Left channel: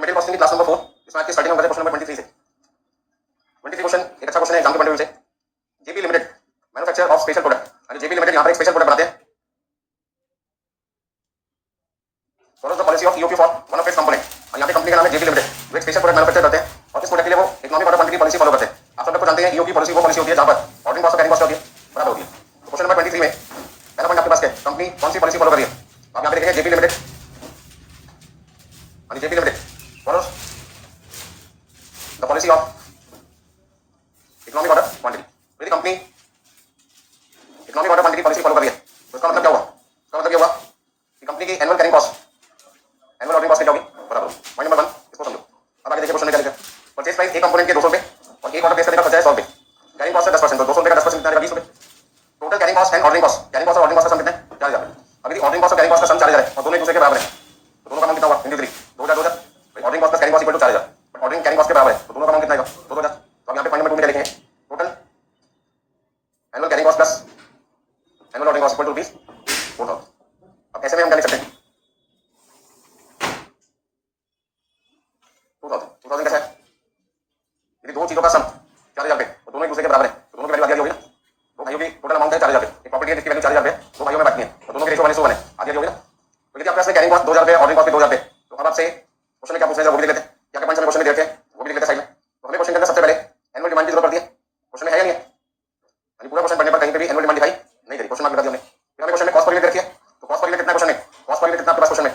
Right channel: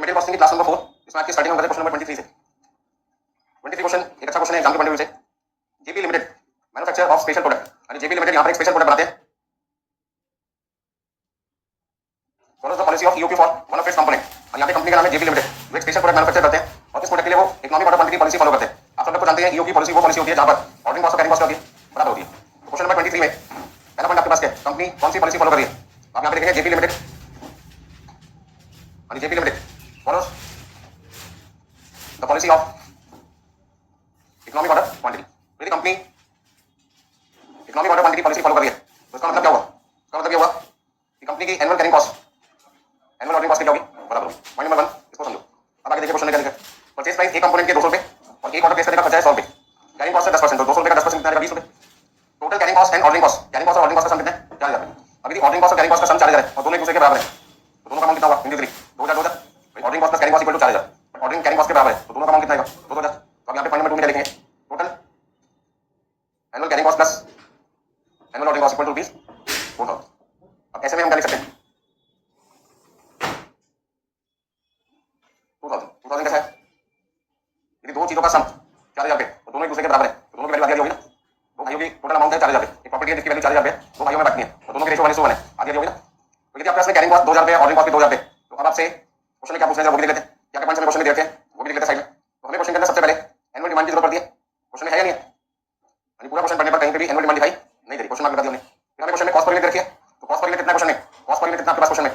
Material costing की class number 4 इसमें आपके स्टार्टिंग नंबर है क्वेश्चन नंबर 23 से 23 क्वेश्चन एक अच्छा क्वेश्चन है एग्जाम के पॉइंट ऑफ व्यू से। JP limited manufacture of special product, यानी जेपी लिमिटेड यहां पर एक स्पेशल प्रोडक्ट बनाते हैं। Follows the policy of EOQ for one of its component, और यहां पे कंपनी का नाम है जेपी लिमिटेड, वो एक स्पेशल प्रोडक्ट मैन्युफैक्चर करते हैं और इस प्रोडक्ट के लिए वो economic order quantity policy follow करते हैं। आप सब लोग को जानते हैं ईओक्यू पॉलिसी वो पॉलिसी होती है जहां पर ऑर्डरिंग कॉस्ट और कैरिंग कॉस्ट होती है बराबर होती है। तो क्वेश्चन नंबर 23 में पहला पॉइंट आपके पास है कंपनी कौन सी पॉलिसी फॉलो कर रही है। आप यहां पे देखेंगे जेपी लिमिटेड, यानी JP limited follows the policy of economic order quantity. यदि company economic order quantity policy follow कर रही है तो इसका मतलब क्या हुआ, इसका मतलब ये हुआ कि कंपनी की annual carrying cost annual ordering cost क्या होगी बराबर होगी। पॉइंट नंबर 1 इसको समझो। अब आगे देखिए क्वेश्चन में क्या लिखा है। परचेज प्राइस एक कंपोनेंट के 200 रुपए और एक ऑर्डर प्लेस करने का खर्चा है 100 रुपए। कैरिंग कॉस्ट है 10%, तो 200 रुपए का 10% कितना आएगा 20 रुपए। Total carrying cost and ordering cost, carrying cost और ऑर्डरिंग कॉस्ट का सम कितना है 4000। अब यदि ऑर्डरिंग कॉस्ट और कैरिंग कॉस्ट का सम 4000 है और दोनों एक दूसरे के बराबर है तो दोनों का अमाउंट कितना होगा into 3 2000 2000। Ordering cost plus carrying cost equal to 4000, ordering carrying cost के बराबर है तो दोनों का अमाउंट कितना आएगा 2000। तो अब यहां पे पॉइंट नंबर 2 में क्या लिखेंगे, total annual carrying cost plus annual ordering cost equal to 4000। अब ऐसे में हम क्या लिख सकते हैं 2000 कैसा है, यदि दो चीजों का सम 4000 रुपए और दोनों एक दूसरे के बराबर है तो दोनों की वैल्यू आगे होगी ना। दो भाइयों की टोटल अमाउंट है 4000 रुपए, एक प्रॉपर्टी है जिसकी वैल्यू 4000 रुपए, दो भाइयों में बांटनी है और दोनों की रेशियो 1:1 है, आगे होगी ना। तो यदि आपके पास में कैरिंग कॉस्ट 2000 रुपए ऑर्डरिंग कॉस्ट 2000 रुपए, तो अब आपसे क्वेश्चन में क्या पूछना है वो भी लिख लेते हैं। क्या क्या पॉइंट्स में क्वेश्चन में देते हैं वो भी लिख लेते हैं साइड में। तो हमें क्वेश्चन के अंदर सबसे पहले एनुअल डिमांड की जरूरत पड़ती है, क्वेश्चन में है या नहीं है। यानी पूरा क्वेश्चन पढ़ने पर कहीं पे भी एनुअल डिमांड दिखाई नहीं दे रही, क्वेश्चन मार्क लगा दिया हमने। फिर हमें क्वेश्चन में कॉस्ट पर यूनिट रखी है, तो कॉस्ट पर यूनिट कितना क्वेश्चन में, कॉस्ट पर यूनिट कितना आपके पास क्वेश्चन में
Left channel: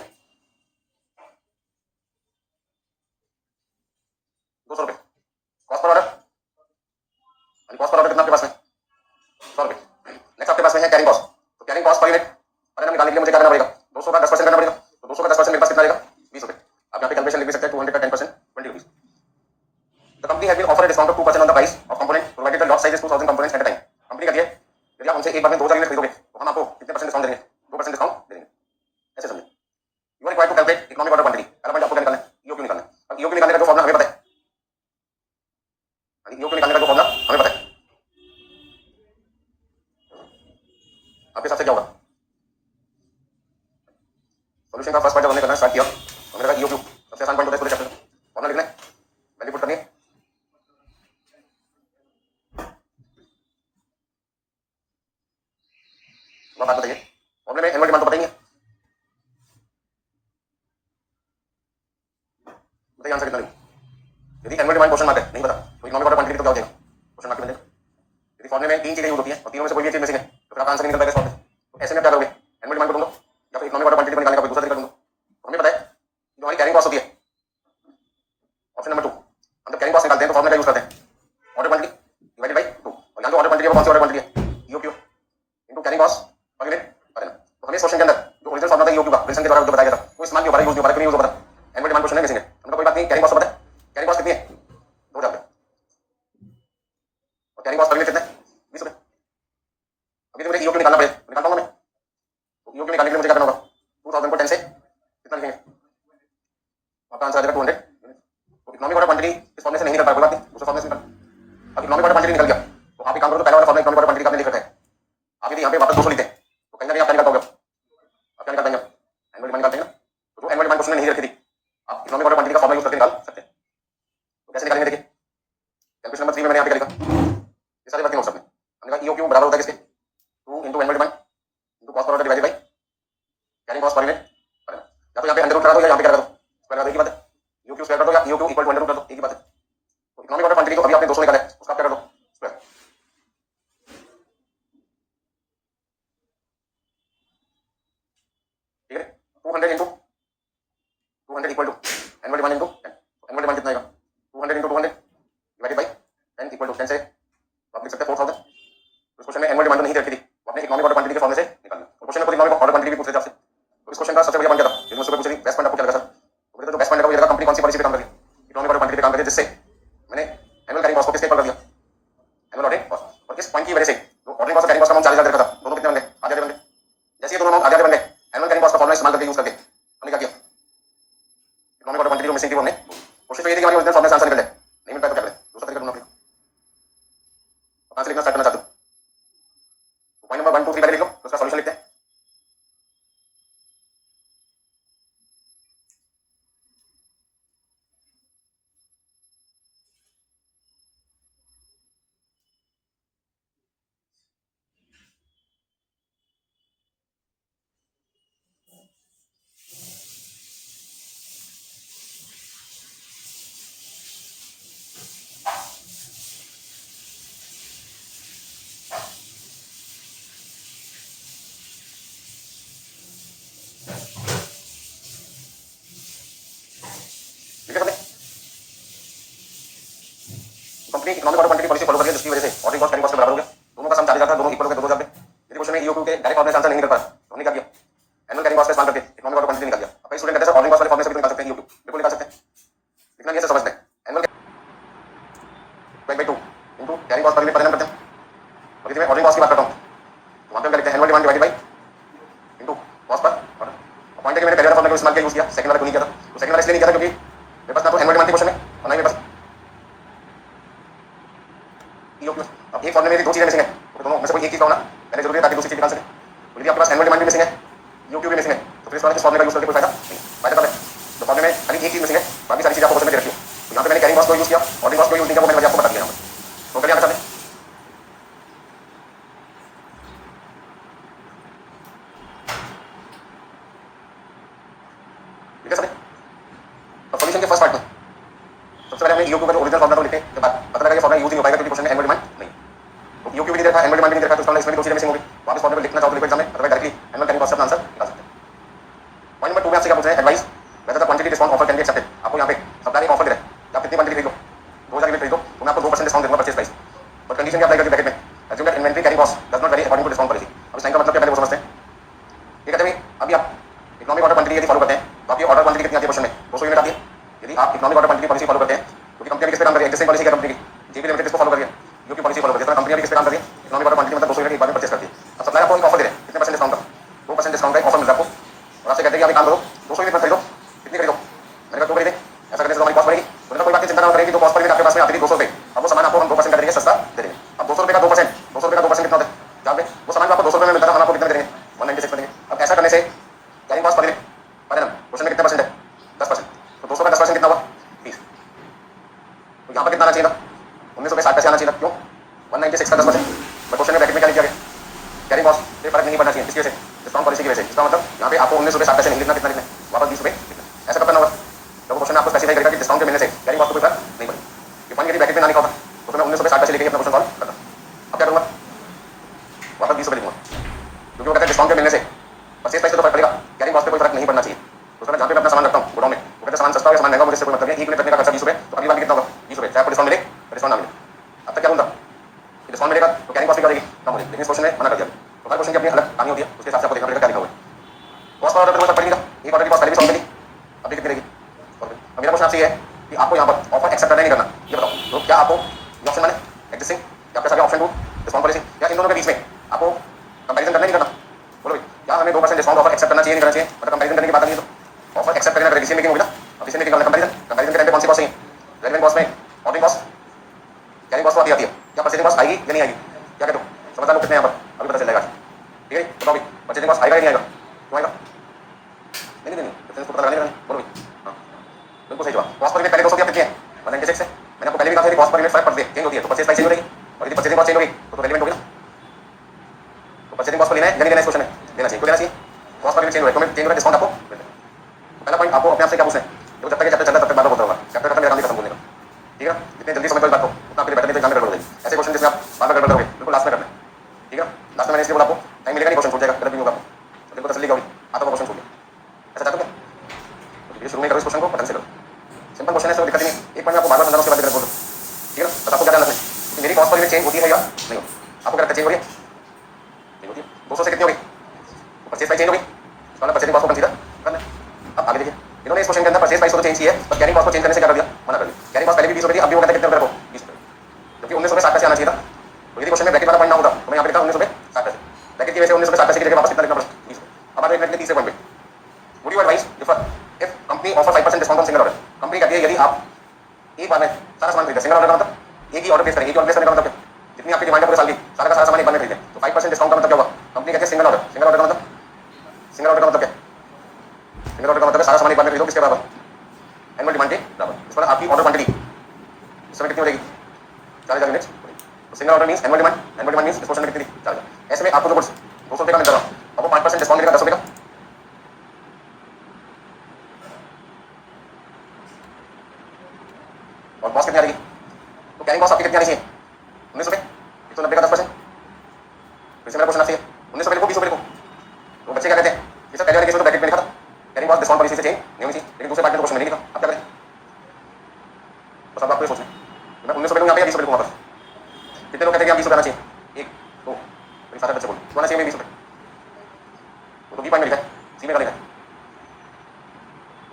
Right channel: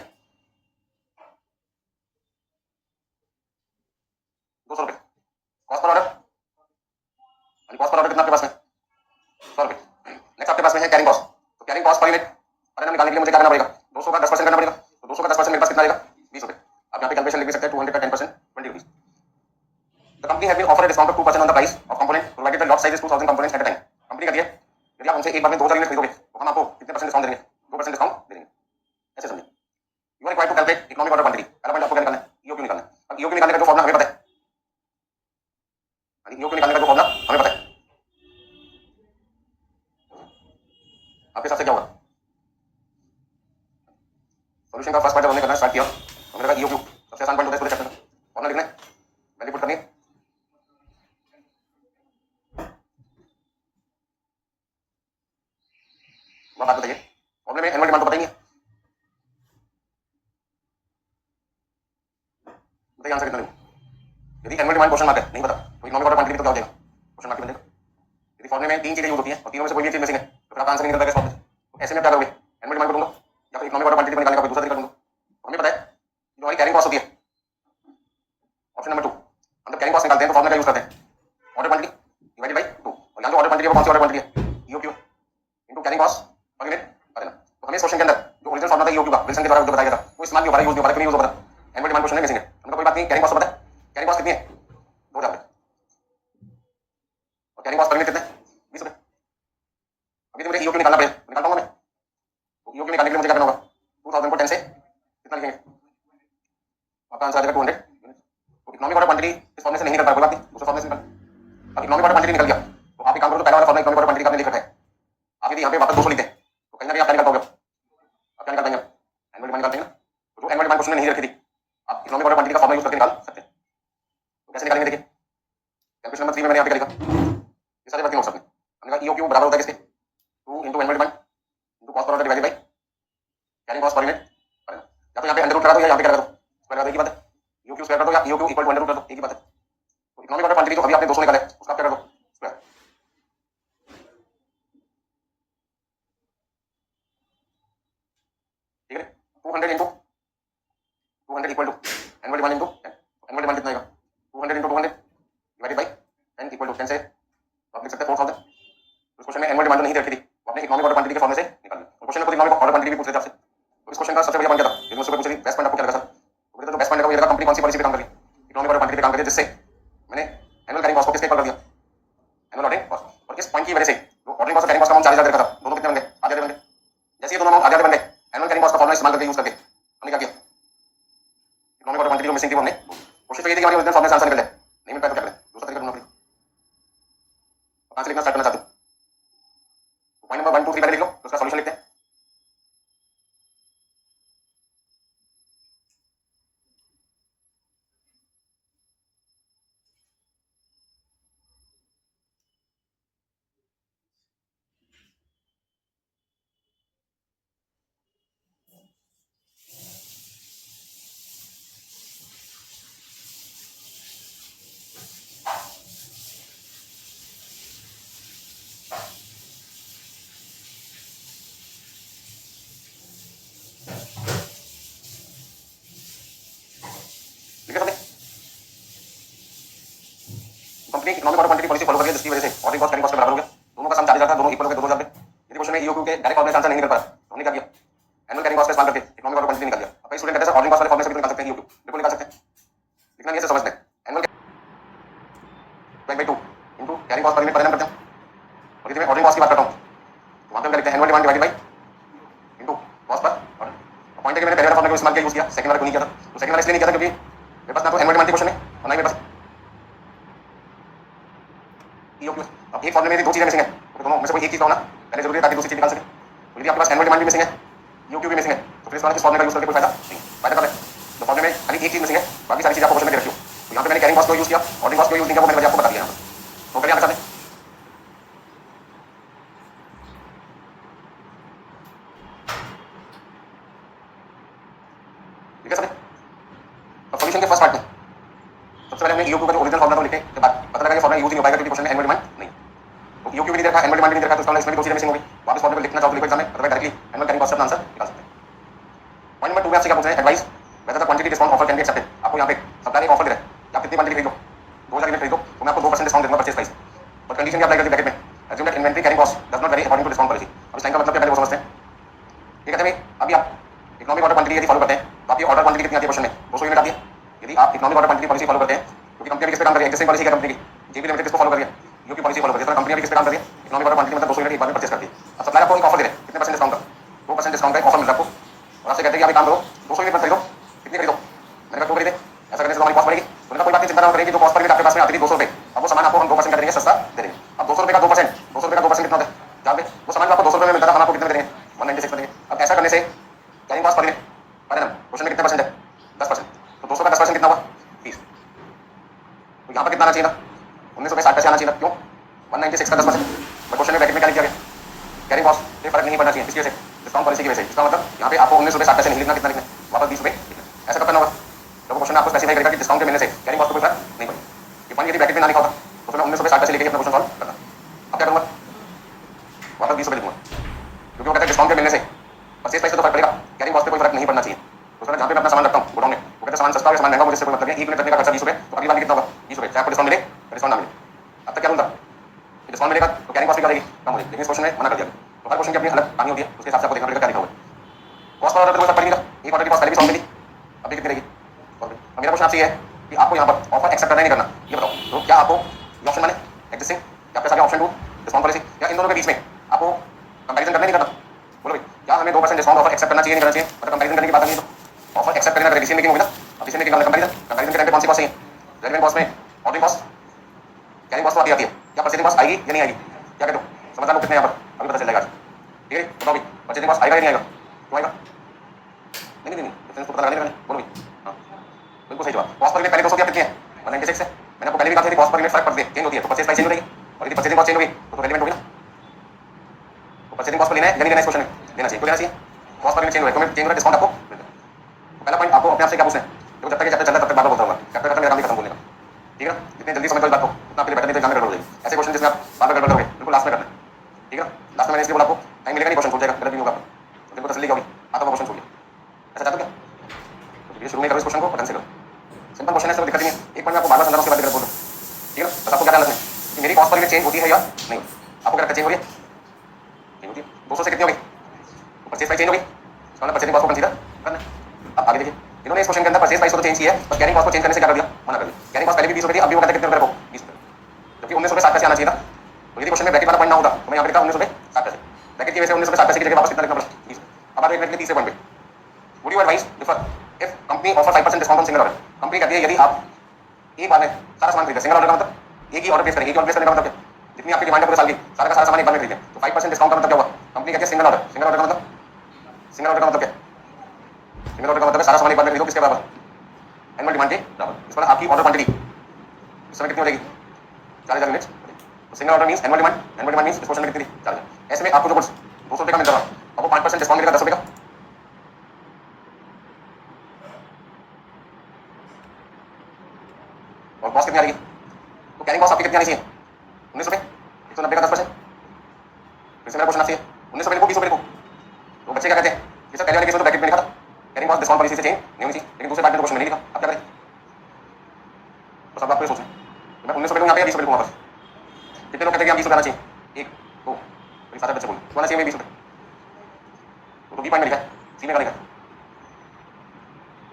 200 रुपए। कॉस्ट पर ऑर्डर, यानी कॉस्ट पर ऑर्डर कितना आपके पास में 100 रुपए। नेक्स्ट आपके पास में है कैरिंग कॉस्ट, तो कैरिंग कॉस्ट पर यूनिट पर निकालने के लिए मुझे क्या करना पड़ेगा 200 का 10% करना पड़ेगा, तो 200 का 10% मेरे पास कितना आएगा 20 रुपए। आप यहाँ पे कैलकुलेशन लिख भी सकते हैं 200 का 10% 20 rupees. The company has been offered a discount of 2% on the price of component provided the lot size is 2000 components at a time। Company का दिया यदि आप हमसे एक बार में 2000 यूनिट खरीदोगे तो हम आपको कितने परसेंट डिस्काउंट देंगे 2% डिस्काउंट दे देंगे। ऐसे समझिए। You are required to calculate economic order quantity. पहला पॉइंट आपको क्या निकालना है ईओक्यू निकालना है। अब ईओक्यू निकालने का जो फॉर्मूला हमें पता है, ईओक्यू निकालने का जो फॉर्मूला हमें पता है आपके साथ क्या होगा। सॉल्यूशन का फर्स्ट पार्ट जब हमने करना स्टार्ट किया तो मेरे पास ईओक्यू सबसे आसान पॉइंट होता है पूरे चैप्टर में, फॉर्मूला लिखना है वैल्यू पुट करनी है। वो बात बताइए फॉर्मूले में एनुअल डिमांड तो पता ही नहीं है, बताइए आंसर कितना लूं। यदि एनुअल डिमांड क्वेश्चन मार्क है नहीं पता तो इकोनॉमिक ऑर्डर क्वांटिटी तो क्या हो जाएगा क्वेश्चन मार्क बन जाएगा। यदि फॉर्मूले में तीन चीजें यूज होती हैं और तीनों में से कोई भी चीज मिसिंग है तो फिर आपका आंसर नहीं निकल पाएगा। तो ऐसे में क्या करोगे एनुअल डिमांड को ढूंढो या फिर इकोनॉमिक ऑर्डर क्वांटिटी को निकालने का कोई दूसरा तरीका ढूंढो। तो हमें पता है जो हमारी कैरिंग कॉस्ट होती है ऑप्शन नंबर 2, हम जब कैरिंग कॉस्ट निकालते हैं तो फॉर्मूला यूज करते हैं ऑर्डर क्वांटिटी डिवाइडेड बाय 2, और यहां जो ऑर्डर क्वांटिटी है वो कौन सी ऑर्डर क्वांटिटी है EOQ into carrying cost per unit per annum. तो हमें इस क्वेश्चन के अंदर जो ओरिजिनल फॉर्मूला था ईओक्यू का विल्सन के द्वारा जो बताया गया था वो इस्तेमाल क्यों हो रहा है यूज क्यों नहीं यूज हो रहा है। एनुअल डिमांड क्वेश्चन में मिसिंग है, हमको कोई बात नहीं कैरिंग कॉस्ट पता है, कैरिंग कॉस्ट कितनी है 2000 और कैरिंग कॉस्ट पर यूनिट कितना है 20 रुपए। अभी तो मुझे ईओक्यू निकालना पड़ेगा, निकाल पाऊंगा मैं। तो ईओक्यू निकालने के लिए मुझे क्या करना होगा 2000 को 10 से कितना लिखेंगे आपका आंसर आ जाएगा 200 यूनिट। तो इकोनॉमिक ऑर्डर क्वांटिटी इस फॉर्मूले से नहीं निकल पाएगा, कोई बात नहीं दूसरे फॉर्मूले से निकल। अब इकोनॉमिक ऑर्डर क्वांटिटी निकल गया तो आप एक काम करो तो पहला वाला फॉर्मूला इकोनॉमिक ऑर्डर क्वांटिटी का आपने लिख रखा है, आप यदि यहाँ पे वापस 200 लिखते हैं तो कहीं ना कहीं आप क्या निकाल पाओगे, आप क्या निकाल पाएंगे एनुअल डिमांड निकालते हैं ना। तो जो एनुअल डिमांड क्वेश्चन में नहीं रखी थी आप इकोनॉमिक ऑर्डर क्वांटिटी का फॉर्मूला यूज करके निकाल सकते हैं। तो कैसे निकालेंगे देखिए कैलकुलेशन नंबर 3 में मैंने यहाँ पे क्या लिखा ये सारे वर्किंग नोट्स में हमने कहा ईओक्यू बराबर होता है किसके 2 into annual demand into cost per order divided by carrying cost per unit. या तो यहाँ पे अंडर रूट करा दो या यहाँ पे क्या करो स्क्वायर करा दो, एक ही बात है। ईओक्यू स्क्वायर कर दो या EOQ equal to under root कर दो, एक ही बात है। तो इकोनॉमिक ऑर्डर क्वांटिटी जो अभी आपने 200 निकाला है उसका क्या कर दो स्क्वायर, ठीक है 200 into 200 equal to annual demand into 10। Annual demand कितना आएगा 200 into 200 divided by 10 equal to 10 से आप लिख सकते हैं 4000। तो क्वेश्चन में एनुअल डिमांड नहीं रखी थी वो आपने इकोनॉमिक ऑर्डर क्वांटिटी के फॉर्मूले से निकालना। तो क्वेश्चन को इकोनॉमिक ऑर्डर क्वांटिटी भी पूछ रहे थे आपसे, तो इस क्वेश्चन का सबसे बढ़िया पॉइंट क्या था यदि मुझसे कोई पूछ रही बेस्ट पॉइंट आपको क्या लगा सर, तो मुझे तो बेस्ट पॉइंट लगा वो ये लगा कंपनी कौन सी पॉलिसी पे काम कर रही है इकोनॉमिक ऑर्डर क्वांटिटी पे काम कर रही है, जिससे मैंने एनुअल कैरिंग कॉस्ट को किसके इक्वल कर दिया एनुअल ऑर्डरिंग कॉस्ट। और इस पॉइंट की वजह से जो ऑर्डरिंग कॉस्ट कैरिंग कॉस्ट का अमाउंट 4000 का था दोनों कितने बन गए आधे आधे बन गए। जैसे ये दोनों अमाउंट आधे आधे बन गए एनुअल कैरिंग कॉस्ट का फॉर्मूला इस्तेमाल करके यूज करके हमने क्या किया इकोनॉमिक ऑर्डर क्वांटिटी को मिसिंग थी हमने कोशिश तो ये थी कि हमारी ओरिजिनल फॉर्मूला से आंसर निकल जाए, नहीं मिल पाया तो क्या करें दूसरा तरीका ढूंढना पड़ेगा। तो आंसर लिखना स्टार्ट करना चाहते हो तो पॉइंट नंबर 1 2 3 पहले लिख लो तो उसका सॉल्यूशन लिखते हैं। Economic order quantity policy follow करिए, जिसकी वजह से ऑर्डरिंग कॉस्ट कैरिंग कॉस्ट के बराबर हो गया, दोनों का सम 4000 था, दोनों इक्वल हो गए, 2000 पे। यदि क्वेश्चन में ईओक्यू के डायरेक्ट फॉर्मूले आंसर नहीं निकल पा रहा, तो हमने क्या किया, एनुअल कैरिंग कॉस्ट का इस्तेमाल करके इकोनॉमिक ऑर्डर क्वांटिटी निकाल दिया। अब कई स्टूडेंट कहते हैं सर ऑर्डरिंग कॉस्ट वाले फॉर्मूले से भी निकाल सकते हैं ईओक्यू, बिल्कुल निकाल सकते हैं, इतना नहीं है सर समझते हैं। Annual by 2 into carrying cost per unit परिणाम करते हैं, और यदि मैं ऑर्डरिंग कॉस्ट की बात करता हूं तो वहां पे हम लिखते हैं annual demand divided by into cost पर वन। पॉइंट है कि मैंने पहले वाला फॉर्मूला इस्तेमाल किया, यूज किया, सेकंड वाला क्यों नहीं किया था, तो सेकंड वाला इसलिए नहीं किया था क्योंकि मेरे पास ना तो एनुअल डिमांड की क्वेश्चन है और ना ही मेरे पास ईओक्यू। अब एक फॉर्मूले में दो चीजें मिसिंग है, तो दोनों में से कोई एक चीज होना पहले जरूरी है ताकि दूसरी चीज निकाल सके। तो यदि आपके पास एनुअल डिमांड भी मिसिंग है, ईओक्यू भी मिसिंग है, तो फिर इस वाले फॉर्मूले का यूज करके कोई फायदा नहीं। फायदा तब है तो फॉर्मूले में खाली एक चीज मिसिंग है, बाकी सारी चीजें आपको क्वेश्चन में दे रखी हो। तो यहाँ पे मैंने कैरिंग कॉस्ट को यूज किया, ऑर्डरिंग कॉस्ट को यूज नहीं किया, वो मैंने आपको बता दिया। तो क्या बता दें, ठीक है सर। तो सॉल्यूशन के फर्स्ट पार्ट में सबसे पहले हमने ईओक्यू का जो ओरिजिनल फॉर्मूला लिखे के बाद पता लगा कि फॉर्मूला यूज नहीं हो पाएगा क्योंकि क्वेश्चन में एनुअल डिमांड नहीं। तो ईओक्यू भी नहीं देखा, एनुअल डिमांड भी नहीं देखा, तो इसमें दो चीजें मिसिंग होगी। वापस फॉर्मूला लिखना चाहो तो लिखो एग्जाम में, otherwise directly annual carrying cost का आंसर निकाल सकते हैं। पॉइंट नंबर 2 में आपसे क्या पूछ रहे हैं, advice whether the quantity discount offer can be accepted. आपको यहाँ पे सप्लायर एक ऑफर दे रहा है कि आप कितनी क्वांटिटी खरीदो, 2000 यूनिट खरीदो तो मैं आपको 2% डिस्काउंट दूंगा परचेज प्राइस, और कंडीशन क्या अप्लाई करती है ब्रैकेट में, assume that inventory carrying cost does not vary according to discount policy. अब इस लाइन का मतलब क्या है वो समझते हैं। ठीक है, अभी आप इकोनॉमिक ऑर्डर क्वांटिटी यदि फॉलो करते हैं तो आपकी ऑर्डर क्वांटिटी कितनी आती है क्वेश्चन में, 200 यूनिट आती है। यदि आप economic order quantity policy follow करते हैं क्योंकि कंपनी किस पे काम कर रही है, एग्जिस्टिंग पॉलिसी क्या कंपनी की, जेबी लिमिटेड इसको फॉलो कर रही है, जो कि पॉलिसी फॉलो कर रही है, कंपनी भी किस पे काम कर रही है, इकोनॉमिक ऑर्डर क्वांटिटी मतलब 200 यूनिट एक बार में परचेज करती है। अब सप्लायर आपको एक ऑफर दे रहे हैं कितने परसेंट डिस्काउंट का, 2% डिस्काउंट का ऑफर मिलता है आपको, और आपसे कहते हैं कि आप काम करो 200 यूनिट खरीदो, कितनी खरीदो, मैंने कहा 2 खरीदे, ऐसा करने से हमारी कॉस्ट बढ़ेगी। तो कोई बात नहीं, चिंता ना करें कि जो कॉस्ट पर यूनिट आपके पास में आती थी 200 रुपये, अब वो सामान आपको हम 2% करेंगे, सस्ता दे देंगे। अब 200 रुपये का 2%, 200 रुपये का 2% कितना होता है, क्या पे वो सामान आपको 200 रुपये में मिलता था, हम आपको कितना देंगे, 196 करेंगे। अब ऐसा करने से carrying cost per unit per annum question में कितना परसेंट है, 10%, तो 200 का 10% कितना हुआ, 30। तो यहाँ पर कितना आना चाहिए था, 19 रुपये 60 पैसे आना चाहिए था, क्यों 196 का 10%। मैं क्वेश्चन में ब्रैकेट में क्या किया गया, कैरिंग कॉस्ट से फर्क नहीं पड़ना चाहिए, किस वजह से, डिस्काउंट पॉलिसी की वजह से। इसका मतलब यहाँ पे आपको 19 रुपये 60 पैसे नहीं लिखना, कितना लिखना, वापस 20 रुपये। ऐसा कब करना होगा, तो क्वेश्चन आपको स्पेसिफाई करेगा कि डिस्काउंट के मिलने से कैरिंग कॉस्ट को कोई फर्क नहीं पड़ेगा। ये पॉइंट यदि ब्रैकेट में ना लिखा होगा तो मैं 19 रुपये 60 पैसे लेके अपना क्वेश्चन सॉल्व करना। अब क्या करूँगा, वापस 20 रुपये लिखूंगा, क्योंकि वो कहते हैं डिस्काउंट के मिलने से परचेज प्राइस पे तो फर्क पड़ेगा, कैरिंग कॉस्ट पे कोई फर्क नहीं पड़ना चाहिए। तो सर जहाँ पे मैं अपना सामान रखता हूँ गोडाउन में, वो कहते हैं सामान सस्ता हो या सामान महंगा, मुझे कोई मतलब नहीं, एक यूनिट रखने का खर्चा 20 रुपये, तो अगली बार कितना होगा 20 रुपये, चाहे आपको डिस्काउंट मिले डिस्काउंट ना मिले। अब तक क्या होगा, डिस्काउंट मिलेगा तो कैरिंग कॉस्ट भी करेगी कम होगी, लेकिन इस क्वेश्चन में मना कर दिया। तो हर क्वेश्चन की अपनी अलग कहानी होती है, उसके हिसाब से आपको देखना पड़ेगा क्या लिखा हुआ है। कॉस्ट पर ऑर्डर कोई फर्क पड़ेगा, एक ऑर्डर की कॉस्ट पहले भी सॉल्व करी, अभी कितनी रहेगी। अब मेरा क्वेश्चन आपसे ये है कि आपको यहाँ पर ऑफर एक्सेप्ट करना नहीं करना, ये बताओ। तो क्या आपको ऑप्शन माने एग्जिस्टिंग या आपके साथ ऑप्शन 2 डिस्काउंट पॉलिसी, या इन दोनों के बीच में आपको कंपैरिजन करना नहीं करना, बोलो भाई क्या हमें 2% डिस्काउंट ऑफर एक्सेप्ट करना चाहिए नहीं करना चाहिए। मतलब कंपैरिजन करने की बात नहीं है, तो ऑफर एक्सेप्ट करने का डिसीजन मेकिंग होगी ना। अब डिसीजन मेकिंग का कंपैरिजन, कंपैरिजन के टाइम पे कौन सी कॉस्ट है, रेलेवेंट कॉस्ट में ऑर्डरिंग कॉस्ट कैरिंग कॉस्ट आती है, क्या परचेजिंग कॉस्ट आएगी या नहीं आएगी, क्या कहते हो समझदार लोग कितने यहाँ पर अभी पता चल जाएगा। ठीक है बताओ भाई परचेजिंग कॉस्ट आएगा या नहीं आएगा, क्यों आएगा, नहीं नहीं नहीं तो पता लगाने का, बोलो भाई। हाँ बिल्कुल सही जवाब। कॉस्ट पर यूनिट पहले 200 कितनी है 196 है, मैंने आपको पहले भी कहा था कॉस्ट पर यूनिट फर्क पड़ती है, चेंज होती है, तो परचेज प्राइस चेंज हो जाएगी, और यदि परचेजिंग कॉस्ट चेंज होगी तो रेलेवेंट होगी ना। तो परचेजिंग कॉस्ट पर लेना है या नहीं लेना, इस क्वेश्चन में लेना चाहिए, तो लेना चाहिए। कॉस्ट पर यूनिट चेंज हो तो मैं चेंज हो डिस्काउंट आपको मिलेगा। तो पहला पॉइंट आपको अपने आप से क्या पूछना है, देखो जब तक ये चैप्टर चल रहा है तब तक बात होता होगा, चैप्टर खत्म मेरा काम भी खत्म बोलने का। ठीक है, जितने जल्दी समझ लो बात को उतना आपके लिए बेटर, नहीं तो एग्जाम में गड़बड़ हो जाएगी। ऐसे क्वेश्चन जिसमें आप बार बार गड़बड़ करोगे बिल्कुल लास्ट में करना। ठीक है, लास्ट में मैंने इसलिए बोला आपको टाइम मिलेगा नहीं, क्वेश्चन छूट जाएगा, गलत नहीं होगा, तो बिल्कुल तसल्ली होगी, आता क्वेश्चन छूट गया। ऐसा चाहते हो क्या, तो शुरू में करो इस क्वेश्चन को पता से करो, सिंपल क्वेश्चन है, तो दिक्कत नहीं। एक पॉइंट में आपको बार बार समझाना, उसके बाद गलत बोलो। ठीक है, बस आपको क्या ध्यान रखना है कि मेरी कॉस्ट पर यूनिट चेंज होती है या नहीं होती, आपको क्या चेंज हो रही है, नहीं होती है। 200 से कितनी होगी, परचेज प्राइस चेंज होगी, तो परचेजिंग कॉस्ट को कंसीडर करना। अब आगे देखिए, इन्होंने इस क्वेश्चन के अंदर परचेज प्राइस को चेंज किया है, पर कैरिंग कॉस्ट को चेंज करने से क्या कर दिया, मना कर दिया। कैरिंग कॉस्ट पहले भी 20 रुपये थी, अब भी वो कहते हैं कितने रुपये रखो 20 रुपये, क्योंकि 19 रुपये 60 पैसे आना चाहिए था। तो यदि क्वेश्चन में ब्रैकेट वाला पॉइंट ना होगा तो मैं यहाँ पे लिखा 19 रुपये 60 पैसे, ब्रैकेट की वजह से 19 रुपये 60 पैसे की जगह वापस कितना लिखना पड़ा 20 रुपये। अब आगे एक तीसरे पॉइंट पे, would you advice if company offer 5% discount on single order. Company कहती है यदि आप एक बार में सारा सामान खरीदें, सिंगल ऑर्डर का मतलब एक ही ऑर्डर प्लेस करें, एक ही ऑर्डर प्लेस करने का मतलब जितनी आपकी डिमांड है पूरे साल की सारा का सारा सामान एक बार में खरीदें, तो 5% डिस्काउंट का मतलब क्या हुआ, कंपनी कहती है सिंगल ऑर्डर, सिंगल ऑर्डर का मतलब, सिंगल ऑर्डर का मतलब क्या, सिंगल ऑर्डर का मतलब सारा सामान एक बार में खरीदो, किसके बराबर, एनुअल डिमांड के बराबर। इस पर आपकी ऑर्डर क्वांटिटी इस समय कितनी हो जाएगी 4000 यूनिट्स। तो single order means annual demand, annual demand means इस क्वेश्चन में कितनी 4000। ऐसे में आपको जो कुछ 200 रुपये का मिल रहा है, अब वो 5% डिस्काउंट मिलेगा 10 रुपये का, और कॉस्ट कितनी आ रही है, तो कैरिंग कॉस्ट आपकी कितनी आनी चाहिए 19 रुपये, 190 का 10%। फिर से मेरा क्वेश्चन आपसे 19 रुपये को 20 रुपये को, तो बच्चे क्या कहते हैं कि सर पहले वाले केस में तो ब्रैकेट में लिखा था कैरिंग कॉस्ट डिस्काउंट पॉलिसी से चेंज नहीं होनी चाहिए, लेकिन दूसरे पार्ट में क्वेश्चन में नहीं लिखा, अब क्या करें, बस अब आपको ये सोचना है मैं 19 रुपये को यहाँ पे 20 रुपये को वापस रुपये आना चाहिए, 1 2 मेरी सारा बच्चे बोल आना चाहिए 20 रुपये, तो बी पॉइंट में लिखा है, सी में का लिखा,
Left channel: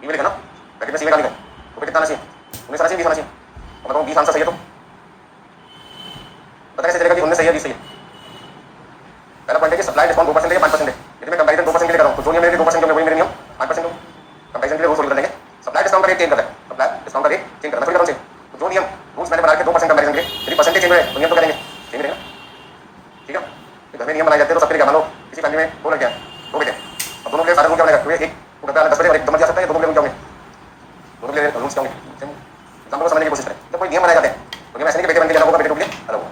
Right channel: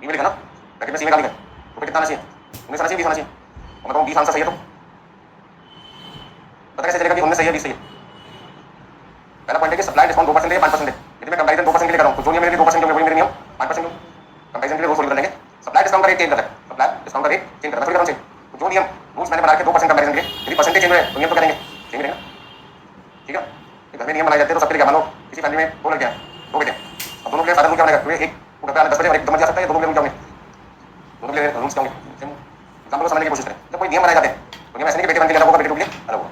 बी में लिखा ना, ब्रैकेट में सी में का लिखा, तो कितना आना चाहिए, 19 आना चाहिए, 20 आना चाहिए, और मैं कहूँ 20 आंसर सही है तो पता कैसे चलेगा कि 19 सही है 20 सही है। पहला पॉइंट है कि सप्लाई डिस्काउंट 2% है 5% है, यदि मैं कंपैरिजन 2% के लिए कर रहा हूँ तो जो नियम मेरे 2% जो वही मेरे नियम 5% हो, कंपैरिजन के लिए वो सोल्व करने के सप्लाई डिस्काउंट का रेट चेंज करना है, सप्लाई डिस्काउंट का रेट चेंज करना थोड़ी करना चाहिए, तो जो नियम रूल्स मैंने बना के 2% कंपैरिजन के यदि परसेंटेज चेंज हो तो नियम तो करेंगे चेंज रहेगा, ठीक है। घर में नियम बनाए जाते हैं तो सबके लिए मान लो किसी फैमिली में 2 लड़के हैं 2 बेटे, अब दोनों के लिए सारा रूल क्या बनेगा, एक को करता है 10 बजे और एक दम जा सकता है, दोनों के लिए रूल क्या होंगे, दोनों के लिए रूल्स क्या होंगे, एग्जाम्पल को समझने की कोशिश करें। जब कोई नियम बनाए जाते हैं तो नियम ऐसे नहीं कि बेटे बन के अलग होगा बेटे टूट के अलग होगा,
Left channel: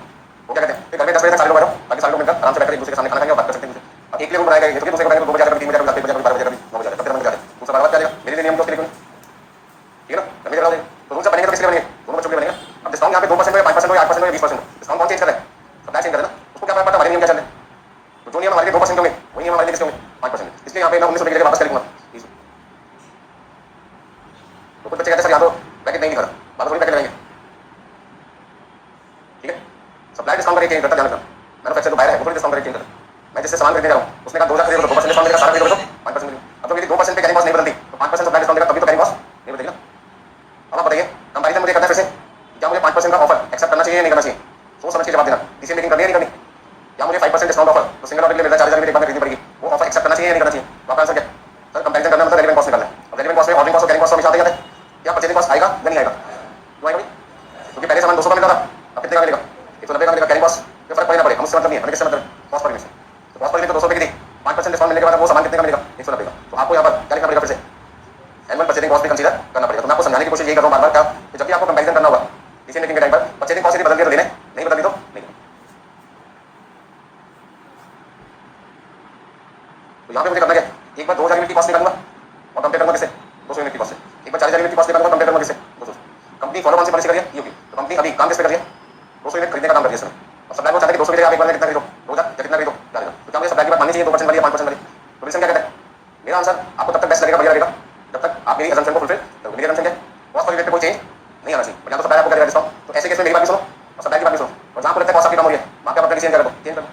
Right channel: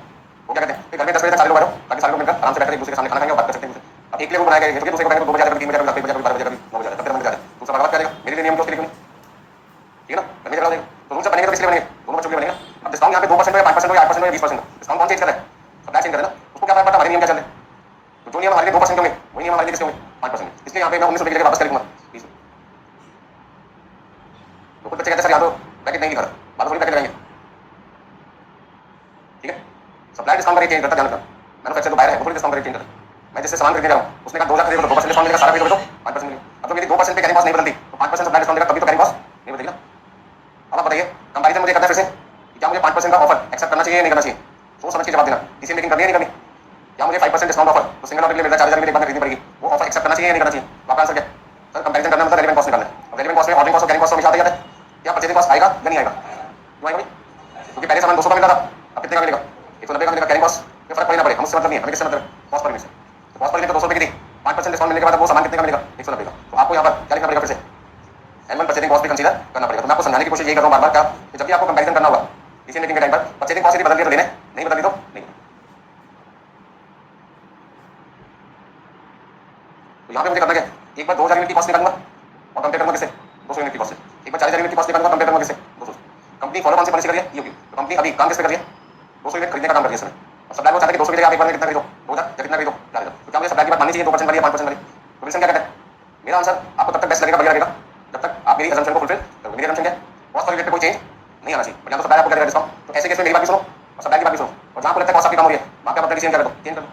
वो क्या कहते हैं कि घर में 10 बजे तक सारे लोग आ जाओ ताकि सारे लोग मिलकर आराम से बैठकर एक दूसरे के सामने खाना खाएंगे और बात कर सकते हैं। अब एक लिए रूल बनाया गया तो दूसरे को बनाएगा 2 बजे कभी 3 बजे कभी 12 बजे कभी 9 बजे कभी 10 बजे दूसरा बार क्या करेगा मेरे लिए नियम तो उसके लिए ठीक है ना, करने के तो रूल बनेंगे तो किसके बनेंगे, दोनों बच्चों के बनेंगे। अब डिस्काउंट यहाँ पे 2% हो या 5% हो या 8% हो या 20% डिस्काउंट कौन चेंज कर रहा है, सप्लाई चेंज कर रहा है ना, उसको क्या पता हमारे नियम क्या चल रहे हैं, तो जो नियम हमारे लिए 2% होंगे वही नियम हमारे लिए किसके होंगे 5%, इसलिए यहाँ पे मैं 19 रुपये के लिए वापस कर दूंगा। तो कुछ बच्चे कहते हैं सर यहाँ तो पैकेट नहीं लिखा था, बात थोड़ी पैकेट लगाएंगे, ठीक है। सप्लाई डिस्काउंट का रेट चेंज करता ध्यान रखना, मैन्युफैक्चर तो बाहर है वो डिस्काउंट का रेट चेंज करता, मैं जिससे सामान खरीदने जा रहा हूँ उसने कहा 2000 खरीदो 2% डिस्काउंट मिलेगा, सारा खरीदो 5% मिलेगा। अब तो मेरी 2% पे कैरी कॉस्ट नहीं बदलती तो 5% सप्लाई डिस्काउंट देगा, कभी तो कैरी कॉस्ट नहीं बदलेगी ना। अब आप बताइए कंपैरिजन मुझे करना है फिर से, क्या मुझे 5% का ऑफर एक्सेप्ट करना चाहिए या नहीं करना चाहिए, सोच समझ के जवाब देना, किसी मीटिंग करनी है नहीं करनी, या मुझे 5% डिस्काउंट ऑफर तो सिंगल ऑर्डर के लिए मिलेगा 4000 में एक बार खरीदनी पड़ेगी, वो ऑफर एक्सेप्ट करना चाहिए या नहीं करना चाहिए, तो आपका आंसर क्या सर, कंपैरिजन करना मतलब रेलेवेंट कॉस्ट निकालना है। अब रेलेवेंट कॉस्ट में ऑर्डरिंग कॉस्ट और कैरिंग कॉस्ट हमेशा आते जाते हैं, क्या परचेजिंग कॉस्ट आएगा या नहीं आएगा, क्यों आएगा भाई, क्योंकि पहले सामान 200 का मिलता था अब कितने का मिलेगा 190 का मिलेगा, कैरिंग कॉस्ट में फर्क पड़ेगा पड़ेगा, मुझसे मतलब नहीं है, हमें किससे मतलब कॉस्ट पर मिलता है, तो कॉस्ट पर मिले तो 200 रुपये की थी, 5% डिस्काउंट मिलने के बाद वो सामान कितने का मिलेगा 190 का, तो आपको यहाँ पर क्या लिखना पड़ेगा फिर से एनुअल परचेजिंग कॉस्ट भी कंसीडर करना पड़ेगा। तो मैं आपको समझाने की कोशिश यही कर रहा हूँ बार बार कि जब भी आपको कंपैरिजन करना होगा किसी मीटिंग के टाइम पर परचेजिंग कॉस्ट यदि बदल दिया तो लेने, नहीं बदल दी तो नहीं। तो यहाँ पे मुझे करना क्या, एक बार 2000 यूनिट की कॉस्ट निकालूंगा और कंपेयर करूंगा किससे 200 यूनिट की कॉस्ट से, एक बार 40,000 यूनिट की कॉस्ट निकालूंगा कंपेयर करूंगा किससे 200। कंपनी फॉलो कौन सी पॉलिसी कर रही है यूपी, तो कंपनी अभी काम किस पे कर रही है 200 यूनिट खरीदने का काम कर रही है इसमें, और सप्लाई को चाहते हैं कि 200 मिलेगा आप एक बार में कितना खरीदो 2000 या कितना खरीदो जाएगा, तो क्या मुझे सप्लाई की बात माननी चाहिए 2% वाली या 5% वाली, तो रीजन क्या कहता है, मेरा आंसर आपको तब तक बेस्ट लगेगा बढ़िया लगेगा जब तक आप मेरी असम्पशन को फुलफिल करोगे। मेरी असम्पशन क्या है कॉस्ट पर रिलेटेड कोई चेंज नहीं आना चाहिए, यहाँ तो सप्लाई आपको करेगा डिस्काउंट, तो ऐसे केस में मेरी बात भी सुनो और सप्लाई की बात भी सुनो, और जहाँ पर लगता है कॉस्ट आपकी कम हो रही है वहाँ पे आप अपना चेंज कर दो चेंज कर दो।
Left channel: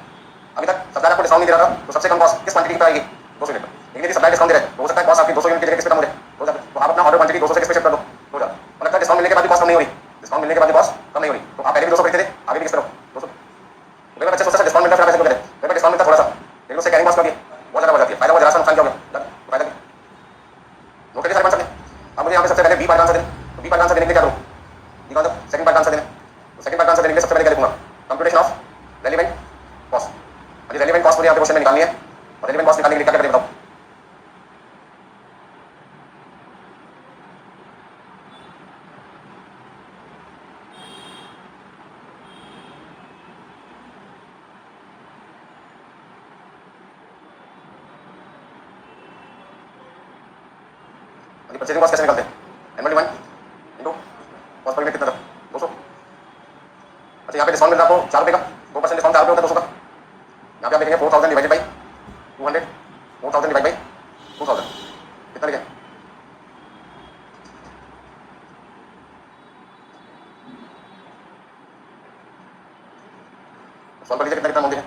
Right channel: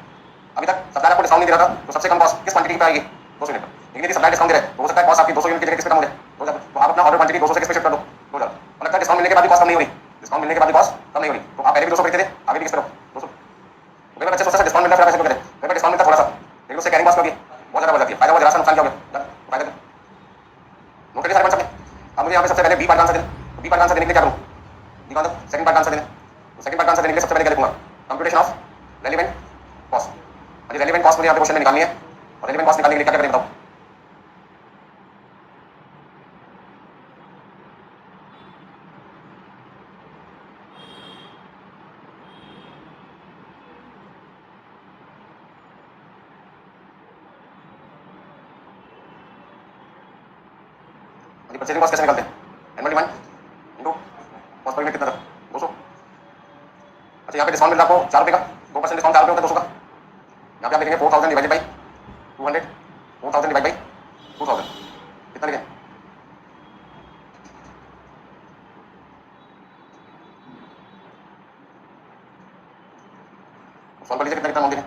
अभी तक सप्लाई आपको डिस्काउंट नहीं दे रहा था तो सबसे कम कॉस्ट किस क्वांटिटी पर आएगी 200 यूनिट, लेकिन यदि सप्लाई डिस्काउंट दे रहा है तो हो सकता है कॉस्ट आपकी 200 यूनिट की जगह किस पे कम हो जाए 2000, तो आप अपना ऑर्डर क्वांटिटी 200 से किस पे शिफ्ट कर दो 2000, और लगता है डिस्काउंट मिलने के बाद भी कॉस्ट कम नहीं हो रही, डिस्काउंट मिलने के बाद भी कॉस्ट कम नहीं हो रही, तो आप पहले भी 200 खरीदते थे आगे भी किस तरह 200, मेरे बच्चे सोचते हैं डिस्काउंट मिलता है फिर करें, मेरे डिस्काउंट मिलता थोड़ा सा लेकिन उससे कैरिंग कॉस्ट होगी बहुत ज़्यादा बढ़ जाती है, फायदा बहुत ज़्यादा नुकसान क्या होगा फायदा नोट करिए सारे बन सकते। अब मुझे यहाँ पे सबसे पहले बी पार्ट आंसर दें, तो बी पार्ट आंसर देने के लिए क्या करूँ, बी का सेकंड पार्ट आंसर दें, तो सेकंड पार्ट आंसर देने के लिए सबसे पहले क्या लिखूंगा कंप्यूटेशन ऑफ रेलेवेंट कॉस्ट, अभी रेलेवेंट कॉस्ट मुझे यहाँ पे क्वेश्चन में निकालनी है, और रेलेवेंट कॉस्ट निकालने के लिए क्या करें बताओ, परचेजिंग कॉस्ट कैसे निकालते हैं annual demand into cost per unit कितना था 200, अच्छा यहाँ पे डिस्काउंट मिलता है आपको 4 रुपये का, 2% डिस्काउंट 4 रुपये होता है 200 का, यहाँ पे आप लिखेंगे 4000 डिवाइडेड बाई 200, 4000 डिवाइड बाई 2000 कितना लिखें, सॉल्व कर लीजिए कितना कितना अमाउंट लिखें,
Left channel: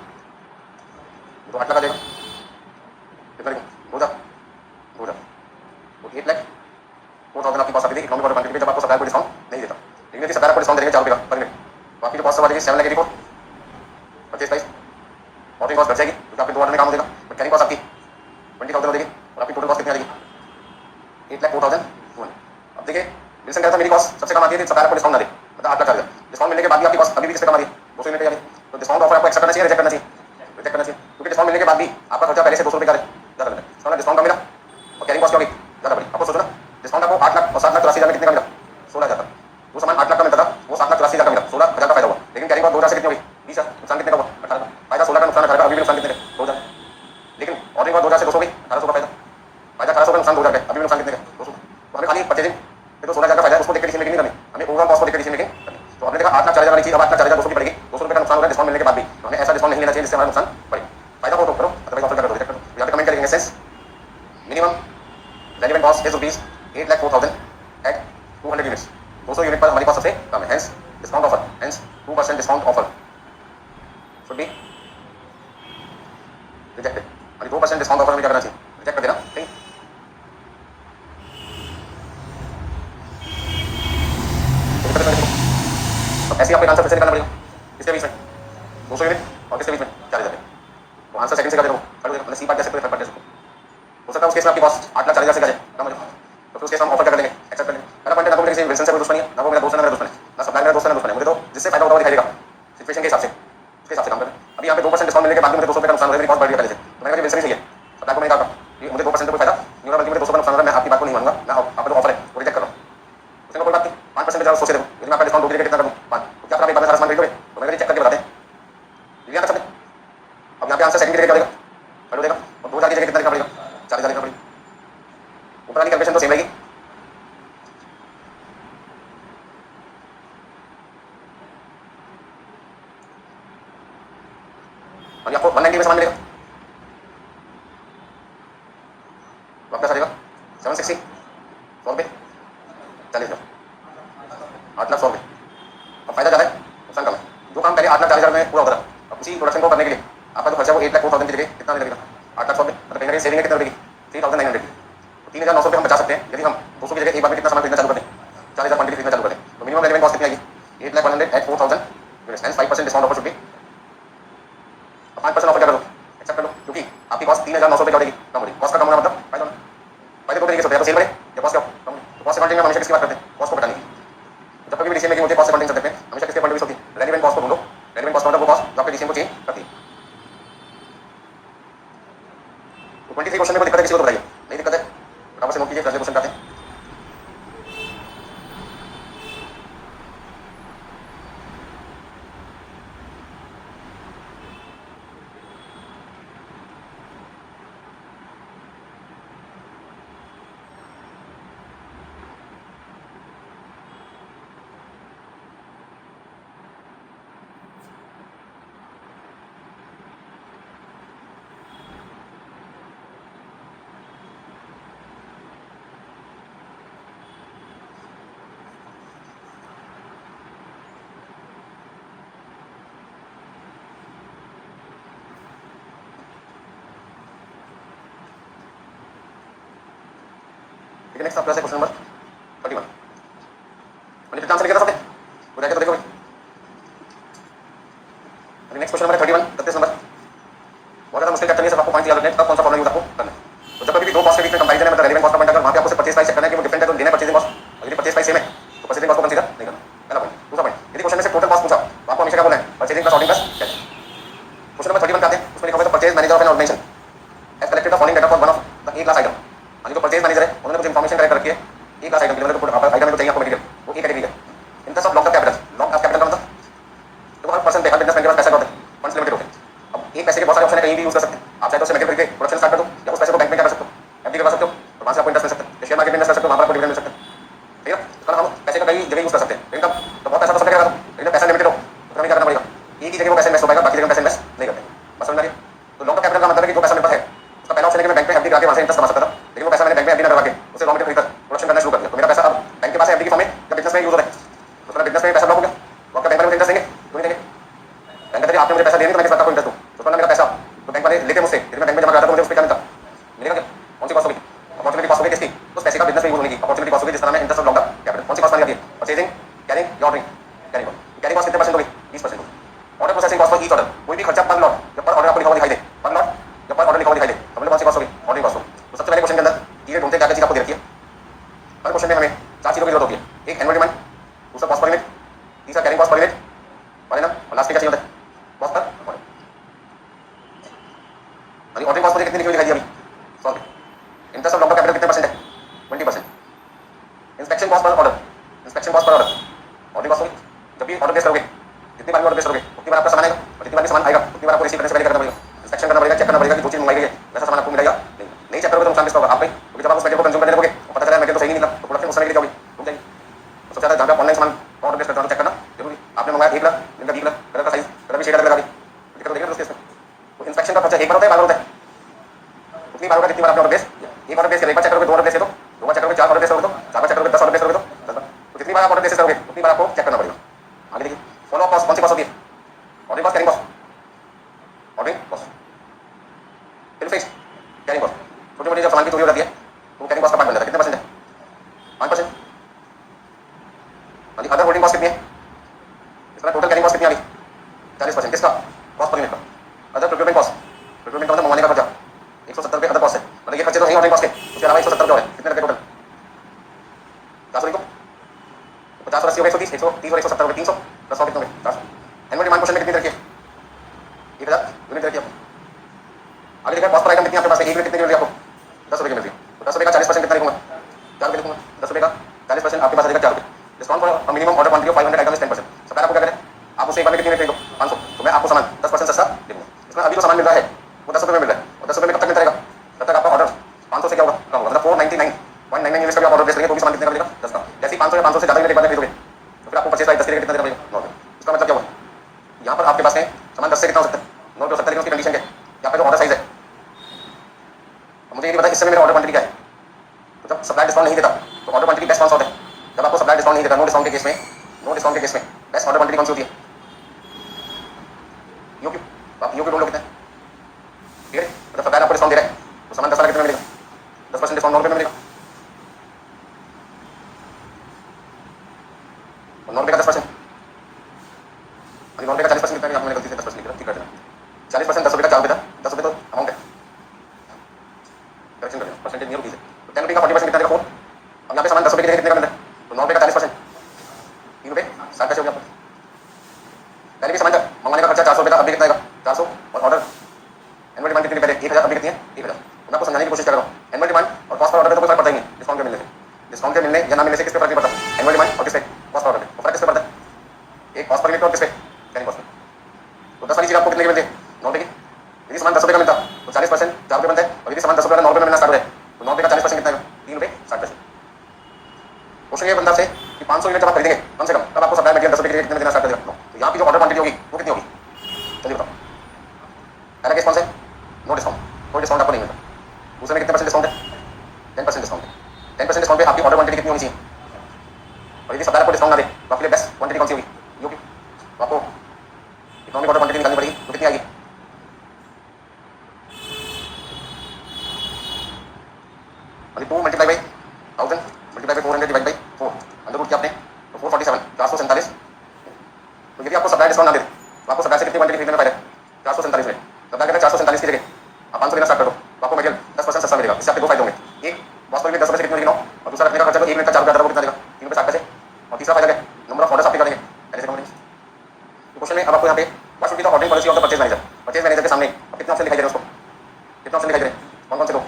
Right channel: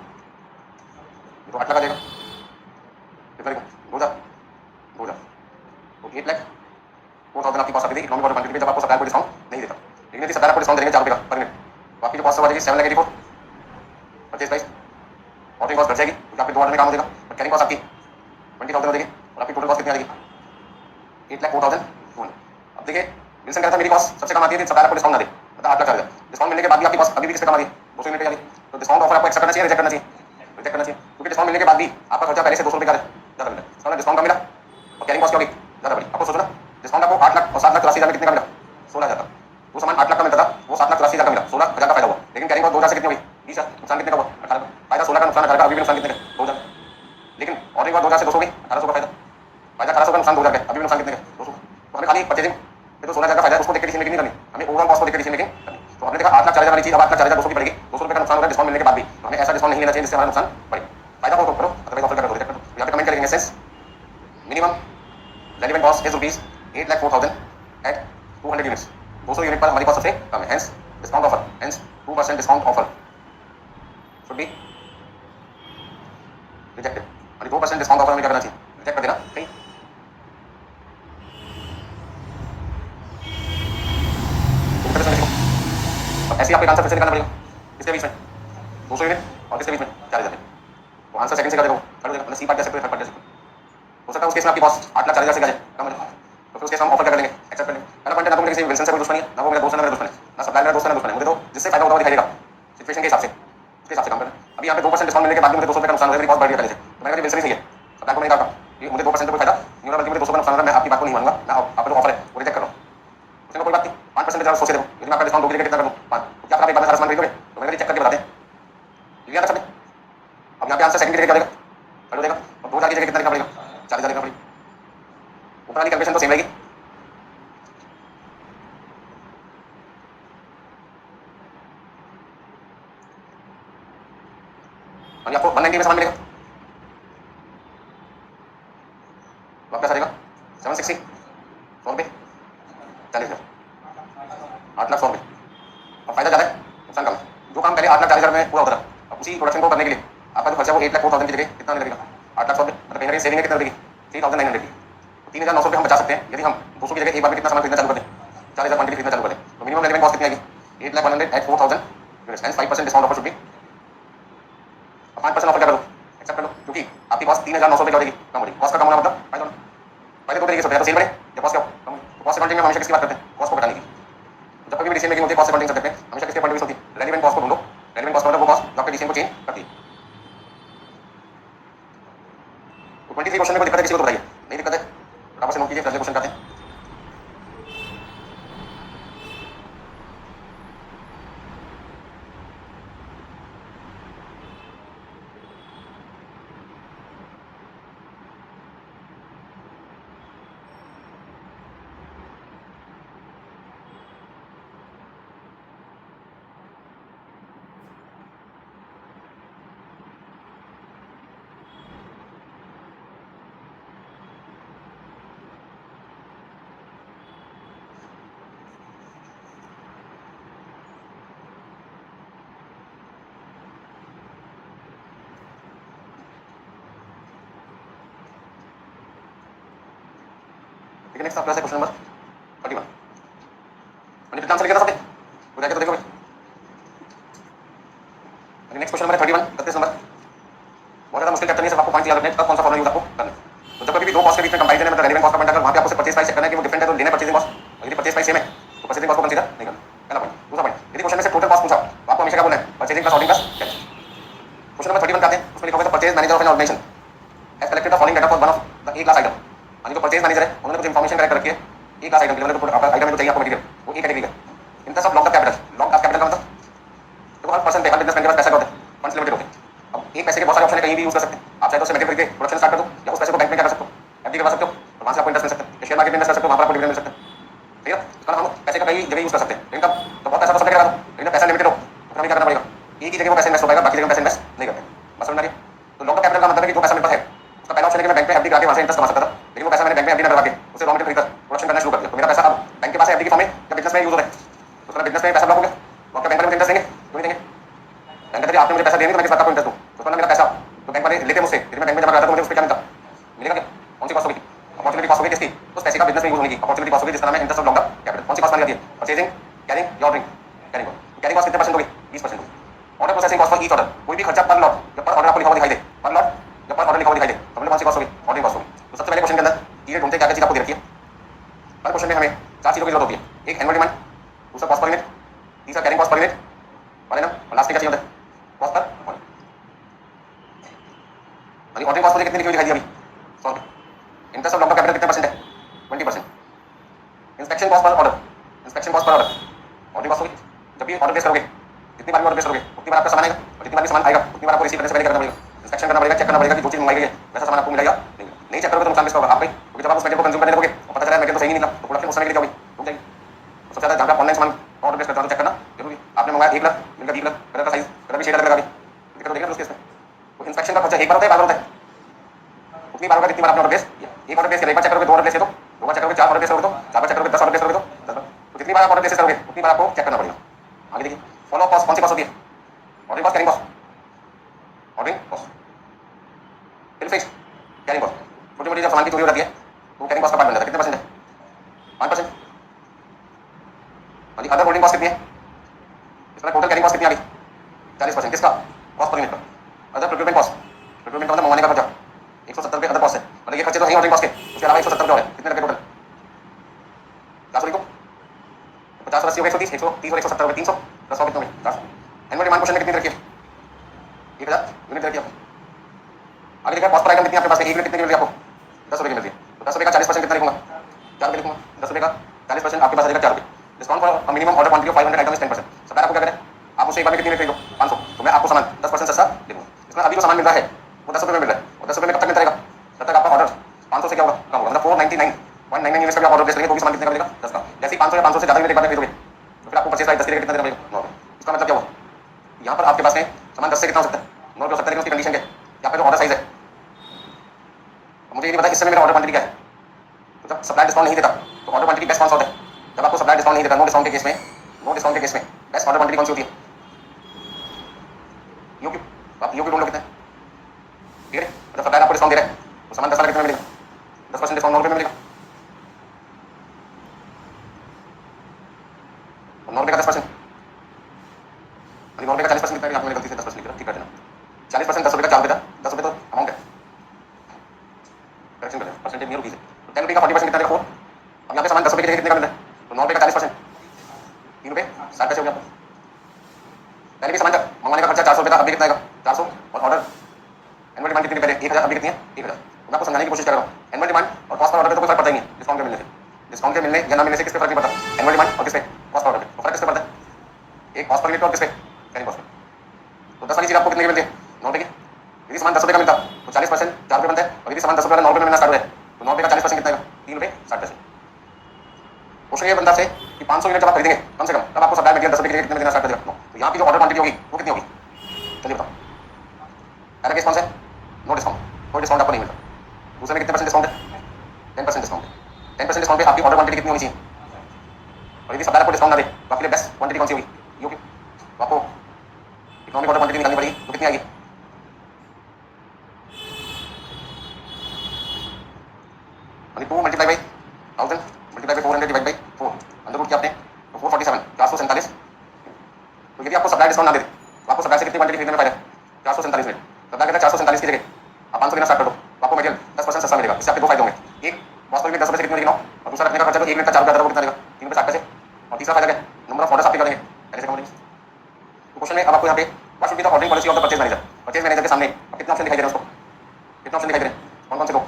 तो 8 लाख आ जाएगा, कितना लिखें 2000 तो 8 लाख 4000 आपकी कॉस्ट आती थी इकोनॉमिक ऑर्डर क्वांटिटी पे जब आपको सप्लाई को डिस्काउंट नहीं देता, लेकिन यदि सप्लाई आपको डिस्काउंट देंगे 4 रुपये का पर यूनिट तो आपकी जो कॉस्ट आ जाएगी 7 lakh 84 purchase price, ordering cost बढ़ जाएगी क्योंकि आपके 2 ऑर्डर में काम हो जाएगा, बट कैरिंग कॉस्ट आपकी 20,000 हो जाएगी और आपकी टोटल कॉस्ट कितनी आ जाएगी 8,04,200। अब देखिए विल्सन कहता है मेरी कॉस्ट सबसे कम आती है सप्लाई आपको डिस्काउंट ना दे, मतलब 8 लाख चार्ज डिस्काउंट मिलने के बाद भी आपकी कॉस्ट अभी भी किससे कम आ रही है 200 यूनिट की आ रही है, तो डिस्काउंट ऑफर आपको एक्सेप्ट करना चाहिए रिजेक्ट करना चाहिए, रिजेक्ट करना चाहिए क्योंकि डिस्काउंट मिलने के बाद भी आपका खर्चा पहले से 200 रुपये का ज़्यादा मिला, डिस्काउंट का मिला और कैरिंग कॉस्ट क्या होगी ज़्यादा बड़ी, आपको सोचना डिस्काउंट आपको 8 लाख और 7,83,000 कितने का मिला 16,000 का, वो सामान 8 लाख का मिलता था वो 7,83,000 का मिला 16,000 का फायदा हुआ, लेकिन कैरिंग कॉस्ट 2,000 से कितनी हुई 20,000, नुकसान कितने का हुआ 18 का, फायदा 16 का नुकसान 18 का, अभी भी नुकसान कितने का 2,000, लेकिन ऑर्डरिंग कॉस्ट 2,000 से 200 गई 1,800 का फायदा 1800 का नुकसान 2,000 का, अभी भी नुकसान कितने का 200, तो हमें खाली परचेजिंग तो 16,000 का फायदा उसको देखकर डिसीजन मेकिंग नहीं करनी, हमें ओवरऑल कॉस्ट को देखकर डिसीजन मेकिंग करनी, तो हमने देखा 8,04,000 वाली चीज अब 8,04,200 की पड़ेगी, 200 रुपये का नुकसान हो रहा है डिस्काउंट मिलने के बाद भी, तो हमें ऐसा डिस्काउंट नहीं लेना चाहिए जिससे हमारा नुकसान बढ़े, फायदा हो तो करो अदरवाइज ऑफर करो रिजेक्ट करो, यहाँ पे कमेंट करेंगे since minimum relevant cost is rupees 8,04,000 at 200 units, 200 unit पर हमारी कॉस्ट सबसे कम है, hence discount offer, hence 2% discount offer, 2% discount offer में क्या करना चाहिए, रिजेक्ट कर देना ठीक। अब ऐसे ही आपको आंसर फिर से निकालना पड़ेगा, किसके बीच में 200 यूनिट और किसके बीच में 40,000। तो आंसर सेकंड से कर देगा, मतलब सी पार्ट ले सकते हो, थर्ड पार्ट ले सकते हो सकता है उस केस में आपकी कॉस्ट 8,40,000 से कम हो जाए, तो फिर उस केस हम ऑफर क्या कर लेंगे, एक्सेप्ट कर लेंगे। पहला पॉइंट ना तो मेरे विल्सन से कोई दुश्मनी है, ना वो मेरा दोस्त है, ना मेरा दुश्मन है, ना सप्लायर मेरा दोस्त है, ना दुश्मन है, मुझे तो जिससे फायदा होता है दिखाई देगा सिचुएशन के हिसाब से, उसके हिसाब से काम करें। अभी यहाँ पे 2% डिस्काउंट मिलने के बाद मुझे 200 रुपये का नुकसान हो रहा है, मेरी कॉस्ट बढ़ गई पहले से, तो मैंने कहा विल्सन ही सही है, सप्लायर को नहीं कहा कि मुझे 2% कोई फायदा नहीं होगा, बल्कि मुझे 200 का नुकसान हो रहा है, मैं आपकी बात को नहीं मानूंगा, मैं आपका जो ऑफर है वो रिजेक्ट कर रहा हूँ। उसमें कोई बात नहीं, 5% ज़्यादा सोचे देखो, यदि मैं आपका डिस्काउंट 2 की जगह कितना करूँ 5, तो क्या आप एक बार में सारा सामान खरीदोगे, तो मैंने चेक करके बता दें, ठीक है ना सब। अब यहाँ पे आंसर सेकंड की जगह क्या देगा, कर देगा, और 2,000 की जगह कितना लिखना पड़ेगा, 4,000 लिखना पड़ेगा। ऊपर वाली कैलकुलेशन तो सेम रहेगी, और आपको 190 में सामान मिलेगा, तो आपका रहेगा 760, 100 रुपये 40,000, 8,100,000। अब फायदा ज़्यादा है, नुकसान कम है। जो काम पहले 8,40,000 में पूरा होता था, अब उसी प्रोडक्शन को करने के लिए आपका जो खर्चा वो 1,04,000 की जगह कितना लगेगा, 8,00,000 मतलब कहीं ना कहीं सेविंग कितना लगेगी 3,900 की। तो 3,900 रुपये हम बचा सकते हैं यदि हम 200 की जगह एक बार में कितना सामान खरीदना चालू कर दें, 4,000 क्वांटिटी खरीदना चालू कर दें, तो मिनिमम रेलेवेंट कॉस्ट कितनी आएगी 8,100,000 at 4,000 units, 5% discount offer should be. 5% offer क्या करो, एक्सेप्ट कर लो, क्योंकि आपकी कॉस्ट 3,900 रुपये कम हो रही, कॉस्ट का कम होना मतलब फायदा। फायदे दो तरीके से होते हैं, तो सेल बढ़े या कॉस्ट क्या कम। तो कॉस्ट अकाउंटिंग में हमेशा किसकी बात करते हैं, कॉस्ट को बताने की। जब कभी भी डीसीएम में मुझे कॉस्ट अकाउंटिंग करते हैं हमेशा किसके पॉइंट ऑफ व्यू होती है, रेलेवेंट कॉस्ट को ढूंढो, रेलेवेंट कॉस्ट मतलब वो कॉस्ट जो आपके डीसीएम को चेंज करती है। तो 23 क्वेश्चन में कोई दिक्कत है किसी को तो बताइए, नहीं दिक्कत है फटाफट से नोट कीजिए, अगले क्वेश्चन आते हैं। ठीक है, नेक्स्ट आपका क्वेश्चन नंबर 31। मैंने कितना आंसर लिखा था सबने, वो जाके तो देखो। Next question number 31, 31 number. बहुत ज़्यादा मुश्किल चैप्टर नहीं है, सब आपको पॉइंट याद रखने हैं, कब कौन सा फॉर्मूला यूज आपको करना है। तो जब कभी भी दो कॉस्ट के बीच में कंपैरिजन है, मतलब रेलेवेंट कॉस्ट का पॉइंट अगर वहाँ पे आपको परचेज प्राइस चेक करना है कि वो डिफरेंट है तो लेना है परचेजिंग कॉस्ट, और यदि परचेज प्राइस सेम है तो परचेजिंग कॉस्ट को कंसीडर नहीं करना। पहला पॉइंट। दूसरा पॉइंट, यदि क्वेश्चन में से टोटल कॉस्ट पूछा तो आपको हमेशा क्या बोलना है, purchasing plus ordering plus cash. Question number 31 आते हैं, उसमें लिखा हुआ है purchase manager of an organisation has collected the following data for one of the A class item. यानी जो परचेज मैनेजर है उन्होंने कुछ इन्फॉर्मेशन कलेक्ट कर रखी है ए क्लास आइटम की, मतलब आइटम में चाहिए आपको मटेरियल वो ए कैटेगरी है। In terms of lock of capital, lock of capital का मतलब तो हर पर्सन पे हर बिजनेसमैन के पास पैसा होता है, फंड्स लिमिटेड होते हैं। अब एक पैसे के बहुत सारे ऑप्शन है, कहीं भी यूज कर सकते हैं आप, चाहे तो उससे मटेरियल खरीद के प्रोडक्शन स्टार्ट कर दो, या उस पैसे को बैंक में क्या कर सकते हो, एफडी करवा सकते हो, और वहाँ से आपको इंटरेस्ट मिल सकता है, शेयर मार्केट में इन्वेस्ट कर सकते हो, वहाँ पर आपको डिविडेंड मिल सकता है। ठीक है, तो हम पैसे का कई जगह यूज कर सकते हैं, लेकिन तो बहुत पैसा तो सब जगह, लेकिन पैसा लिमिटेड हो तो हमें क्या करना पड़ेगा, एक ही जगह वो पैसा इन्वेस्ट हो पाएगा, बाकी जगह पैसा इन्वेस्ट नहीं कर पाएगा। बस समझ में आ गया। तो लॉक ऑफ कैपिटल का मतलब है कि जो पैसा मेरे पास है उसका पहला ऑप्शन है कि मैं बैंक में एफडी करा के वहाँ से इंटरेस्ट कमा सकता था, लेकिन वो पैसा मैंने बैंक में एफडी ना करवा के उसे रॉ मटेरियल खरीदकर प्रोडक्शन करना शुरू कर दिया, तो मेरा पैसा अब बैंक के पास एफडी की फॉर्म में या बिजनेस में यूज हो रहा है, तो उसका बिजनेस में पैसा ब्लॉक हो गया, तो आपका बैंक में इंटरेस्ट देंगे क्यों नहीं देंगे, बैंक में आपने मुझे पैसा देंगे तो मैं किस बात का इंटरेस्ट दूँ, तो उसमें मेरा पैसा तो बैंक वाले लेते मुझसे, यदि मैं बैंक में जमा कराता तो मुझे उस पर क्या मिलता, मिलेगा क्या, कौन सी कॉस्ट होगी, अपॉर्चुनिटी कॉस्ट होगी किसकी, उस पैसे का बिजनेस में यूज होने की अपॉर्चुनिटी कॉस्ट होगी, जिस तरह में इंटरेस्ट ऑफ लॉन्ग कैपिटल। कौन सी कॉस्ट मानी जाती है, परचेजिंग, कैरिंग या ordering, carrying cost. Carrying cost कितने परसेंट होगी, 20% होगी। Order processing cost for each order, कोई भी खर्चा पर लॉट या पर ऑर्डर आपको लिखा हुआ दिखाई दे, पर लॉट या पर ऑर्डर लिखा हुआ दिखाई दे तो मतलब कौन सी कॉस्ट होगी, ऑर्डरिंग कॉस्ट होगी। तो सबसे पहले क्वेश्चन के अंदर ये ढूंढते क्या चीज आपको दे रखी है, हर क्वेश्चन में हमें 4 चीजों की जरूरत होती है, एक एनुअल डिमांड, दूसरा कॉस्ट पर यूनिट, तीसरा कैरिंग कॉस्ट पर यूनिट और लास्ट में क्या चाहिए होता है, cost per unit. Ordering cost मुझे कितनी लिखी हुई दिखाई दी अभी, 100 रुपये। इंटरेस्ट ऑफ लॉन्ग कैपिटल कितने परसेंट है, 20%। Inspection cost per order, inspection cost per order, ordering cost होगी। जब भी ऑर्डर प्लेस करोगे, जितनी बार भी ऑर्डर प्लेस करोगे उतनी बार आपका सामान आएगा, और जितनी बार भी सामान आएगा उतनी बार आपको रिसीव करने से पहले करना पड़ेगा, इंस्पेक्शन करना पड़ेगा, चेक करना पड़ेगा कि जो चीज मंगाई गई है वैसा सामान आपको मिलेगा नहीं। चेक करोगे तो नुकसान किसका होगा, आपके, क्योंकि जब आप उस मटेरियल को कंज्यूम करने लगोगे और पता चला मटेरियल तो सही नहीं निकला तो प्रोडक्शन उस समय के लिए क्या होगी, रुक जाएगी। तो सबसे ज़्यादा जहाँ पे ऑनलाइन सामान ऑर्डर प्लेस करते हो चेक करना जरूरी। आपने मंगाया 1 लाख, मिलकर 20 लाख, कलर का साइज कलर भी शेड अलग लगा दी, दिक्कत देगा उस केस में। तो इंस्पेक्शन का खर्चा एक बार होता है, बार होता है, उतनी बार होगा जितनी बार आपने ऑर्डर प्लेस, एक ऑर्डर प्लेस करें, एक बार चेक करोगे, 2 ऑर्डर प्लेस करो, 2 बार चेक करोगे, 4 ऑर्डर प्लेस करोगे, 4 बार चेक करोगे, 10 ऑर्डर प्लेस करोगे तो 10 बार। तो जितनी बार आप ऑर्डर प्लेस करोगे उतनी बार आपको चेक करना पड़ेगा। आगे देखिए, फॉलो कॉस्ट कौन सी कॉस्ट होती है, ordering cost, carrying cost, ordering cost, फिर फिक्स तो कैरिंग कॉस्ट का पार्ट बन जाता है। कितने परसेंट है? 5%। हाँ जी, अदर होल्डिंग कॉस्ट कितनी है? इसका टोटल कैरिंग कॉस्ट कितनी आ रही? 40%। किसका? कॉस्ट पर यूनिट का। अदर प्रोक्योरमेंट कॉस्ट, प्रोक्योरमेंट का मतलब मंगवाने का खर्चा 170 रुपये अदर कॉस्ट है। मतलब ये खर्चे तो नहीं होल्डिंग कॉस्ट के, उसके अलावा 170 रुपये और है। कितने लगे टोटल? 400 लिखो, 50 और 80 हो गए 130, 130 और 170 हो गए 300 प्लस 100 कितने हो गए? 400। एनुअल डिमांड क्वेश्चन में कितनी रखी है? 1000 यूनिट रखी है आपको। आगे देखा कॉस्ट पर आइटम कितनी आपके पास है? 1 यूनिट कितनी मिल रही है आपको? 10 रुपये की मिल रही है। तो 10 रुपये का 40% कितना लिखूंगा? 4 रुपये लिखूंगा। 10 रुपये का 40% आपके पास आ जाएगा 4 रुपये। Discount for minimum order quantity of 500 items 10%। Supplier आपको क्या करें? आप उसे एक बार में कितनी में खरीदो? 500। तो मैं आपको सामान 10% सस्ता दे दूंगा। इसमें अभी जो सामान मिल रहा है वो 10 रुपये में मिल रहा है। और 10 रुपये में कब तक मिलता रहेगा? तब तक आपका ऑर्डर 500 से क्या होगा? कम होगा। मतलब 499.99 यूनिट्स का ऑर्डर प्लेस करेंगे तो भी सामान कितने का मिलेगा? 10 का। जैसे ही 500 या 500 से ज़्यादा यूनिट एक बार में खरीदोगे तो फिर आपको परचेज प्राइस 10 के लिए कितना देना पड़ेगा? 9 रुपये। इसका मतलब क्या हुआ? यहाँ पर आपके पास में सामान 10 से कितना हो सकता है? 9 रुपये हो सकता है। लेकिन उसकी कंडीशन क्या है? यहाँ पे जो ऑर्डर साइज है, मुझे ये पता है इस समय मेरा ऑर्डर क्वांटिटी क्या है। तो जब सप्लाई डिस्काउंट नहीं देता तो ऑर्डर क्वांटिटी बेस्ट कौन सा होता है? जब आपको सप्लाई डिस्काउंट नहीं देता, नो डिस्काउंट के केस में, नो डिस्काउंट के केस में बेस्ट ऑर्डर क्वांटिटी कौन सी होती है? यूक्यू। तो आप यूक्यू ढूंढ लो कितना है। ठीक है, मतलब सप्लाई आपको डिस्काउंट दे रहा है तो सामान 10 वाला कितने में मिलेगा? 10% डिस्काउंट 9 रुपये में मिलेगा। और 9 रुपये का 10%, 9 रुपये का 40% कितना है? आपने गलती से 10% लिखा, ठीक कर देना। 40% 10 रुपये का 4 रुपये था, 10 रुपये तो अमाउंट है, करेक्शन कर देना, परसेंटेज नहीं होगी। तो 10 रुपये का 40% कितना देगा? 4। अब यहाँ पे सामान 10 रुपये के कितने का मिल रहा है? तो 9 रुपये का 40%, 3 रुपये 60 पैसे हो गया आपको। पहले भी सामान का मंगवाने का खर्चा 400 रुपये था, अभी कितना आएगा? 400। और ऑर्डर एनुअल डिमांड कितनी पहले 1000, अभी कितनी है? 1000। मैं आपको समझाने की कोशिश कर रहा हूँ। एनुअल डिमांड और कॉस्ट पर ऑर्डर पे तो कोई फर्क पड़ता ही नहीं। डिस्काउंट के मिलने से, डिस्काउंट के मिलने या ना मिलने से किस पे फर्क नहीं पड़ता? एनुअल डिमांड और किस पे? कॉस्ट पर ऑर्डर पे। तो फर्क किस पे पड़ता है? एक कॉस्ट पर यूनिट और किस पे? कैरिंग कॉस्ट पे। तो 10 वाली चीज आपको कितने की मिलती है? 9 रुपये की। यदि सामान 10 रुपये का मिलता तो 40% 4 रुपये बनता है। और यदि सामान 10 रुपये का 9 रुपये में मिलना स्टार्ट हो जाए तो 9 रुपये का 40% कितना है? 3 रुपये 60 पैसे। क्वेश्चन ये बनता है कि 500 यूनिट जब आप खरीदेंगे कम से कम, तब आपको सप्लाई मटेरियल 10 रुपये के लिए कितने देना स्टार्ट कर देगा? तो यहाँ की जो ऑर्डर क्वांटिटी होगी वो कितनी होगी? चलिए बताओ। पहला केस कौन सा है? नो डिस्काउंट, कोई डिस्काउंट आपको नहीं मिलता। दूसरे में कितने परसेंट डिस्काउंट है? 10% डिस्काउंट है। 10% डिस्काउंट पे आपकी ऑर्डर क्वांटिटी कितनी होनी चाहिए? और यदि सप्लायर आपको डिस्काउंट ना दे तो आपके लिए बेस्ट क्वांटिटी कौन सी होगी? यूक्यू। तो आपको इकोनॉमिक ऑर्डर क्वांटिटी निकालनी पड़ेगी, तो कितनी आएगी? मतलब 2 multiply by 1000 multiply by 400 divide by 4 under root क्या आपने? तो 447 447। तो यदि आपको सप्लाई डिस्काउंट ना दे तो आपको सप्लाई से कितनी क्वांटिटी खरीदने में फायदा है? 447 में। सप्लाई करना 447 की जगह आप 500 लेना स्टार्ट कर दो तो आपको मटेरियल 10% सस्ता मिलेगा। इससे आपके दो फायदे होंगे। एक, कॉस्ट पर 10 रुपये से कितने लिखना हो, और दूसरा रखने का खर्चा तो 1 मिनट का 4 रुपये कितना देगा? 3 रुपये 60 पैसे। और तीसरा फायदा क्या? नंबर ऑफ ऑर्डर्स आपके बढ़ेंगे पहले से कम होंगे। तो क्वेश्चन में अब आपको यहाँ पे what should be the ordering policy of the purchase manager. Purchase manager के सामने अब कितने ऑप्शन दिखाई दे रहे हैं उसको? कितने ऑप्शन दिखाई दे रहे हैं? कौन कौन से दो?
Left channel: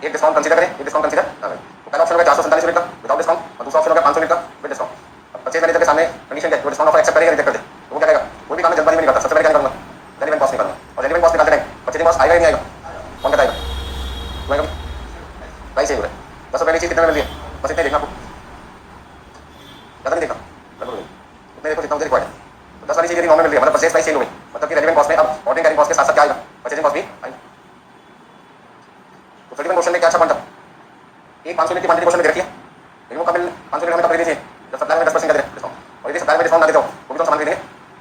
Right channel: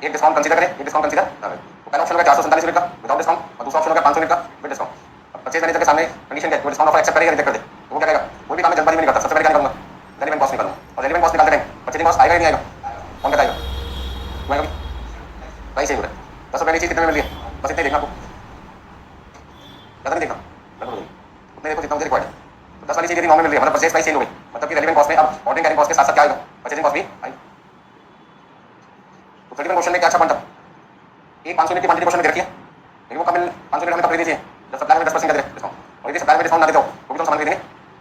एक डिस्काउंट कंसीडर करें, एक डिस्काउंट कंसीडर ना करें। तो पहला ऑप्शन होगा 447 यूनिट का विदाउट डिस्काउंट, और दूसरा ऑप्शन होगा 500 यूनिट का विद डिस्काउंट। अब परचेज मैनेजर के सामने कंडीशन है, वो डिस्काउंट ऑफर एक्सेप्ट करेगा रिजेक्ट कर दे तो वो क्या करेगा? कोई भी काम में जल्दबाजी में नहीं करता। सबसे पहले क्या करूंगा? रेलेवेंट कॉस्ट निकालूंगा। और रेलेवेंट कॉस्ट निकालते टाइम परचेजिंग कॉस्ट आएगा या नहीं आएगा? कौन बताएगा? तुम्हें कभी प्राइस चेंज हो रहा है, 10 रुपये की चीज कितने में मिल रही है? बस इतने देखना आपको, ज़्यादा नहीं देखना, उतने देखो जितना मुझे रिक्वायर्ड है। 10 वाली चीज यदि 9 में मिल रही है मतलब परचेज प्राइस चेंज हो गई, मतलब कि रेलेवेंट कॉस्ट में अब ऑर्डरिंग कैरिंग कॉस्ट के साथ साथ क्या आएगा? परचेजिंग कॉस्ट भी आएगी। तो 31 क्वेश्चन में क्या अच्छा पॉइंट है? एक 500 यूनिट की क्वांटिटी क्वेश्चन में दे रखी है, लेकिन वो कब मिल 500 यूनिट हमें कब खरीदनी चाहिए? जब सप्लाई में 10% का दे डिस्काउंट। और यदि सप्लाई में डिस्काउंट ना देते हो वो भी तो सामान खरीदेंगे।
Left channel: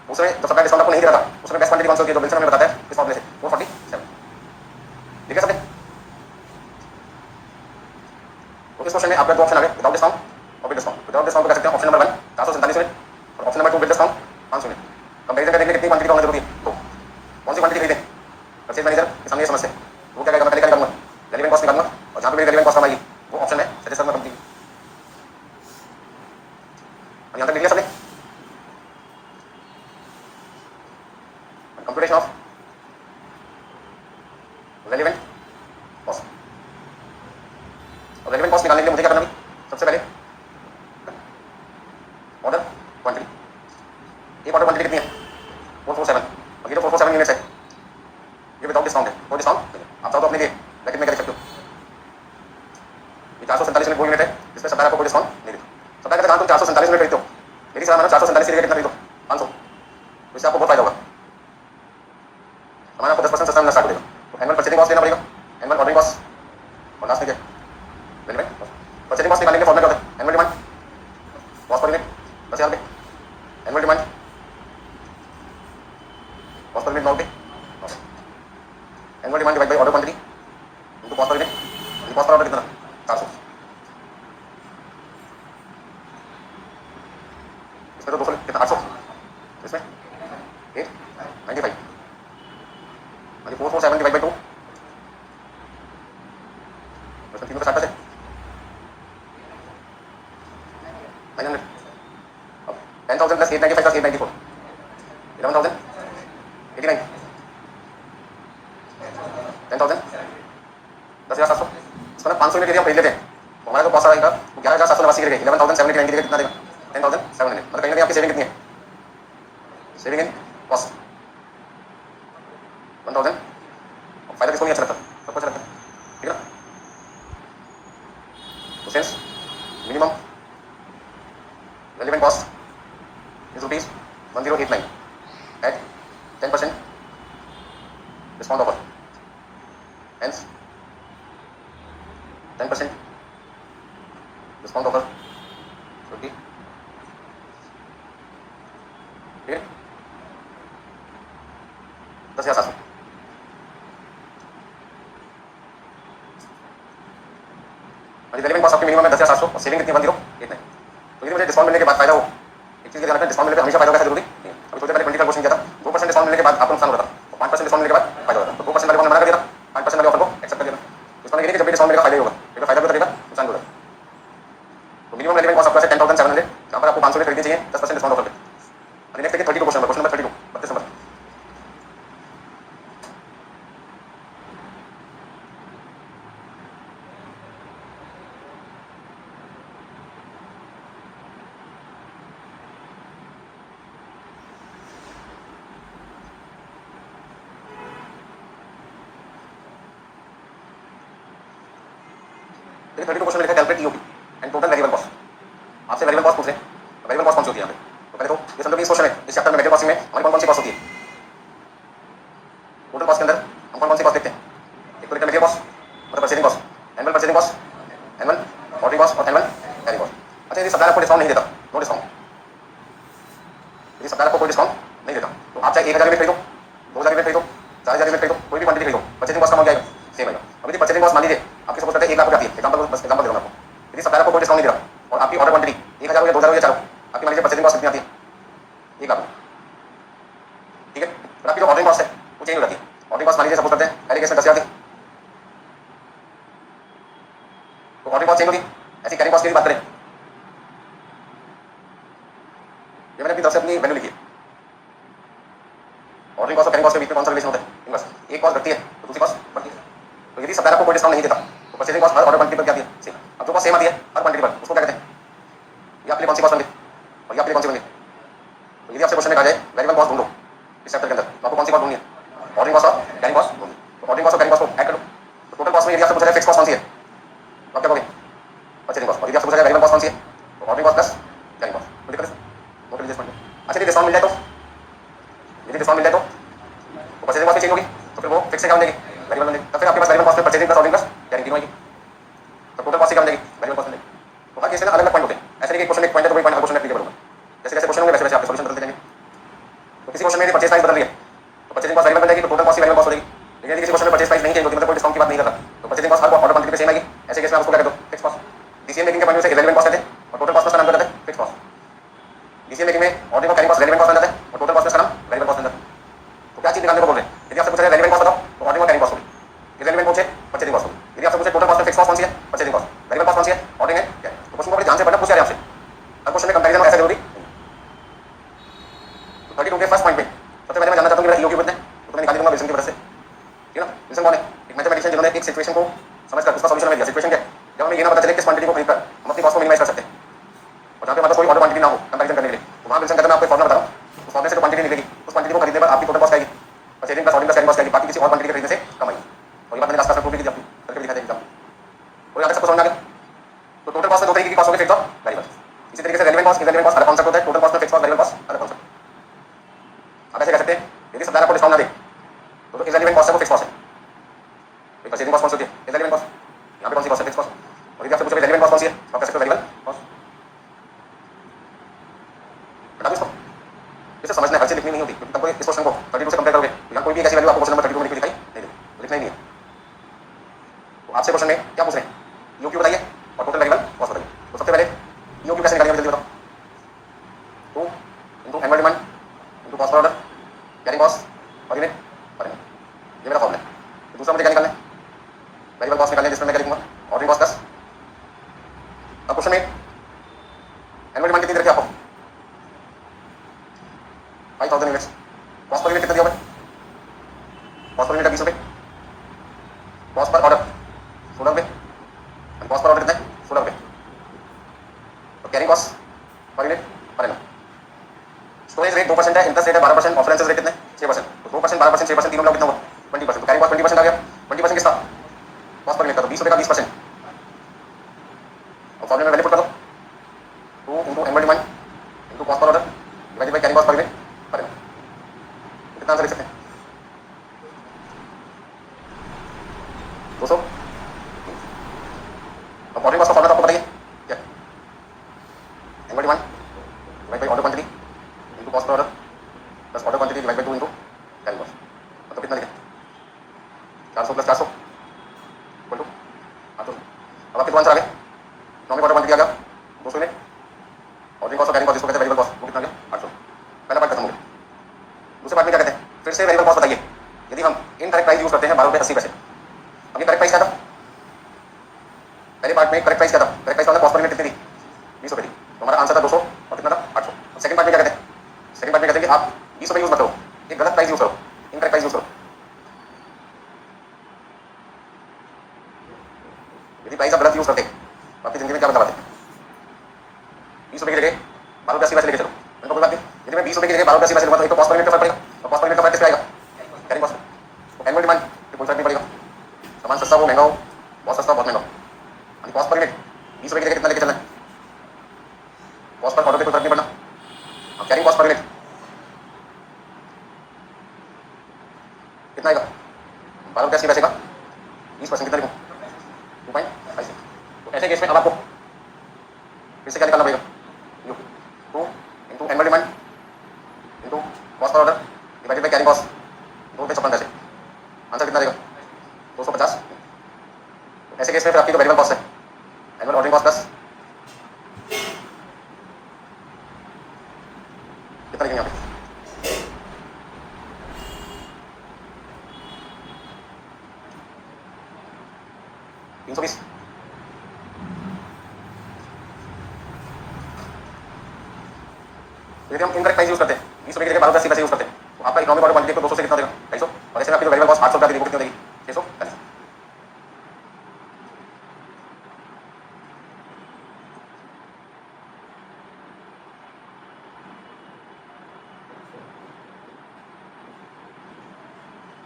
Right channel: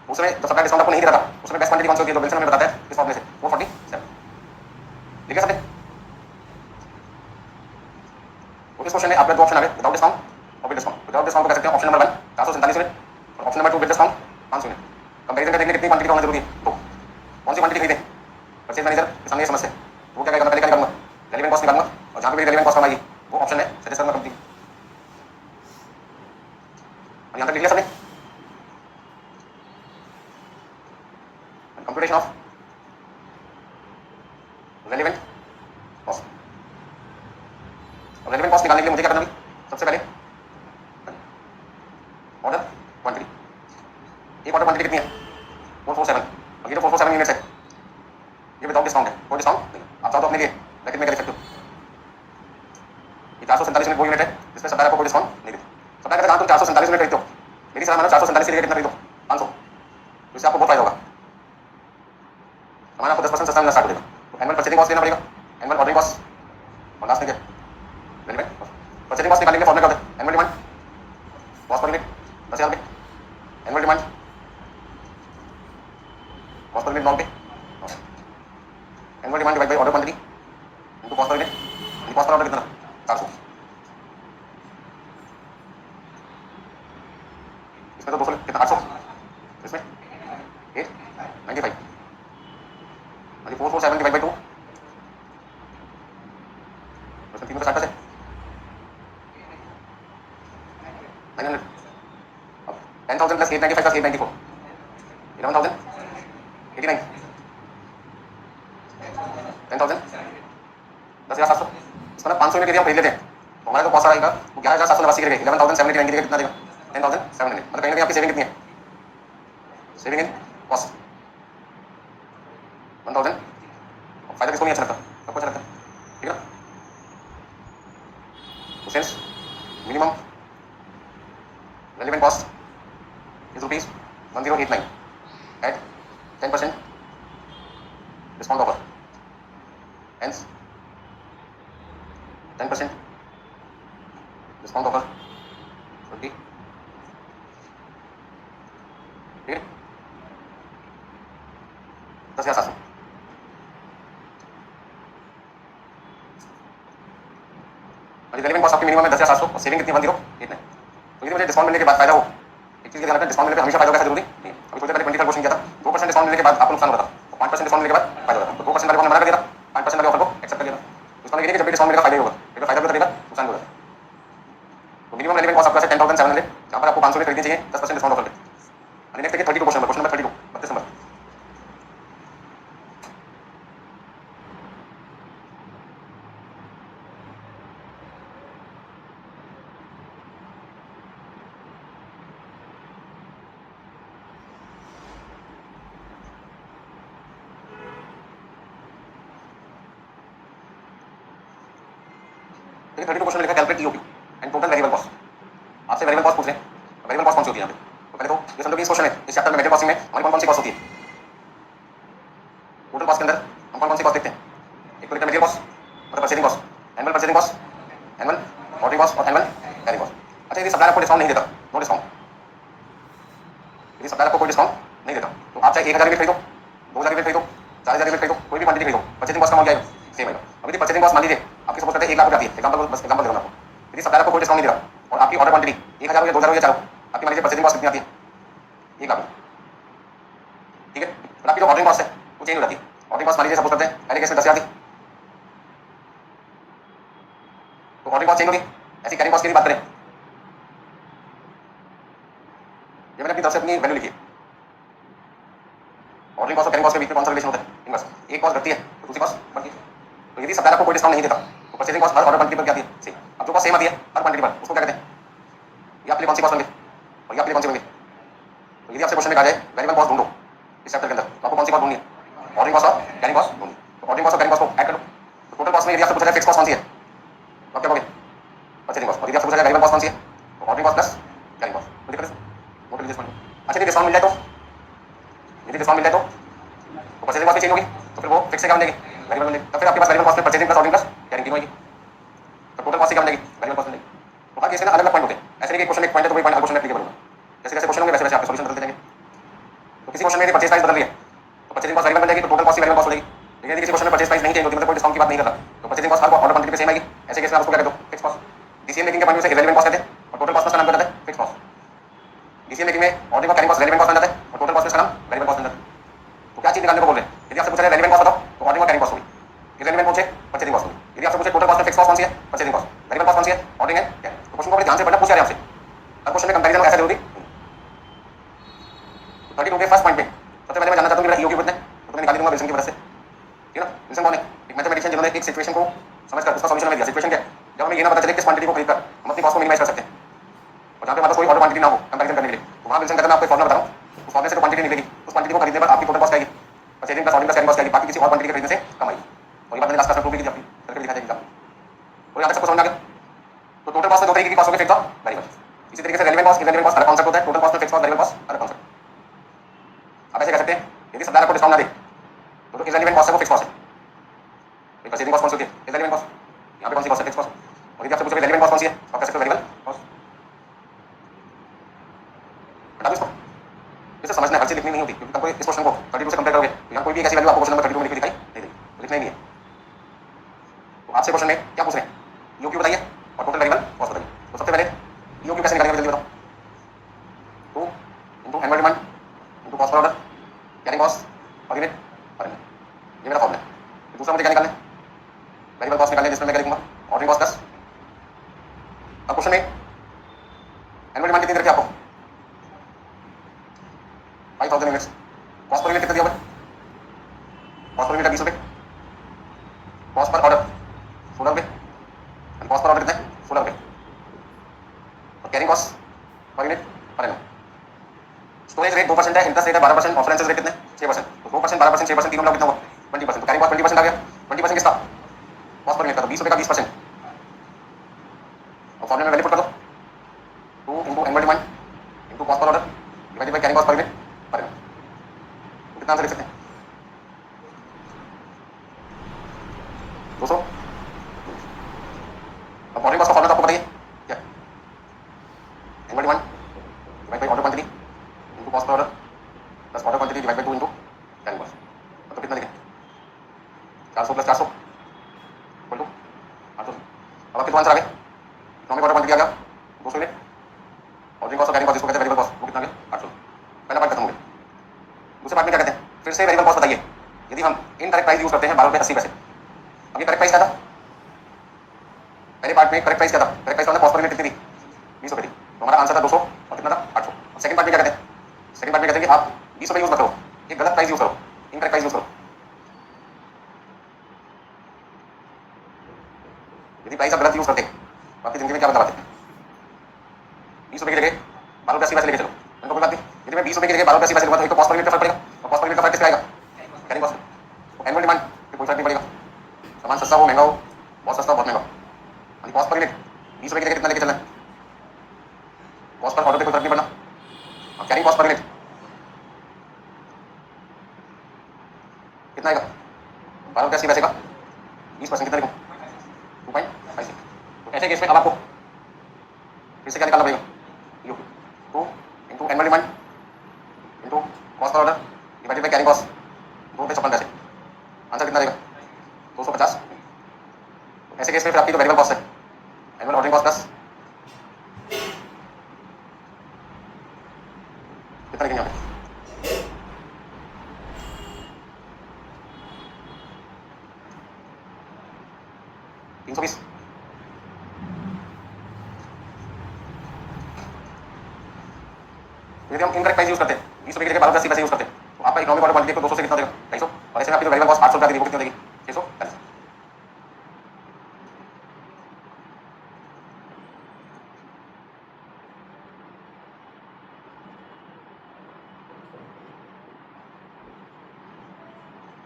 उसमें जो सप्लाई डिस्काउंट आपको नहीं दे रहा था उसमें बेस्ट क्वांटिटी कौन सी होती है? जो विल्सन हमें बताता है डिस्काउंट में से 447। ठीक है सबने? तो इस क्वेश्चन में आपके दो ऑप्शन आ गए, विदाउट डिस्काउंट और विद डिस्काउंट। विदाउट डिस्काउंट को कह सकते हैं ऑप्शन नंबर 1 447 यूनिट, और option number 2 with discount 500 unit. Comparison करने के लिए कितनी क्वांटिटी होना जरूरी है? तो कौन सी क्वांटिटी खरीदें? परचेज मैनेजर के सामने ये समस्या है, वो क्या करेगा? मैं पहले क्या करूँगा? रेलेवेंट कॉस्ट निकालूंगा, और जहाँ पे मेरी रेलेवेंट कॉस्ट आएगी वो ऑप्शन है सजेस्ट करूँगा कंपनी। यहाँ तक लिख लिया सबने? Computation of relevant cost. और रेलेवेंट कॉस्ट निकालने के लिए मुझे क्या करना है? सबसे पहले ऑर्डर क्वांटिटी। एक ऑर्डर क्वांटिटी कितनी है? 447। और ये जो 447 यूनिट्स है ये विदाउट डिस्काउंट है, कोई डिस्काउंट आप चाहो तो अपने लिए ब्रैकेट में क्या लिख सकते हो? ये 447 यूनिट वो यूनिट है जिसमें सप्लायर को कोई डिस्काउंट नहीं देती। सप्लायर का जहाँ तुम 447 यूनिट खरीदते हो, मेरी सलाह मानो 447 की जगह कितना खरीदो? 500। तो इससे आपको बहुत फायदा होगा, हमारा आपको 10% सस्ता मिलना स्टार्ट हो जाएगा। तो एनुअल परचेजिंग कॉस्ट देना पड़ेगा, एनुअल ऑर्डरिंग कॉस्ट, और लास्ट में क्या? Relevant cost. परचेजिंग कॉस्ट निकालने के फॉर्मूला क्या होता है? Annual demand cost per unit 10,000 रुपये, annual demand cost per unit 9 रुपये, annual demand divide by order quantity into cost per unit. Cost per order कितना? 400। 10,000 प्लस 895 प्लस 894 11,089 10,000 10,700 इसको ना 500 यूनिट एरिया खरीद लेते हैं तो हमारा जो कॉस्ट आएगा वो 11,780 के 11,790 कितना देगा 10,700 मतलब कहीं ना कहीं आपकी सेविंग कितनी है सेविंग इन कॉस्ट 1,000 फायदा किसको नहीं अच्छा लगता सबको अच्छा लगता है ठीक है ना तो sense minimum relevant cost is rupees 1089 at 10% discount offer. Hence, 10% discount offer should be ठीक है 10,700 relevant cost आपकी मिनिमम है 10,700 और सेविंग कितनी 1089 तो यदि मुझे डिस्काउंट मिलने के बाद फायदा हो एक चीज ध्यान रखना डिस्काउंट मिलने पे हमेशा फायदा होगा जरूरी नहीं है अभी थोड़ी देर पहले 25% किया था 2% डिस्काउंट मिलने के बाद आपको नुकसान होता था और 5% डिस्काउंट मिलने के बाद फायदा होता तो 2% वाले को मना कर दिया था 5% वाले ऑफर को एक्सेप्ट कर लिया डिस्काउंट लेके जब भी डिस्काउंट मिलेगा फायदा ही होगा फिर फायदा भी रहेगा नुकसान भी होगा तो मिनिमम रेलेवेंट कॉस्ट आपका है 10,700 यहाँ पर आपको 500 खरीदनी चाहिए 10% डिस्काउंट ऑफर पे नेक्स्ट देखिए 32 क्वेश्चन नंबर 32 32 नंबर देखिए 32 क्वेश्चन में लिखा calculate EOP and total variable cost आपसे वेरिएबल कॉस्ट पूछ रहे हैं वेरिएबल कॉस्ट कौन सी होती है यहाँ पे तो पहले तो ये समझो कि इस क्वेश्चन में इस चैप्टर में मेथड कॉस्टिंग में हमारी कौन कौन सी कॉस्ट होती है टोटल कॉस्ट के अंदर हम कौन कौन सी कॉस्ट देखते हैं एक तो रिटर्न मटेरियल कॉस्ट मतलब purchasing cost annual purchasing cost annual ordering cost और एनुअल कैरिंग कॉस्ट अच्छा यदि सप्लायर आपको डिस्काउंट नहीं देता नो डिस्काउंट यदि सप्लायर आपको कोई डिस्काउंट नहीं देता तो आप चाहे 1,000 यूनिट खरीदो 2,000 यूनिट खरीदो 4,000 यूनिट खरीदो कोई भी क्वांटिटी खरीदो परचेजिंग कॉस्ट का अमाउंट क्या है सेम है अभी परचेजिंग कॉस्ट मान लीजिए आपकी सपोज करते हैं 1 लाख रुपये आती है एग्जांपल बस एग्जांपल दे रहा हूं आपको यदि सप्लायर आपको कोई डिस्काउंट नहीं दे रहा और आपकी ऑर्डर क्वांटिटी 1,000 या 2,000 या 4 आपकी मान लीजिए परचेजिंग कॉस्ट कितनी आती है 1 लाख ठीक है और आपकी जो ऑर्डरिंग कॉस्ट है वो चेंज हो जाती है ऑर्डरिंग कॉस्ट मान लीजिए सपोज करते हैं पहले केस में 10,000 थी तो ऑर्डरिंग कॉस्ट चेंज होगी ऐसी कैरिंग कॉस्ट की बात करें ये मैंने अपनी तरफ से अपनी वैल्यू लिखी ऑर्डरिंग कॉस्ट और कैरिंग कॉस्ट के बीच में कौन सा रिलेशन होता है इनवर्स एक कॉस्ट घटती है तो दूसरी कॉस्ट बढ़ती है तो यदि सप्लायर आपको कोई डिस्काउंट नहीं देता तो परचेजिंग कॉस्ट हर ऑर्डर क्वांटिटी पर क्या आती है सेम अब जो कॉस्ट सेम आती है हर क्वांटिटी पर उसको क्या कहते हैं ये आपके लिए कौन सी कॉस्ट होंगे और ये आपके लिए कौन सी होंगे तो यदि आपसे क्वेश्चन में कहा जाए वेरिएबल कॉस्ट ढूंढो इस चैप्टर के अंदर तो आपको कौन सी कॉस्ट ढूंढनी है ऑर्डरिंग कॉस्ट और कैरिंग कॉस्ट ढूंढनी तो ऑर्डरिंग कॉस्ट और कैरिंग कॉस्ट को ऐड करो तो टोटल कॉस्ट में यदि आपसे पूछा जाए फिक्स कॉस्ट कौन सी है तो आप क्या कहोगे परचेजिंग कॉस्ट और यदि आपसे पूछा जाए वेरिएबल कॉस्ट कौन सी है तो ordering cost plus carrying cost तो दिक्कत है नोट लीजिए इसमें अच्छा यदि डिस्काउंट मिल जाए तो यदि डिस्काउंट मिल जाए तो परचेजिंग कॉस्ट चेंज होगी तो फिर वो फिक्स से काम देगी वेरिएबल मिलेगी तो फिर आपके पास वेरिएबल कॉस्ट में purchasing plus ordering plus carrying तीनों आएगी तो टोटल कॉस्ट से काम देगी वेरिएबल कॉस्ट मिलेगी तो हर केस में अलग अलग पॉइंट होते हैं ऐसे नहीं कि क्वेश्चन एक पॉइंट है तो वही पॉइंट हर क्वेश्चन में एप्लीकेबल होगा जैसे जैसे क्वेश्चन होंगे वैसे वैसे आपके सॉल्यूशन बदलते जाएंगे तो किसी क्वेश्चन में परचेज प्राइस बदल रही है तो परचेजिंग कॉस्ट वेरिएबल बन जाएगी तो टोटल कॉस्ट वेरिएबल कॉस्ट हो जाएगी लेकिन यदि किसी क्वेश्चन में परचेज प्राइस नहीं चेंज होती मतलब कोई डिस्काउंट की बात नहीं कर रहा तो परचेजिंग कॉस्ट हर ऑर्डर क्वांटिटी पे सेम आएगी ऐसे केस में आप उसको क्या कहते हो फिक्स कॉस्ट डीसीएम मेकिंग के पॉइंट से इररिलेवेंट कॉस्ट कहते हैं और टोटल कॉस्ट का नाम क्या कहते हैं फिक्स कॉस्ट डीसीएम मेकिंग में ऑर्डरिंग और कैरिंग कॉस्ट रेलेवेंट कॉस्ट बन जाता है और टोटल कॉस्ट का नाम वेरिएबल कॉस्ट बन जाता है तो क्या चीज निकालने को बोल रहे हैं यदि आपसे पूछा जाए रेलेवेंट कॉस्ट बताओ तो ऑर्डरिंग और कैरिंग कॉस्ट होगी इररिलेवेंट पूछे परचेजिंग कॉस्ट होगी यदि आपसे पूछे टोटल कॉस्ट में फिक्स कॉस्ट कौन सी है परचेजिंग कॉस्ट वेरिएबल कॉस्ट कौन सी है ऑर्डरिंग है क्या तो क्वेश्चन को बड़े ध्यान से पढ़ना पूछ रहे हैं आपसे हर क्वेश्चन में कंपैरिजन ऐसा जरूरी तो 32 के फर्स्ट पॉइंट में सबसे पहले मैं जानना चाहता हूं कि मेरा ईओक्यू कितना है तो मैं निकाल दूंगा विल्सन की वजह से ठीक है ना विल्सन कौन है एक मैथमेटिशियन जिन्होंने एक सिचुएशन को समझकर उसका सॉल्यूशन दिया सिचुएशन क्या है जब हमें ये ना पता चले किस क्वांटिटी को खरीदकर हम अपनी कॉस्ट को मिनिमाइज कर सकते हैं और जहाँ पे हमारे कोई ऑर्डर क्वांटिटी ना हो कंपैरिजन करने के लिए तो वहाँ विल्सन कहता है मैं आपको एक फॉर्मूला बता रहा हूँ उस फॉर्मूले से जो क्वांटिटी मिलेगी उस क्वांटिटी को खरीदने पर आपकी टोटल कॉस्ट आएगी purchasing plus ordering plus carrying cost आएगी बाकी किसी और क्वांटिटी के खरीदने से कम आएगी और ये बात मैंने लास्ट क्लास में प्रूव भी की आपको करके दिखा देगा और यहाँ तक सबको समझ आ गया तो टोटल कॉस्ट में दो तरीके की कॉस्ट होगी फिक्स और वेरिएबल इसी तरीके से रेलेवेंट कॉस्ट इररिलेवेंट कॉस्ट अलग कॉन्सेप्ट होता है टोटल कॉस्ट में फिक्स और वेरिएबल कॉस्ट अलग कॉन्सेप्ट आप ऐसे कह सकते हैं यदि सप्लायर आपको डिस्काउंट ना दे तो इररिलेवेंट कॉस्ट है वो फिक्स कॉस्ट है ये परचेजिंग कॉस्ट कौन सी होती है इररिलेवेंट कॉस्ट यहाँ पे कौन सी कॉस्ट है फिक्स कॉस्ट और यदि आपसे पूछे रेलेवेंट कॉस्ट कौन सी है तो आप कह सकते हो वेरिएबल कॉस्ट बता दो इसको इसे समझना है हर चीज लिखनी नहीं होती क्योंकि तुमको इस क्वेश्चन को 32 से कंपेयर करोगे यहाँ कोई भी ऐसी वैल्यू आपको क्वेश्चन नंबर 32 में लिखी दिखाई नहीं देगी लिखना ही नहीं है तो आपसे क्वेश्चन में क्या पूछ रहे हैं ईओक्यू बताइए और टोटल वेरिएबल कॉस्ट बताइए तो सबसे पहले ईओक्यू कैसे निकालेंगे जल्दी बताओ 2 into annual demand into cost per order carrying cost और यूनिट पर ये मेरा फॉर्मूला है दूसरा मुझे क्या निकालना है वेरिएबल कॉस्ट निकालने जिसमें मैं क्या लिखूंगा ऑर्डरिंग कॉस्ट प्लस अब क्वेश्चन में एनुअल डिमांड कितनी रखी आपको कॉस्ट पर ऑर्डर कितना है 16 रुपये और carrying cost per unit per annum. Storage rate 2% है, इंटरेस्ट रेट है 12%, ऑफरेंसेस रेट कितने 6%, तो 2% 12% 6% तीनों कितना हुआ 20%, तो कैरिंग कॉस्ट 20% आ गया। 20% किसका कॉस्ट पर यूनिट का, तो 20 रुपये का 20% और फॉर्मूला में वैल्यू पुट कर दो 2 into annual demand into cost per order divided by carrying cost per unit per annum. कितना आंसर लिख सकते हैं 200। अब ऑर्डर कॉस्ट का फॉर्मूला आपको बताइए क्या, annual demand divide by order quantity into cost per order plus order quantity divide by 2 into carrying cost, मतलब कितना लिखें 400 प्लस 400 इक्वल टू 800। अब आपके आंसर आ गया, इकोनॉमिक ऑर्डर क्वांटिटी आ गया 200 यूनिट, ऑर्डरिंग कॉस्ट और कैरिंग कॉस्ट जिसको कहते हैं वेरिएबल कॉस्ट, वो कितना आ गया 800। पहला पार्ट खत्म हो गया। दूसरे पार्ट में क्या कहते हैं, फिर से वेरिएबल कॉस्ट बताइए। यदि हम इनकरेक्ट प्राइस यूज करते हैं 12 रुपये 80 पैसे, अब ये करेक्ट प्राइस क्या था, पहले पार्ट में करेक्ट प्राइस क्या था, correct price cost per unit कितनी थी 20 रुपये थी, तो हमारा आंसर था 200 और कितना था 800। सेकंड पार्ट में क्या कहते हैं, सेकंड पार्ट में कहते हैं कि आप 20 रुपये यूज मत करो, एक गलत प्राइस यूज करो, इनकरेक्ट प्राइस यूज करो। यदि प्राइस आप गलत यूज करते तो आपकी जिंदगी में क्या बदलाव आते, 20 रुपये की जगह 12 रुपये 80 पैसे लेके चलो, इनको कोई बात नहीं। यदि मैं 20 रुपये की जगह 12 रुपये 80 पैसे लूंगा तो एक तो कॉस्ट पर यूनिट का फर्क पड़ेगा, और कॉस्ट पर यूनिट का फर्क किसका आएगा कैरिंग कॉस्ट, तो एनुअल डिमांड कोई फर्क नहीं पड़ेगा, सामान सस्ता हो महंगा हो, बहुत सस्ता हो बहुत महंगा हो, यानी कॉस्ट पर यूनिट 20 रुपये की जगह कितना लेके चलना है, कॉस्ट पर ऑर्डर पे कोई फर्क नहीं पड़ना, और कैरिंग कॉस्ट पर यूनिट कितना आएगा 12 रुपये 80 पैसे का 20% कितना लिखूँ 2.5। तो ऐसे केस में अब आपको फिर से क्या निकालना पड़ेगा, you 2 into annual demand into cost per order divided by carrying cost 2 रुपये 56 पैसे, आंसर कितना रहेगा 250। तो ऐसे केस में फिर आपकी जो वेरिएबल कॉस्ट है एनुअल ऑर्डरिंग कॉस्ट प्लस कितना लिखेंगे यहाँ पे 320। यदि हम इनकरेक्ट प्राइस यूज करते हैं 20 रुपये की जगह 12 रुपये 80 पैसे यूज करते हैं तो आपका इकोनॉमिक ऑर्डर क्वांटिटी को 200 से कितना देगा 250, और ऐसे में आपकी जो वेरिएबल कॉस्ट 800 रुपये वो कितनी देगी 650।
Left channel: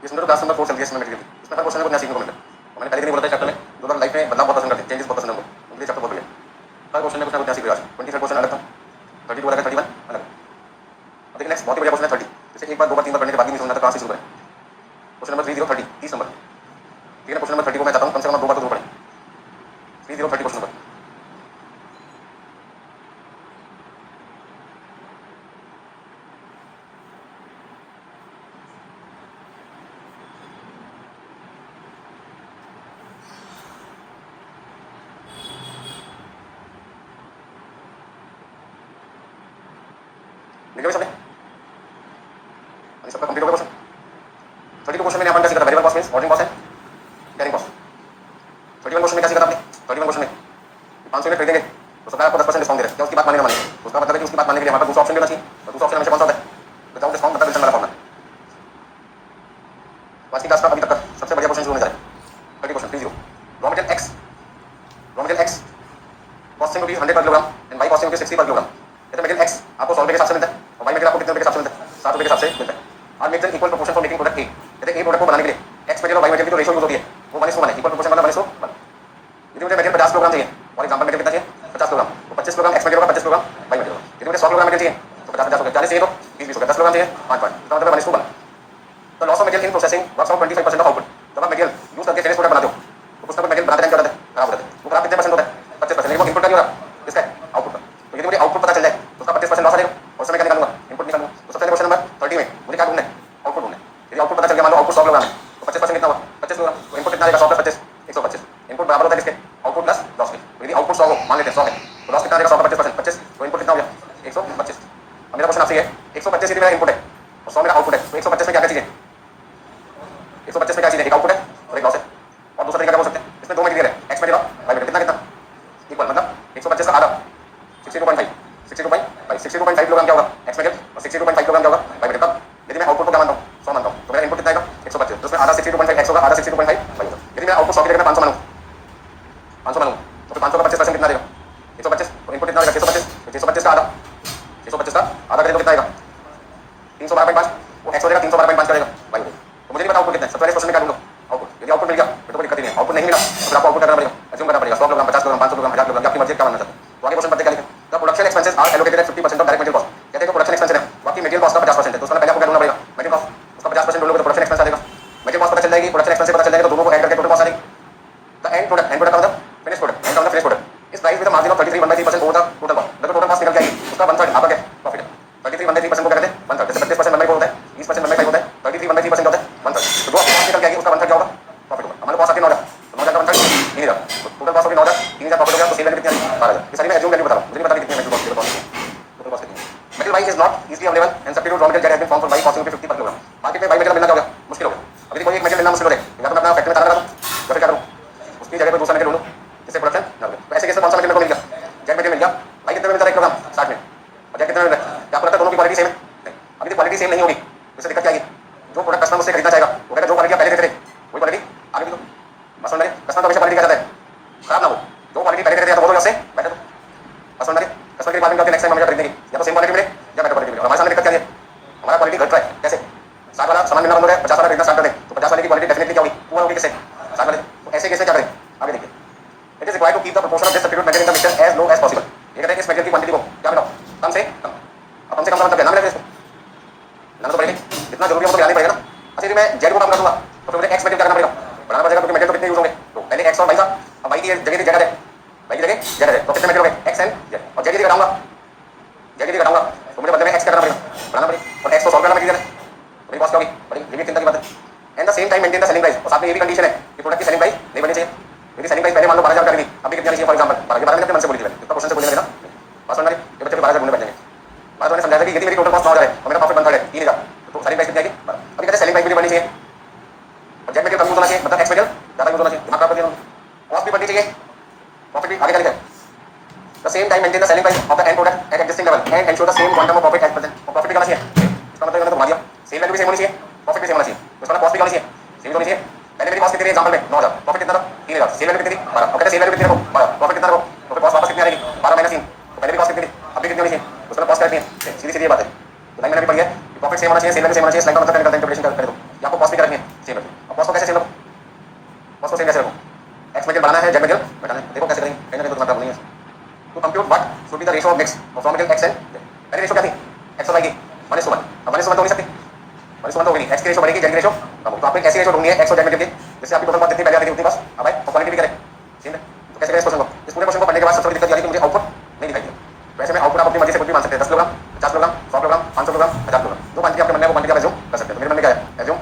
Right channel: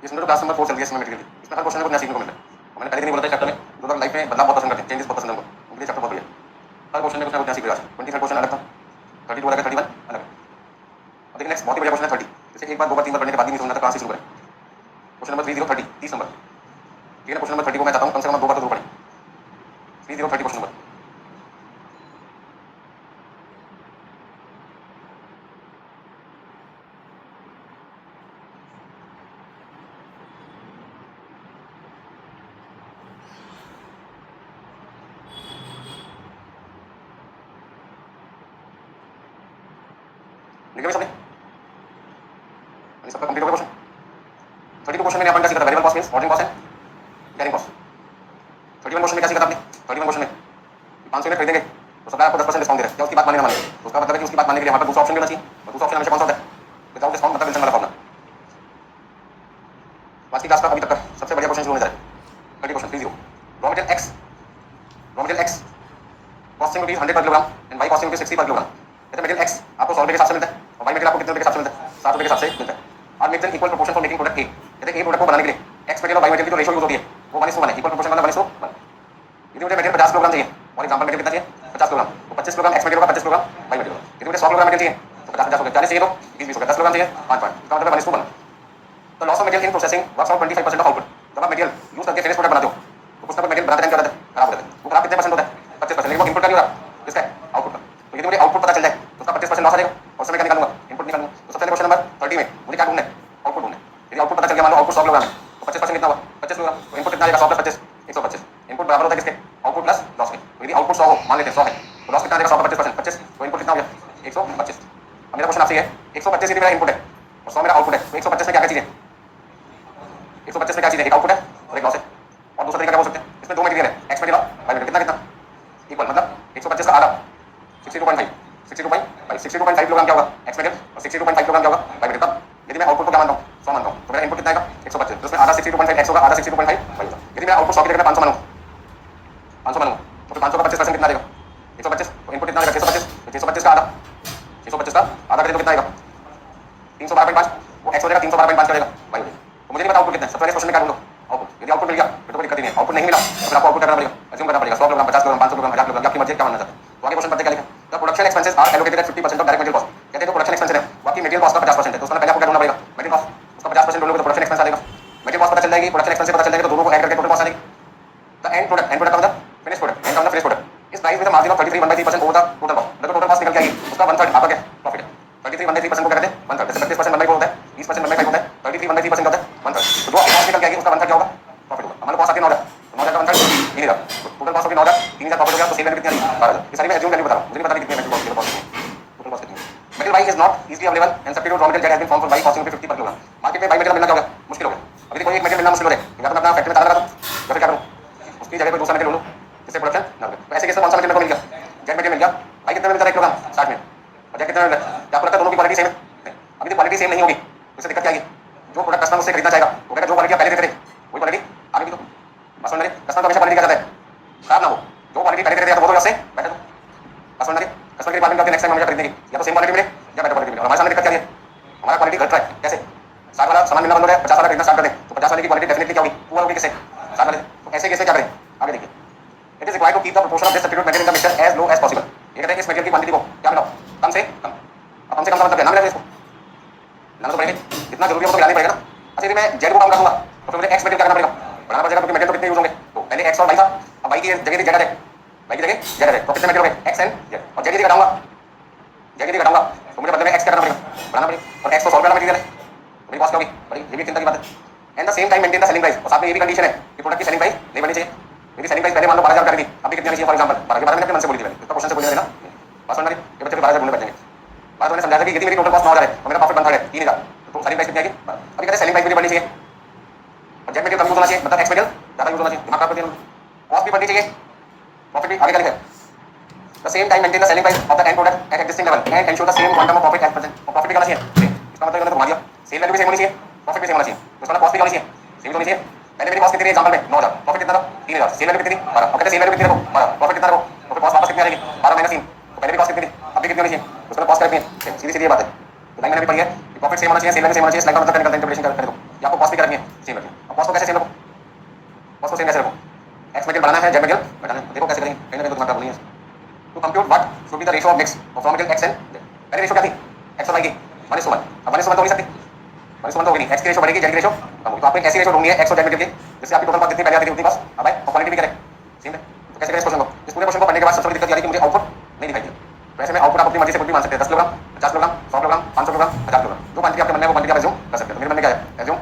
ये समझो क्लास नंबर 4 चल रही है इसमें मेटेरियल, इसमें हर क्वेश्चन में कुछ नया सीखने को मिलता है, और मैंने पहले दिन ही बोला था चैप्टर में जो लोग लाइफ में बदलाव बहुत पसंद करते हैं, चेंजेस बहुत पसंद है उनको, उनके चैप्टर बहुत बढ़िया, हर क्वेश्चन में कुछ ना कुछ नया सीख रहा है। 23 क्वेश्चन अलग था, 32 अलग है, 31 अलग है। अब देखिए नेक्स्ट बहुत ही बढ़िया क्वेश्चन है 30, इसे एक बार 2 बार 3 बार पढ़ने के बाद ही नहीं समझना, तो कहाँ से शुरू करें। क्वेश्चन नंबर 30 30 30 नंबर, ठीक है ना, क्वेश्चन नंबर 30 को मैं चाहता हूँ कम से कम 2 बार तो जरूर पढ़ें। 30 30 क्वेश्चन नंबर, लिखे हुए सबने, सबका कंप्लीट हो गया क्वेश्चन। 32 क्वेश्चन में यहाँ पर क्या सीखा था, variable cost means ordering cost है कैरिंग कॉस्ट। 31 क्वेश्चन में क्या सीखा था आपने, 31 क्वेश्चन में 500 यूनिट खरीदेंगे तो सरकार आपको 10% डिस्काउंट दे रहा है, क्या उसकी बात माने ना माने, तो उसका मतलब है कि उसकी बात मानने के लिए हमारे पास दूसरा ऑप्शन देना चाहिए, और दूसरा ऑप्शन हमेशा कौन सा होता है विदाउट डिस्काउंट, मतलब रिटर्न वाला फॉर्मूला। आज की क्लास का अभी तक का सबसे बढ़िया क्वेश्चन शुरू होने जा रहा है 30 question 30। Raw material X costing rupees 100 per kilogram and Y costing rupees 60 per kilogram, कहते हैं मटेरियल एक्स आपको 100 रुपये के हिसाब से मिलता है और वाई मटेरियल आपको कितने रुपये के हिसाब से मिलता है 7 रुपये के हिसाब से मिलता है। आज make equal proportion for making product ए, कहते हैं ए प्रोडक्ट को बनाने के लिए एक्स मटेरियल और वाई मटेरियल की जो रेशियो यूज होती है वो 1:1 है, इक्वल प्रोपोर्शन वाला 1:1। यदि मुझे मटेरियल 50 किलोग्राम चाहिए, फॉर एग्जांपल मटेरियल कितना चाहिए 50 किलोग्राम, तो 25 किलोग्राम एक्स मटेरियल होगा 25 किलोग्राम वाई मटेरियल होगा। यदि मुझे 100 किलोग्राम मटेरियल चाहिए तो 50 50 हो गया, 40 चाहिए तो 20 20 हो गया, 10 किलोग्राम चाहिए 5 5, इसका मतलब 1:2 बना। तो loss of material in processing works out 25% of output. जब आप मटेरियल यूज करके फिनिश प्रोडक्ट बनाते हो तो कुछ ना कुछ मटेरियल बनाते टाइम क्या होता है खराब हो जाता है, वो खराब कितने परसेंट होता है 25%, लेकिन वो इनपुट का नहीं हो रहा, किसका है आउटपुट का। तो यदि मुझे आउटपुट पता चल जाए तो उसका 25% लॉस आ जाएगा, और समय क्या निकालूंगा इनपुट निकालूंगा। तो सबसे पहले क्वेश्चन नंबर 30 में मुझे क्या ढूंढना है आउटपुट ढूंढना है। यदि आउटपुट पता चल गया, मान लो आउटपुट 100 किलोग्राम है तो 25% कितना हुआ 25 किलोग्राम, तो इनपुट कितना आएगा 100 प्लस 25 125। इनपुट बराबर होता है किसके आउटपुट प्लस लॉस के। तो यदि आउटपुट 100 हो, मान लेते हैं 100 है तो लॉस कितना आएगा 100 का 25%, 25, तो इनपुट कितना हो गया 125। अब मेरा क्वेश्चन आपसे है 125 यदि मेरा इनपुट है और 100 मेरा आउटपुट है, तो 125 में क्या क्या चीजें 125 में क्या चीजें, एक आउटपुट है और एक लॉस है। और दूसरा तरीका क्या बोल सकते हैं, इसमें दो मटेरियल है एक्स मटेरियल और वाई मटेरियल, कितना इक्वल, मतलब 125 का आधा 62.5 62.5 किलोग्राम क्या होगा एक्स मटेरियल और 62.5 किलोग्राम क्या होगा वाई मटेरियल। तब यदि मैं आउटपुट को क्या मानता हूँ 100 मानता हूँ तो मेरा इनपुट कितना आएगा 125, तो उसमें आधा 62.5 एक्स होगा, आधा 62.5 वाई होगा। यदि मैं आउटपुट 100 की जगह 500 मानूँ 500 मानूँ तो 500 का 25% कितना रहेगा 125, तो इनपुट कितना रहेगा 625, तो 625 का आधा 625 का आधा करें तो कितना आएगा 312.5, वो एक्स हो जाएगा 312.5 करेगा वाई हो जाएगा। तो मुझे नहीं पता आउटपुट कितना है, सबसे पहले क्वेश्चन में क्या ढूंढो आउटपुट, यदि आउटपुट मिल गया फिर तो कोई दिक्कत ही नहीं है, आउटपुट नहीं मिला तो फिर आपको आउटपुट करना पड़ेगा, एज्यूम करना पड़ेगा 100 किलोग्राम 50 किलोग्राम 500 किलोग्राम 1000 किलोग्राम आपकी मर्जी क्या मानना चाहते हैं। तो आगे क्वेश्चन पढ़ते क्या लिखा, the production expenses are allocated at 50% of direct material cost, कहते हैं तो प्रोडक्शन एक्सपेंस है बाकी मटेरियल कॉस्ट का 50% है, तो उसका पहले आपको क्या ढूंढना पड़ेगा मटेरियल कॉस्ट, उसका 50% ढूंढोगे तो प्रोडक्शन एक्सपेंस आ जाएगा, मटेरियल कॉस्ट पता चल जाएगी, प्रोडक्शन एक्सपेंस पता चल जाएगा, तो दोनों को ऐड करके टोटल कॉस्ट आ जाएगी। द एंड प्रोडक्ट का मतलब फिनिश प्रोडक्ट, एंड का मतलब फिनिश प्रोडक्ट इस price with margin of 33.3% over the total cost, देखो टोटल कॉस्ट निकल गया उसका 1/3 आपका क्या प्रॉफिट है, 33.3% को क्या कहते हैं 1/3, जैसे 25% बनने को होता है 20% बनने का होता है 33.3% होता है 1/3, तो जो कॉस्ट निकल गया उसका 1/3 क्या होगा प्रॉफिट होगा। हमारे पास आके 9,000 तो 9,000 का 1/3 3,000, टोटल कॉस्ट होगी 9,000 3,000 प्रॉफिट हो गया, तो सेल वैल्यू कितनी आई 12,000। ये सारी मैं एज्यूम वैल्यू बता रहा हूं, मुझे नहीं पता कितनी वैल्यू कॉस्ट टोटल कॉस्ट कितनी है। Material Y is not easily available and substitute raw material has been found for by costing 50 per kilogram, market में बाई मटेरियल मिलना क्या हो गया मुश्किल हो गया, अभी कोई एक मटेरियल मिलना मुश्किल हो गया, या तो मैं अपना फैक्ट्री में ताला लगा दूं या फिर क्या करूं उसकी जगह पे दूसरा मटेरियल ढूंढूं जिससे प्रोडक्शन ना हो। तो ऐसे केस में कौन सा मटेरियल को मिल गया जेड मटेरियल मिल गया, भाई कितने में मिलता है 1 किलोग्राम 60 में, और जेड कितने में मिल रहा है, क्या आपको लगता है दोनों की क्वालिटी सेम है, अभी तो क्वालिटी सेम नहीं होगी उससे दिक्कत क्या आएगी, जो प्रोडक्ट कस्टमर उससे खरीदना चाहेगा वो कहेगा जो क्वालिटी पहले देते थे वही क्वालिटी आगे भी दो, बस समझ रहे कस्टमर हमेशा क्वालिटी क्या चाहता है खराब ना हो, जो क्वालिटी पहले देते थे तो बोलो उससे बेटर दो, बस समझ रहे कस्टमर की रिक्वायरमेंट करके नेक्स्ट टाइम हम खरीदने की या तो सेम क्वालिटी मिले या बेटर क्वालिटी मिले, और हमारे सामने दिक्कत क्या है हमारा क्वालिटी घट रहा है, कैसे 60 वाला सामान मिलना बंद हो रहा है 50 वाला खरीदना स्टार्ट कर दें तो 50 वाले की क्वालिटी डेफिनेटली क्या होगी पूरा होगी कैसे 60 वाले, तो ऐसे कैसे क्या करें आगे देखिए, it is required to keep the proportion of this substitute material in the mixture as low as possible, ये कहते हैं इस मटेरियल की क्वांटिटी को क्या बनाओ कम से कम, अब कम से कम का मतलब क्या नाम लेंगे इसको लाना तो पड़ेगा, इतना जरूरी हो तो लाना पड़ेगा ना। अच्छा यदि मैं जेड को काम कर दूंगा तो फिर मुझे एक्स मटेरियल करना पड़ेगा, बनाना पड़ेगा क्योंकि मटेरियल तो कितने यूज होंगे, तो पहले एक्स और वाई था, अब वाई की जगह जेड है, वाई की जगह जेड है, तो कितने मटेरियल होंगे एक्स एंड जेड, और जेड की घटाऊंगा जेड की घटाऊंगा तो मुझे बदले में एक्स करना पड़ेगा बनाना पड़ेगा, और एक्स को 100 रुपये मटेरियल है मेरी कॉस्ट क्या होगी बड़ी, ये भी चिंता की बात है। And the same time maintain the selling price, और साथ में ये भी कंडीशन है कि प्रोडक्ट की सेलिंग प्राइस नहीं बढ़नी चाहिए, यदि सेलिंग प्राइस पहले मान लो 12,000 कर दी अभी कितनी चाहिए फॉर एग्जांपल 12,000 के मन से बोली थी इतना क्वेश्चन से बोलने देना बस समझ ये बच्चे 12,000 बोलने बैठेंगे, बात मैंने समझा कि यदि मेरी टोटल कॉस्ट 9,000 है और मेरा प्रॉफिट 1/3 है 3,000 तो सेलिंग प्राइस कितनी आएगी, अभी कहते हैं सेलिंग प्राइस भी बढ़नी चाहिए और जेड मटेरियल कम यूज होना चाहिए, मतलब एक्स मटेरियल ज़्यादा यूज होना चाहिए, दिमाग खराब करके कॉस्ट भी बढ़नी चाहिए प्रॉफिट भी आगे का लिखा है। The same time maintain the selling price of the end product at existing level and ensure the same quantum of profit at present, और प्रॉफिट भी करना चाहिए इसका मतलब घुमा दिया सेल वैल्यू भी सेम होनी चाहिए प्रॉफिट भी सेम होना चाहिए, उसका कॉस्ट भी होनी चाहिए सेम होनी चाहिए, पहले मेरी कॉस्ट कितनी है एग्जांपल में 9,000 प्रॉफिट कितना था 3,000, सेल वैल्यू कितनी 12, और कहते हैं सेल वैल्यू कितनी रखो 12 प्रॉफिट कितना रखो तो फिर कॉस्ट वापस कितनी आएगी 12 माइनस 3, तो पहले भी कॉस्ट कितनी थी अभी कितनी होनी चाहिए उसका कॉस्ट कितनी है, सीधी सीधी बात है लाइन मैंने भी पढ़ी है प्रॉफिट सेम होना चाहिए सेल वैल्यू सेम होना चाहिए, लाइन का मतलब करने का इंटरप्रिटेशन कर दो या आपको कॉस्ट भी करनी है सेम रखो, अब कॉस्ट को कैसे सेम रखो कॉस्ट को सेम कैसे रखो एक्स मटेरियल बनाना है जेड मटेरियल बनाना है, देखो कैसे करेंगे कहने तो दिमाग बोलनी है to compute what should be the ratio of mix of raw material X and पहले रेशियो क्या थी एक्स और वाई की 1:1, अब 1:1 तो हो नहीं सकती 1:1 तो होगी नहीं, एक्स की रेशियो बढ़ेगी जेड की रेशियो कम होगी, तो आपको एक ऐसी रेशियो ढूंढनी है एक्स और जेड मटेरियल की जिससे आपकी टोटल कॉस्ट जितनी पहले आती थी उतनी कॉस्ट अब आए और क्वालिटी भी करें ठीक है, तो कैसे करें इस क्वेश्चन को, इस पूरे क्वेश्चन को पढ़ने के बाद सबसे बड़ी दिक्कत ये आ रही कि मुझे आउटपुट नहीं दिखाई दे, तो ऐसे में आउटपुट आप अपनी मर्जी से कुछ भी मान सकते हैं 10 kilogram 50 kilogram 100 kilogram 500 kilogram 1000 kilogram जो क्वांटिटी आपके मन में है वो क्वांटिटी आप एज्यूम कर सकते हैं, तो मेरे मन में क्या है एज्यूम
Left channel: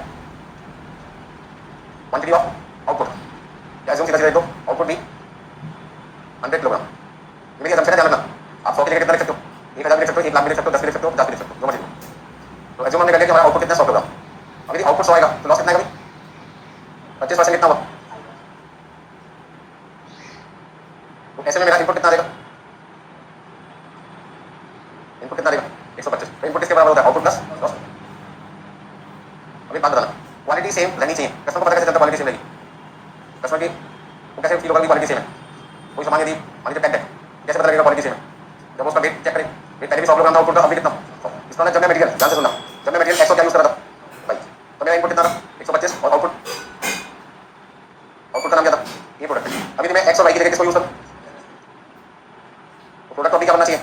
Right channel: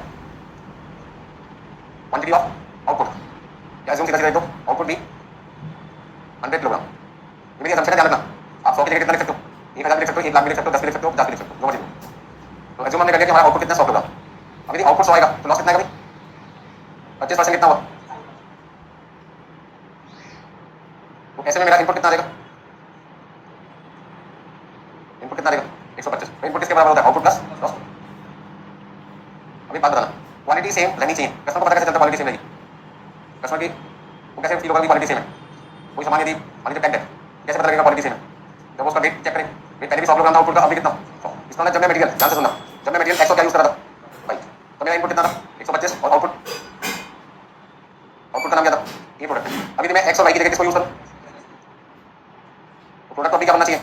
क्वांटिटी ऑफ आउटपुट क्या एज्यूम सीधा सीधा दो आउटपुट भी 100 किलोग्राम, मेरी असम्पशन है ध्यान रखना आप 100 की जगह कितना लिख सकते हो 1,000 भी लिख सकते हो 1 लाख भी लिख सकते हो 10 भी लिख सकते हो 50 भी लिख सकते हो जो मर्जी लो, तो एज्यूम हमने कर लिया कि हमारा आउटपुट कितना 100 किलोग्राम, अब यदि आउटपुट 100 आएगा तो लॉस कितना आएगा 25% कितना हुआ, तो ऐसे में मेरा इनपुट कितना रहेगा इनपुट कितना रहेगा 125, तो इनपुट किसके बराबर होता है आउटपुट प्लस लॉस। अभी बात बताना क्वालिटी सेम रहनी चाहिए, कस्टमर को पता कैसे चलता क्वालिटी सेम रहेगी, कस्टमर की वो कैसे फील होगा कि क्वालिटी सेम है, कोई सामान यदि मान लीजिए पैक है कैसे पता लगेगा क्वालिटी सेम है, जब उसका वेट चेक करें वेट पहले भी 100 किलोग्राम था आउटपुट का अभी कितना, इसका मतलब जब मैं मटेरियल ध्यान से सुनना जब मैं मटेरियल 100 क्या यूज कर रहा था भाई तो मेरा इनपुट कितना था 125 और आउटपुट का नाम क्या था ये प्रोडक्ट, अभी मैं एक्स और वाई की जगह किसको यूज करूं तो प्रोडक्ट तो अभी क्या बनना चाहिए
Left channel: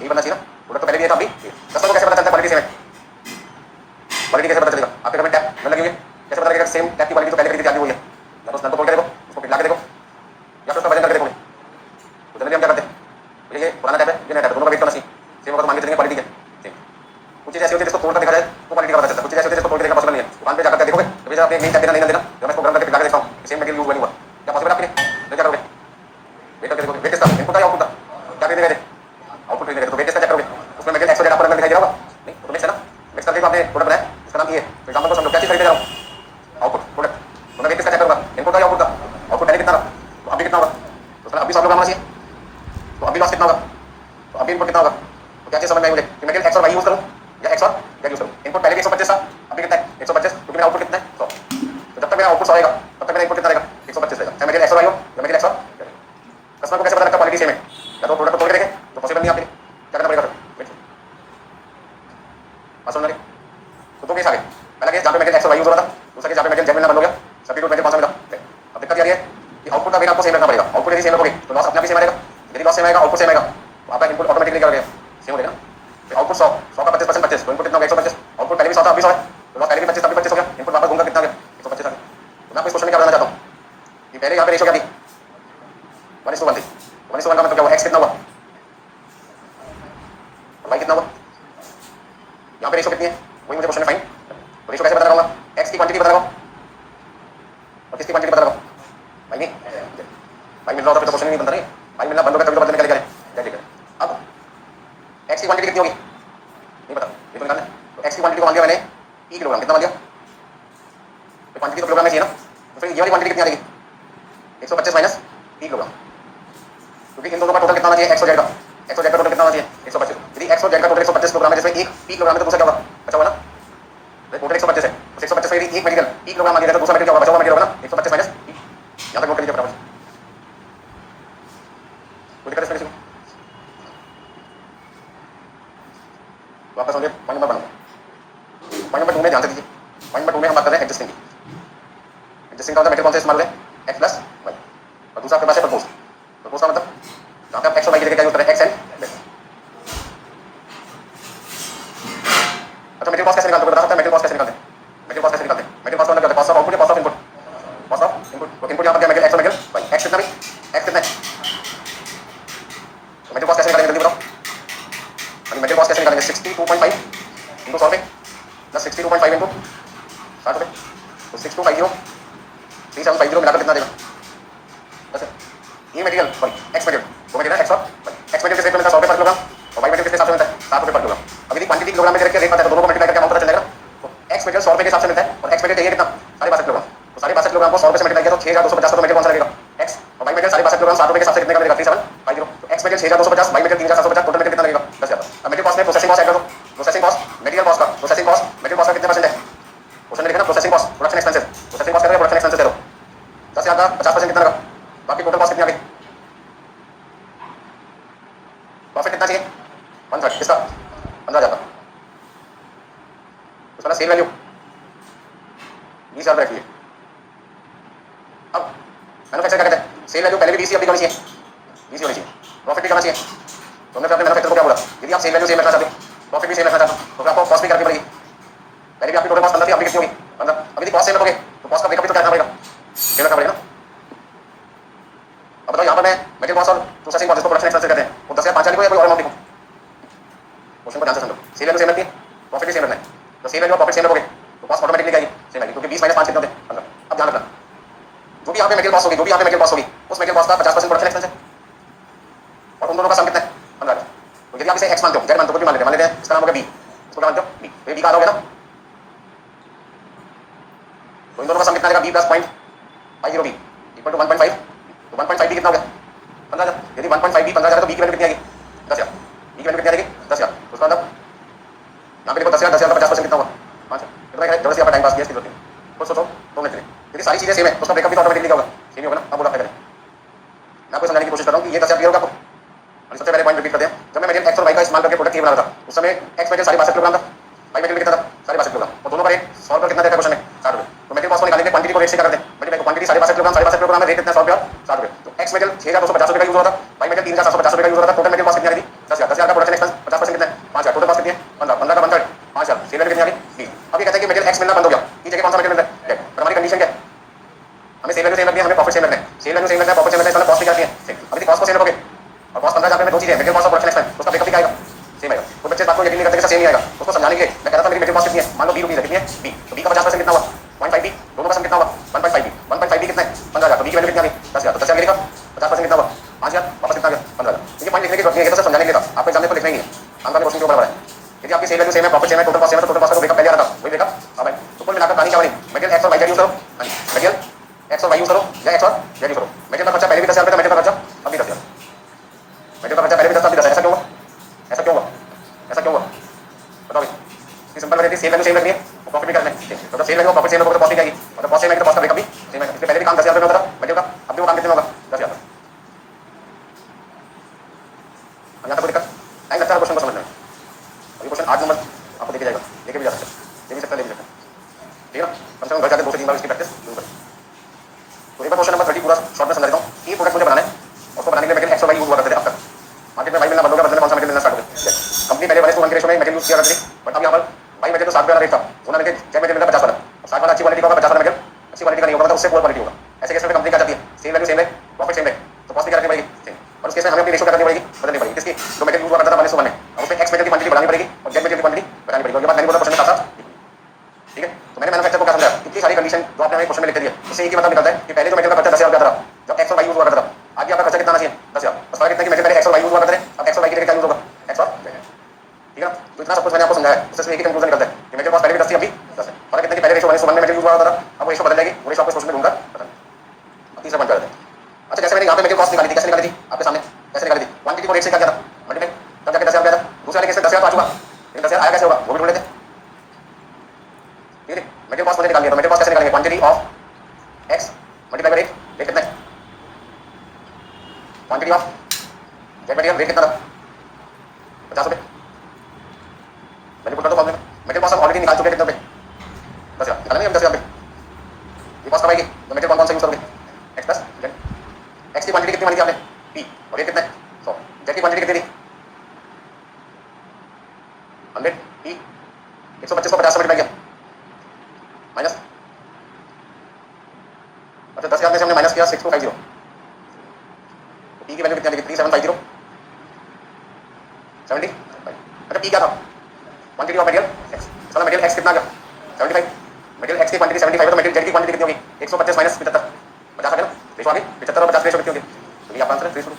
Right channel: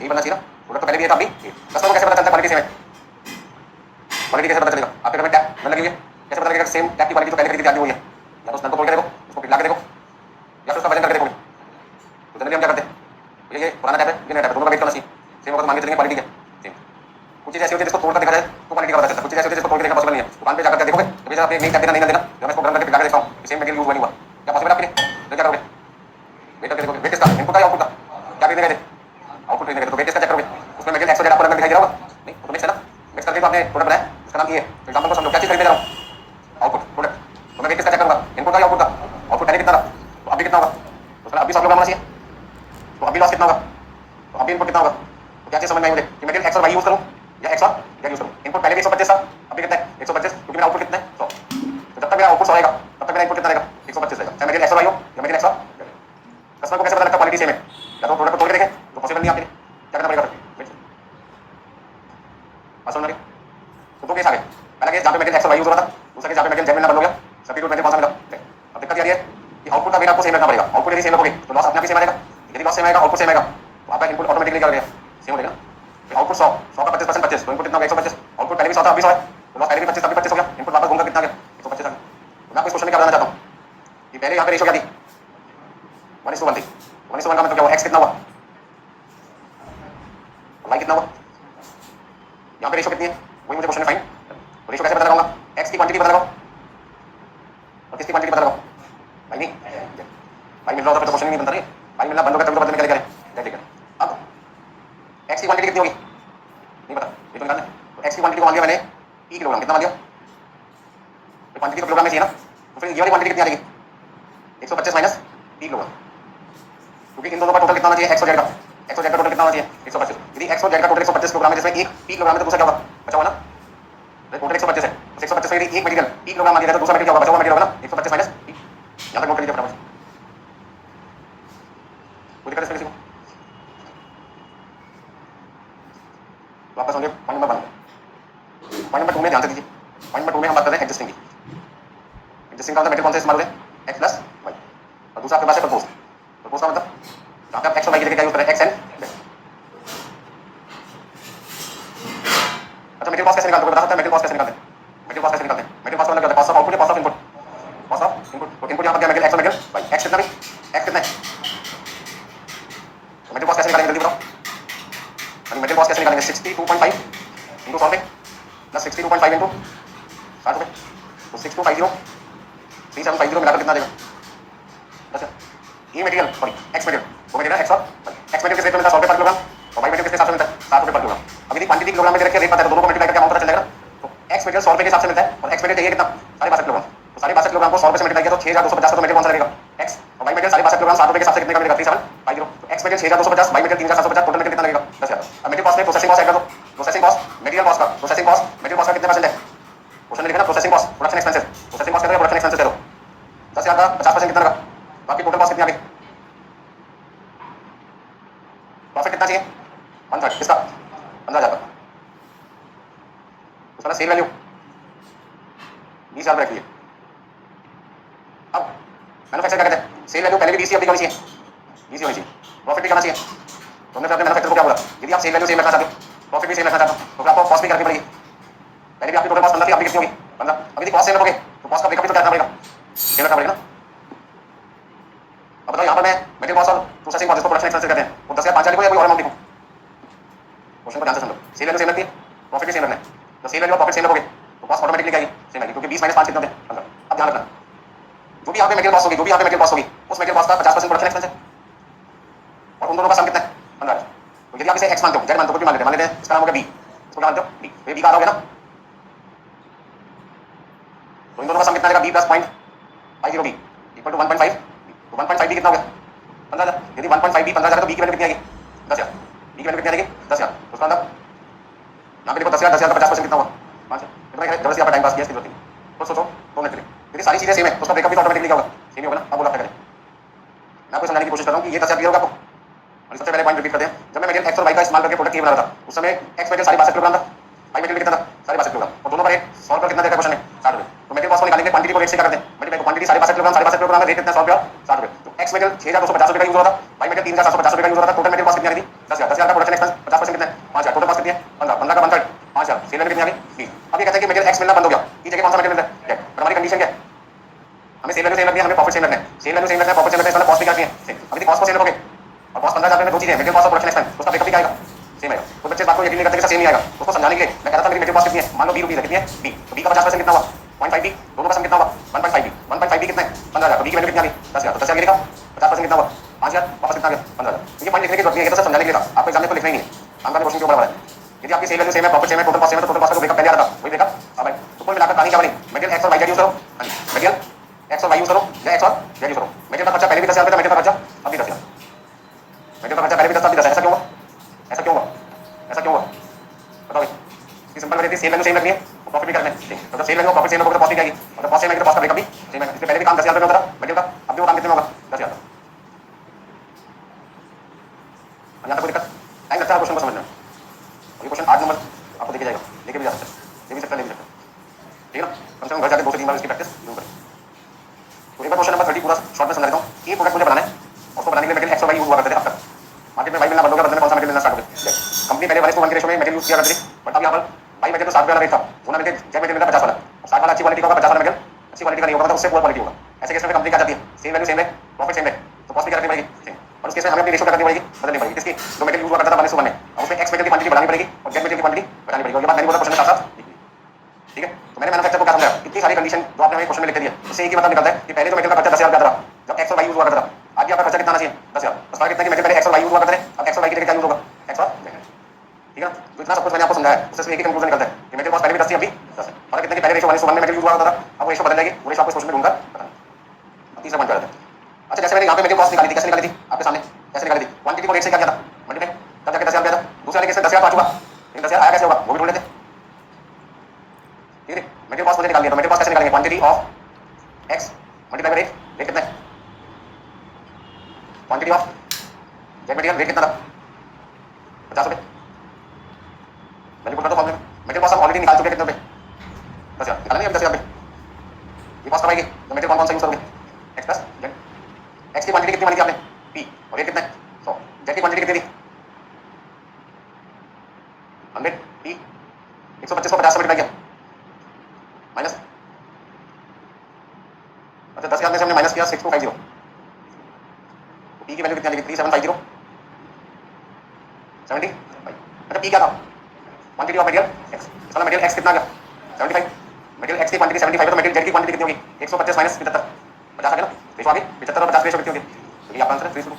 यही बनना चाहिए ना, प्रोडक्ट तो पहले भी है था अभी कस्टमर को कैसे पता चलता क्वालिटी सेम है, क्वालिटी कैसे पता चलेगा आपके घर में टैप में लगी हुई है कैसे पता लगेगा सेम टैप की क्वालिटी तो पहले खरीदी हुई है, या तो उस नल को तोड़ के देखो उसको पिघला के देखो या फिर उसका वजन करके देखो, तो जनरली हम क्या करते हैं ये पुराना टैप है ये नया टैप है दोनों का वेट करना चाहिए सेम होगा तो मान के चलेंगे क्वालिटी है सेम, कुछ चीज़ ऐसी होती है जिसको तोड़ कर देखा जाए तो क्वालिटी का पता चलता है, कुछ चीज़ ऐसी होती है जिसको तोड़ के देखना पॉसिबल नहीं है, दुकान पे जाकर देखोगे तो भैया आपने नहीं टैप देना नहीं देना जब मैं इसको गरम करके पिघला के देखता हूँ सेम मटेरियल यूज नहीं हुआ क्या पॉसिबल आपके लिए क्या करोगे वेट करके देखोगे वेट किसका इनपुट का या आउटपुट का क्या खरीदेंगे आउटपुट खरीदेंगे तो वेट किसका चेक करोगे उसमें मटेरियल एक्स आपको रंग दिखाई दे रहा होगा नहीं तो मिक्स है ना मिक्स करके आपने प्रोडक्ट बनाया उसका नाम ये है, एग्जांपल को समझो क्या चीज़ खरीद रहा हूँ आउटपुट प्रोडक्ट तो मैं वेट किसका चेक करूँगा इनपुट का या आउटपुट का, आउटपुट पहले कितना था तो अभी कितना होगा तो सर अभी 100 किलोग्राम आना चाहिए तो अभी लॉस कितना होगा तो अभी इनपुट कितना होगा, तो क्या चीज़ समझ में आई मुझे कि मैं एक्स और वाई यूज करूँ या एक्स और जेड यूज करूँ, इनपुट पहले भी 125 था अभी कितना है 125 क्योंकि मेरा आउटपुट कितना है 100, तो जब तक मेरा आउटपुट 100 आएगा तब तक मेरा इनपुट कितना रहेगा 125 रहेगा, चाहे मेरे एक्स और वाई हो या मेरे एक्स और कस्टमर को कैसे पता लगता क्वालिटी सेम है? या तो प्रोडक्ट को तोड़ के देखें, तो पॉसिबल नहीं आपके लिए, क्या करना पड़ेगा? बात समझ रहे? तो दो केस आ गए। पहला केस जहाँ पे मेटेरियल एक्स और वाई यूज हो रहा था, दूसरा केस जहाँ पे मेटेरियल जेड में बंद हो गया, सब्स्टिट्यूट मेटेरियल कौन सा मिला? अब दिक्कत ये है कि आउटपुट का वेट आपको सेम रखना पड़ेगा। आउटपुट यदि सेम रखोगे तो लॉस अपने आप ही सेम आएगा, यदि लॉस सेम आएगा आउटपुट सेम आएगा तो आपका इनपुट ऑटोमेटिकली क्या हो गया? सेम हो जाएगा। आउटपुट 100 का 25% 25, तो इनपुट कितना हो गया? 125। आउटपुट पहले भी 100 था, अभी 100 है, तो लॉस पहले भी 25 तभी 25 हो गया, इनपुट वापस घूमकर कितना आ गया? 125 आ गया। तो मैं आपको इस क्वेश्चन में क्या बताना चाहता हूँ कि पहले यहाँ पे रेशियो क्या थी? 1:1 थी। 1:1 का मतलब क्या हुआ? एक्स कितना हुआ और वाई कितना हुआ? यहाँ पे रेशियो कितनी है वही मुझे क्वेश्चन में फाइन। तो रेशियो कैसे पता लगाऊंगा? एक्स की क्वांटिटी पता लगाओ और किसकी क्वांटिटी पता लगाओ? भाई नहीं, भाई मिल रहा होता तो क्वेश्चन नहीं बनता। नहीं भाई मिलना बंद हो गया तभी तो बदलने के लिए करें। ठीक है, अब एक्स की क्वांटिटी कितनी होगी? नहीं पता, ये तो निकालना है। तो एक्स की क्वांटिटी को मान लिया मैंने ई किलोग्राम। कितना मान लिया? क्वांटिटी तो किलोग्राम में चाहिए ना, तो फिर ये वाली क्वांटिटी कितनी आ जाएगी? 125 माइनस ई किलोग्राम, क्योंकि इन दोनों का टोटल कितना होना चाहिए? एक्स और जेड का। एक्स और जेड का टोटल कितना होना चाहिए? 125। यदि एक्स और जेड का टोटल 125 किलोग्राम है, जिसमें एक ई किलोग्राम है, तो दूसरा क्या होगा? बचा हुआ ना, टोटल 125 है, 125 में यदि एक मटेरियल ई किलोग्राम मान लिया तो दूसरा मटेरियल क्या होगा? बचा हुआ मटेरियल होगा ना, 125 माइनस ई। यहाँ तक नोट कर लीजिए फटाफट। कोई दिक्कत इसमें? तो आपका समझिए पॉइंट नंबर 1। पॉइंट नंबर 2 में ध्यान से दीजिए। पॉइंट नंबर 2 में हम बात कर रहे हैं एडजस्टिंग की। एडजस्टिंग का मतलब मटेरियल कौन सा इस्तेमाल हो रहा है? एक्स प्लस वाई, और दूसरा आपके पास है प्रपोज। प्रपोज का मतलब जहाँ पे आप एक्स और वाई की जगह क्या यूज कर रहे हैं? X and Z. अच्छा, मटेरियल कॉस्ट कैसे निकालते हैं? बता सकते हैं मटेरियल कॉस्ट कैसे निकालते हैं? मटेरियल कॉस्ट कैसे निकालते हैं? मटेरियल कॉस्ट मतलब क्या होता है? कॉस्ट ऑफ आउटपुट या cost of input? Cost of input. तो इनपुट यहाँ पर क्या? मटेरियल एक्स और मटेरियल वाई। एक्स कितना भी? एक्स कितना है? तो मटेरियल कॉस्ट कैसे निकालेंगे जल्दी बताओ? मटेरियल कॉस्ट कैसे निकालेंगे? 62.5 इंटू 100 प्लस 62.5 इंटू 60 रुपये, तो 6250 3750 मिलाकर कितना देगा? अच्छा, ये मटेरियल सॉरी एक्स मटेरियल, वो मटेरियल एक्स और वाई। एक्स मटेरियल किस रेट में मिलता है? 100 रुपये पर किलोग्राम, और वाई मटेरियल किस हिसाब से मिलता है? 60 रुपये पर किलोग्राम। अब यदि क्वांटिटी किलोग्राम में रख के रेट आता है तो दोनों को मल्टीप्लाई करके अमाउंट पता चल जाएगा। तो एक्स मटेरियल 100 रुपये के हिसाब से मिलता है और एक्स मटेरियल चाहिए कितना? 62.5 किलोग्राम। तो 62.5 किलोग्राम को 100 रुपये से मल्टीप्लाई किया तो 6250 का मटेरियल कौन सा लगेगा? एक्स। और वाई मटेरियल 62.5 किलोग्राम 60 रुपये के हिसाब से कितने का मिलेगा? 3750। तो X material 6250, Y material 3750, total material कितना लगेगा? 10,000। अब मटेरियल कॉस्ट में प्रोसेसिंग कॉस्ट ऐड कर दो। प्रोसेसिंग कॉस्ट मटेरियल कॉस्ट का, प्रोसेसिंग कॉस्ट मटेरियल कॉस्ट का कितने परसेंट है? क्वेश्चन में लिखा ना processing cost production expenses. Processing cost production expenses दे दो। 10,000 का 50% कितना लगा? बाकी टोटल कॉस्ट कितनी आ गई? प्रॉफिट कितना चाहिए? 1/3 किसका? 15,000 का। उसका सेल वैल्यू 20,000 रखिए। अब मैन्युफैक्चर क्या कहते हैं? सेल वैल्यू पहले भी 20 ही होनी चाहिए, 20 होनी चाहिए। प्रॉफिट भी करना चाहिए। तो हमने अपने मैन्युफैक्चर को क्या बोला? यदि आप सेल वैल्यू सेम रखना चाहते हो, प्रॉफिट भी सेम रखना चाहते हो, तो फिर आपको कॉस्ट भी करनी पड़ेगी। पहले भी आपकी टोटल कॉस्ट 15 थी, आपकी कितनी होगी? 15। अब यदि कॉस्ट सेम रखोगे तो कॉस्ट का ब्रेकअप भी तो करना पड़ेगा, सेम रखना पड़ेगा ना। अब बताओ यहाँ पर मैं मटेरियल कॉस्ट और प्रोसेसिंग कॉस्ट, इसको प्रोडक्शन एक्सपेंसेस कहते हैं, वो 10,000 5 लिखो या कोई और अमाउंट लिखो? क्वेश्चन को ध्यान से समझो। सेल वैल्यू सेम रखती है, प्रॉफिट भी सेम रखना है। तो सेल वैल्यू और प्रॉफिट सेम रखोगे तो कॉस्ट ऑटोमेटिकली क्या आएगी? सेम आएगी, क्योंकि 20 माइनस 5 कितना होते हैं? 15। अब ध्यान रखना, जो भी यहाँ पे मटेरियल कॉस्ट होगी, जो भी यहाँ पे मटेरियल कॉस्ट होगी, उस मटेरियल कॉस्ट का 50% प्रोडक्शन एक्सपेंस है, और उन दोनों का सम कितना है? 15। तो यदि आप इसे एक्स मानते हो, जेड मानते हो, कुछ भी मान लेते हैं, इसका नाम हो गया बी, इसको क्या मानते हो? बी। तो ये बी का होगा ना, तो इन दोनों का सम कितना आएगा? B plus 0.50 B equal to 1.5। तो 1.5 बी कितना हो गया? 15,000। यदि 1.5 बी 15,000 तो बी की वैल्यू कितनी आएगी? 10,000। बी की वैल्यू कितनी आएगी? 10,000। तो उसका मतलब यहाँ पे देखो 10,000 10,000 का 50% कितना हुआ? 5 है। इतना है, जबरदस्ती आपका टाइम पास किया, इसकी जरूरत नहीं। तो सोचो 2 मिनट के लिए, यदि सारी चीजें सेम है तो उसका ब्रेकअप भी ऑटोमेटिकली क्या होगा? सेम ही होगा ना। अब बोला क्या करें? मैं आपको समझाने की कोशिश कर रहा हूँ कि ये 10,000 क्लियर होगा आपको। और सबसे पहले पॉइंट रिपीट करते हैं, जब मैं मटेरियल एक्स और वाई का इस्तेमाल करके प्रोडक्ट बना रहा था, उस समय एक्स मटेरियल 62.5 किलोग्राम था, वाई मटेरियल कितना था? 62.5 किलोग्राम, और दोनों का रेट 100 रुपये कितना देता है क्वेश्चन में? 60 रुपये। तो मटेरियल कॉस्ट को निकालने के क्वांटिटी को रेट से क्या करते हैं? मटेरियल को क्वांटिटी 62.5 किलोग्राम, 62.5 किलोग्राम में रेट कितना? 100 रुपये और 60 रुपये। तो एक्स मटेरियल 6,250 रुपये का यूज हो रहा था, वाई मटेरियल 3,750 रुपये का यूज हो रहा था, टोटल मटेरियल कॉस्ट कितनी आ गई? 10,000। 10,000 का प्रोडक्शन एक्सपेंस, 50% कितना है? 5,000। टोटल कॉस्ट कितनी है? 15। 15 का 1/3 5,000। सेल वैल्यू कितनी आ गई? 20। अब ये कहते हैं कि मटेरियल एक्स मिलना बंद हो गया, की जगह कौन सा मटेरियल मिलता है? जेड। और हमारी कंडीशन क्या है? हमें सेल वैल्यू सेम रखनी है, हमें प्रॉफिट सेम रखना है। सेल वैल्यू सेम रखना है, प्रॉफिट सेम रखना है, मतलब कॉस्ट भी क्या है? सेम। अब यदि कॉस्ट को सेम रखोगे और कॉस्ट 15,000 में दो चीजें हैं, मटेरियल कॉस्ट और प्रोडक्शन एक्सपेंस, तो उसका ब्रेकअप भी क्या आएगा? सेम आएगा। तो बच्चे बात को यकीन नहीं करते कि सेम नहीं आएगा, उसको समझाने के लिए मैं कह रहा था मेरी मटेरियल कॉस्ट कितनी है? मान लो 20 रुपीस है, कितनी है? बी। तो बी का 50% कितना हुआ? 0.5 बी। दोनों का सम कितना हुआ? 1.5 बी। 1.5 बी कितना है? 15,000। तो बी की वैल्यू कितनी आ गई? 10,000। तो 10,000 गिरेगा, 50% कितना हुआ? 5,000। वापस कितना आ गया? 15,000। ये पॉइंट लिखने की जरूरत नहीं है, ये तो सब समझाने के लिए था, आपको एग्जाम में तो लिखना ही नहीं है। आंसर क्वेश्चन के ऊपर है। यदि आपकी सेल वैल्यू सेम है, प्रॉफिट सेम है, टोटल कॉस्ट सेम है, तो टोटल कॉस्ट का ब्रेकअप पहले आ रहा था, वही ब्रेकअप अब है। तो कुल मिलाकर पानी चावल मटेरियल एक्स और वाई यूज करो, मटेरियल एक्स और वाई यूज करो या एक्स और जेड यूज करो। मटेरियल का खर्चा पहले भी 10,000 था, मटेरियल का खर्चा अभी 10,000। मटेरियल का खर्चा पहले भी 10 था, अभी 10 है। ऐसा क्यों हुआ? ऐसा क्यों हुआ? ऐसा क्यों हुआ? बताओ। ये सिंपल वजह थी, सेल वैल्यू सेम रखनी है, प्रॉफिट भी करना है। तो जब सेल वैल्यू प्रॉफिट सेम होगा तो कॉस्ट भी आएगी, और जब कॉस्ट सेम है तो कॉस्ट का ब्रेकअप भी सेम है। इसके पहले भी काम 10,000 रुपये होता था मटेरियल का, अब भी वो काम कितने होगा? 10,000। यहाँ तक कोई दिक्कत? टाइम लगता है क्वेश्चन को समझने में। ये क्वेश्चन 8 नंबर आपको देखे जाएगा, लेके भी जा सकते हैं, ले भी सकते हैं, ले भी सकते हैं, ठीक है ना। कम से कम घर जाकर 2 से 3 बार इसकी प्रैक्टिस जरूर करें। तो एक बार क्वेश्चन नंबर 30 पूरा शॉर्ट में समझा देता हूँ। ये प्रोडक्ट मुझे बनाना है, उसको बनाने के लिए मटेरियल एक्स और वाई यूज हुआ करते थे अब तक। मार्केट में वाई मिलना बंद हो गया, बदले में कौन सा मटेरियल मिलना स्टार्ट हो गया। कंपनी पहले 1:1 के रेशो में मटेरियल यूज किया करती थी, बट अब यहाँ पर वाई मटेरियल तो 7 वाला रेट था, सोना मटेरियल जेड मटेरियल मिलता 50 वाला। 60 वाला अच्छी क्वालिटी का होगा, 50 वाला मटेरियल अच्छी क्वालिटी का नहीं होगा, मतलब उससे पुअर क्वालिटी होगा। ऐसे केस में कंपनी क्या चाहती है, सेम वैल्यू सेम है, प्रॉफिट सेम है, तो कॉस्ट भी क्या रखनी पड़ेगी सेम। और उस केस में हमें अपनी रेशो करनी पड़ेगी, बदलनी पड़ेगी। किसकी? जो मटेरियल यूज हुआ करता था 1:1 में, अब उसमें एक्स मटेरियल की क्वांटिटी बढ़ानी पड़ेगी और जेड मटेरियल की क्वांटिटी बढ़ानी पड़ेगी। और ये बात मैंने बोला क्वेश्चन के साथ साथ, ठीक है। तो मैंने मैन्युफैक्चर को क्या समझाया, इतनी सारी कंडीशन जो आपने हमें क्वेश्चन में लिख दी है, उससे एक ही मतलब निकलता है कि पहले जो मटेरियल का खर्चा 10,000 था, जब एक्स और वाई यूज हुआ करता था, आज आपका खर्चा कितना आना चाहिए 10,000। बस फर्क इतना कि मटेरियल एक्स और वाई यूज हुआ करते हैं, अब एक्स और वाई की जगह क्या यूज होगा, एक्स और जेड, ठीक है। तो इतना सब कुछ मैंने आपको समझाया, उससे एक ही कंक्लूजन निकलता है कि मटेरियल कॉस्ट पहले भी 10 थी, अभी 10 है। फर्क इतना कि पहले रेशो 1:1 में मटेरियल यूज हुआ करता था, अब वो रेशो बदल जाएगी, वो रेशो आपको क्वेश्चन में ढूंढकर बताना। तीसरा पॉइंट करते हैं। अच्छा, जैसे मैंने यहाँ पे मटेरियल कॉस्ट निकाली थी, कैसे निकाली थी आपके सामने, कैसे निकाली थी, क्वांटिटी को रेट से क्या किया था, मल्टीप्लाई, तब जाके 10,000 आया था। दूसरे वाले केस में 10,000 तो आ चुका, लेकिन 10,000 आया कैसे होगा वो भी ढूंढ लेते हैं, ठीक है। मटेरियल कॉस्ट मुझे निकालनी है, तो मटेरियल कॉस्ट कैसे निकालेंगे, quantity of x multiply by rate, rate कितना है, quantity of Z material rate कितना था 50 रुपये, मैंने बोला तो मटेरियल कॉस्ट हम ऑलरेडी निकाल चुके हैं कितने रुपये, 10,000 निकालेंगे हम 10,000 रुपये। ये कॉस्ट कब आएगी, तो मटेरियल कौन सा यूज करोगे, एक्स प्लस जेड। एक्स की क्वांटिटी कितनी मानी थी आपने, पी, और रेट कितना है 100, जेड की क्वांटिटी कितनी थी 100, पी 125 को 50 से मल्टीप्लाई किया माइनस, अच्छा 10,000 में से हमने माइनस किया 6250, तो पी की वैल्यू कितनी आ गई 3750 70। अच्छा पी क्या था, क्वांटिटी ऑफ मटेरियल एक्स, मतलब मटेरियल एक्स कितना आ गया 75, मटेरियल एक्स की क्वांटिटी 75 है, तो मटेरियल जेड की क्वांटिटी कितनी होगी 125 माइनस 75, 50 आ गया ना, रेशो आ गई 75 और 50 रेशो कितनी होगी, तो ये आपका आंसर है 3:2।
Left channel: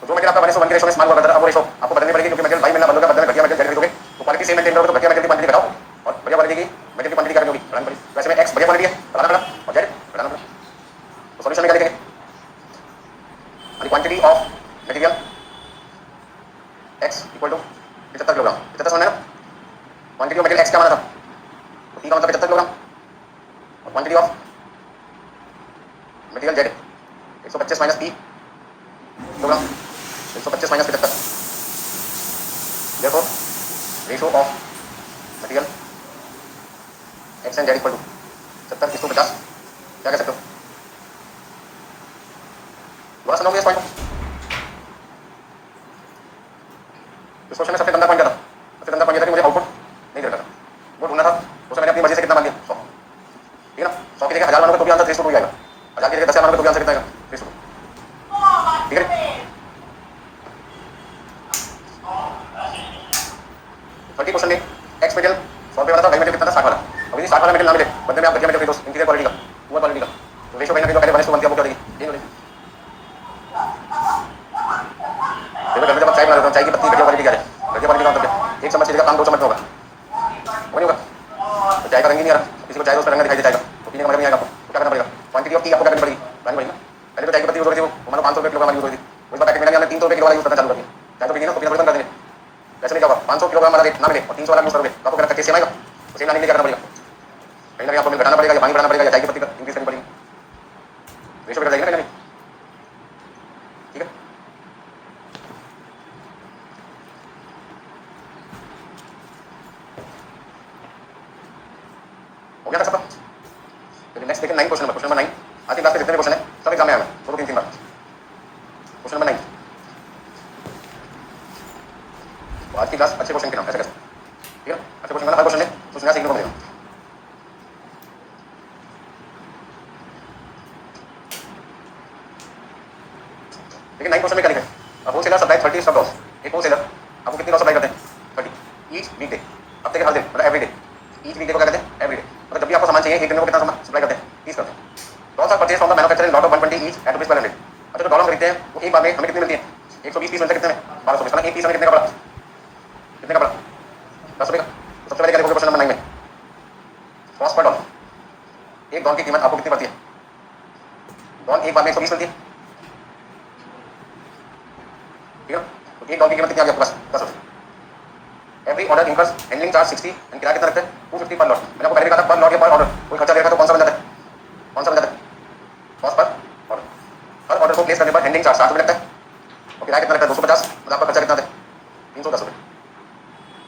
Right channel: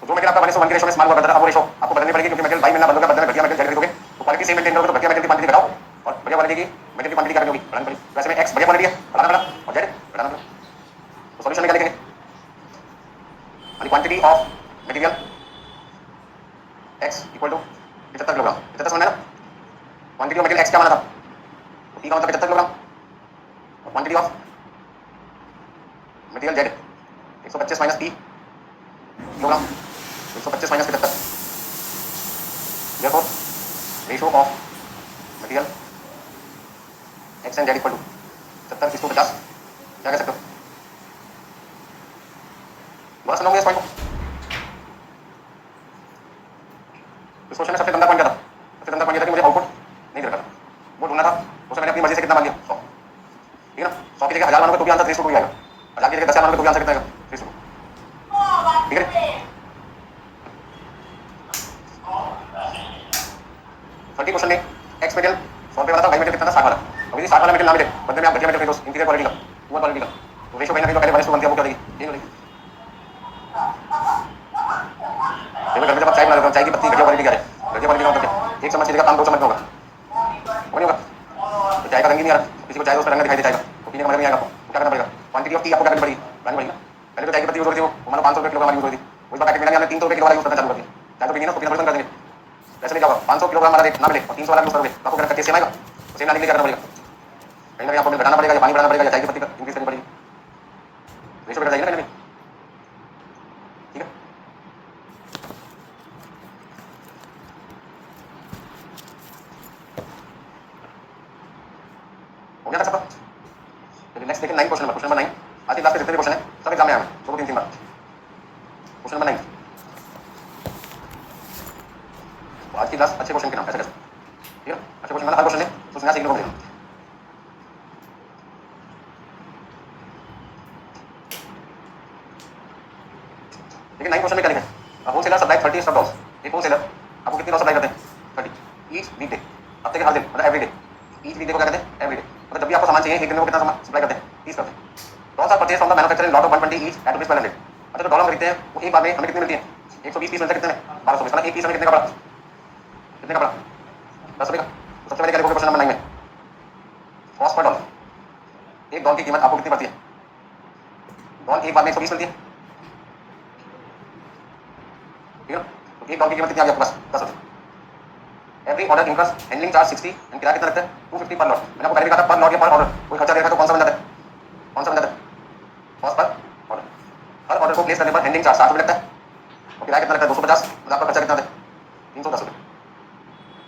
तो जो मटेरियल आपका 1:1 के रेशो में इस्तेमाल हुआ करता था, अब वो रेशो आपको बदलनी पड़ेगी, क्योंकि मटेरियल वाई मिलना बंद होगा, बदले में घटिया मटेरियल जेड खरीदोगे, तो क्वालिटी सेम मेंटेन करोगे, तो घटिया मटेरियल की क्वांटिटी घटाओ और बढ़िया क्वालिटी की मटेरियल की क्वांटिटी क्या होगी बढ़ानी पड़ेगी। वैसे में एक्स बढ़िया क्वांटिटी है, बढ़ाना पड़ा, और जेड घटाना पड़ा, तो सॉल्यूशन में क्या लिखेंगे, quantity of material X equal to 75 kilogram, 75 समझ में ना, क्वांटिटी ऑफ मटेरियल एक्स क्या माना था, तो पी का मतलब 75 किलोग्राम, और quantity of material Z 125 minus P kilogram, 125 minus 75, therefore ratio of material X and Z equal to 70:50, क्या कह सकते हो, दोबारा सुनाऊंगा इस पॉइंट को। इस क्वेश्चन में सबसे गंदा पॉइंट क्या था, सबसे गंदा पॉइंट था कि मुझे आउटपुट नहीं देता था, वो ढूंढना था, उसमें मैंने अपनी मर्जी से कितना मान लिया 100, ठीक है ना। 100 की जगह 1000 मानोगे तो भी आंसर 3:2 आएगा, 1000 की जगह 10,000 मानोगे तो भी आंसर कितना आएगा 3:2, ठीक है। 30 क्वेश्चन में एक्स मटेरियल 100 रुपये वाला था, वाई मटेरियल कितना था 60 वाला, अब यदि 60 वाला मटेरियल ना मिले, बदले में आप घटिया मटेरियल खरीदो इंटीरियर क्वालिटी का, पुअर क्वालिटी का, तो रेशो पहले पहले 1:1 किया, वो क्या देगी यही बोलेगी। देखो घर में जब आप चाय बना रहे हो, चाय की पत्ती घटिया क्वालिटी का है, घटिया क्वालिटी का मतलब एक चम्मच की जगह 5-2 चम्मच होगा, वो नहीं होगा, तो चाय का रंग ही नहीं आ रहा, किसी को चाय उसका रंग दिखाई दे जाएगा, तो पीने का मजा नहीं आएगा आपको, तो क्या करना पड़ेगा, क्वांटिटी ऑफ टी आपको क्या करनी पड़ेगी बढ़ानी पड़ेगी। पहले तो चाय की पत्ती यूज होती थी, वो मान लो 500 रुपये किलोग्राम यूज होती थी, उस पैकेट में हमने 300 रुपये किलो वाला यूज करना चालू कर दिया, चाय तो पीनी ना, तो पीना थोड़ी बंद कर देंगे, कैसे नहीं जाओगा 500 किलोग्राम वाला रेट ना मिले और 300 वाला यूज करोगे तो आपको क्या सेम आएगा, तो सेम लाने के लिए करना पड़ेगा, कहीं ना कहीं आपको घटाना पड़ेगा या पानी बढ़ाना पड़ेगा या चाय की पत्ती इंक्रीज करनी पड़ेगी, रेशो बढ़ जाएगी ना, ठीक है। हो गया था सबका, चलिए नेक्स्ट देखिए 9 क्वेश्चन नंबर 9, आज की क्लास के जितने क्वेश्चन है सब एग्जाम में आए हैं, 2-3 बार। क्वेश्चन नंबर 9, तो आज की क्लास अच्छे क्वेश्चन के नाम ऐसे कैसे, ठीक है, अच्छे क्वेश्चन मतलब हर क्वेश्चन है कुछ नया सीखने को मिलेगा। लेकिन 9 क्वेश्चन में क्या लिखा है, होलसेलर सप्लाई 30 स्टॉक लॉस, एक होलसेलर आपको कितनी लॉस सप्लाई करते हैं 30 ईच वीक डे, हफ्ते के हर दिन मतलब every day, each weekday को क्या कहते हैं एवरी डे, मतलब जब भी आपको सामान चाहिए एक दिन में कितना सामान सप्लाई करते हैं 30 करते हैं। Loss of purchase from the manufacturer lot of 120 each eight rupees per hundred, अच्छा जो डॉलर खरीदते हैं वो एक बार में हमें कितनी मिलती है 120 पीस मिलते हैं, कितने में 1200 पीस, एक पीस हमें कितने का पड़ा 10 रुपये का। तो सबसे पहले क्या लिखोगे क्वेश्चन नंबर 9 में, कॉस्ट पर डॉलर, एक डॉलर की कीमत आपको कितनी पड़ती है, डॉलर एक बार में 120 मिलती है, ठीक है, तो एक डॉलर की कीमत कितनी आ गई आपके पास 10 रुपये। Every order incurs handling charge 60 and किराया कितना लगता है 250 पर लॉट, मैंने आपको पहले भी कहा था पर लॉट या पर ऑर्डर कोई खर्चा देखा तो कौन सा बन जाता है, कौन सा बन जाता है कॉस्ट पर ऑर्डर, हर ऑर्डर को प्लेस करने पर हैंडलिंग चार्ज 60 रुपये लगता है, और किराया कितना लगता है 250, मतलब आपका खर्चा कितना है 310 रुपये।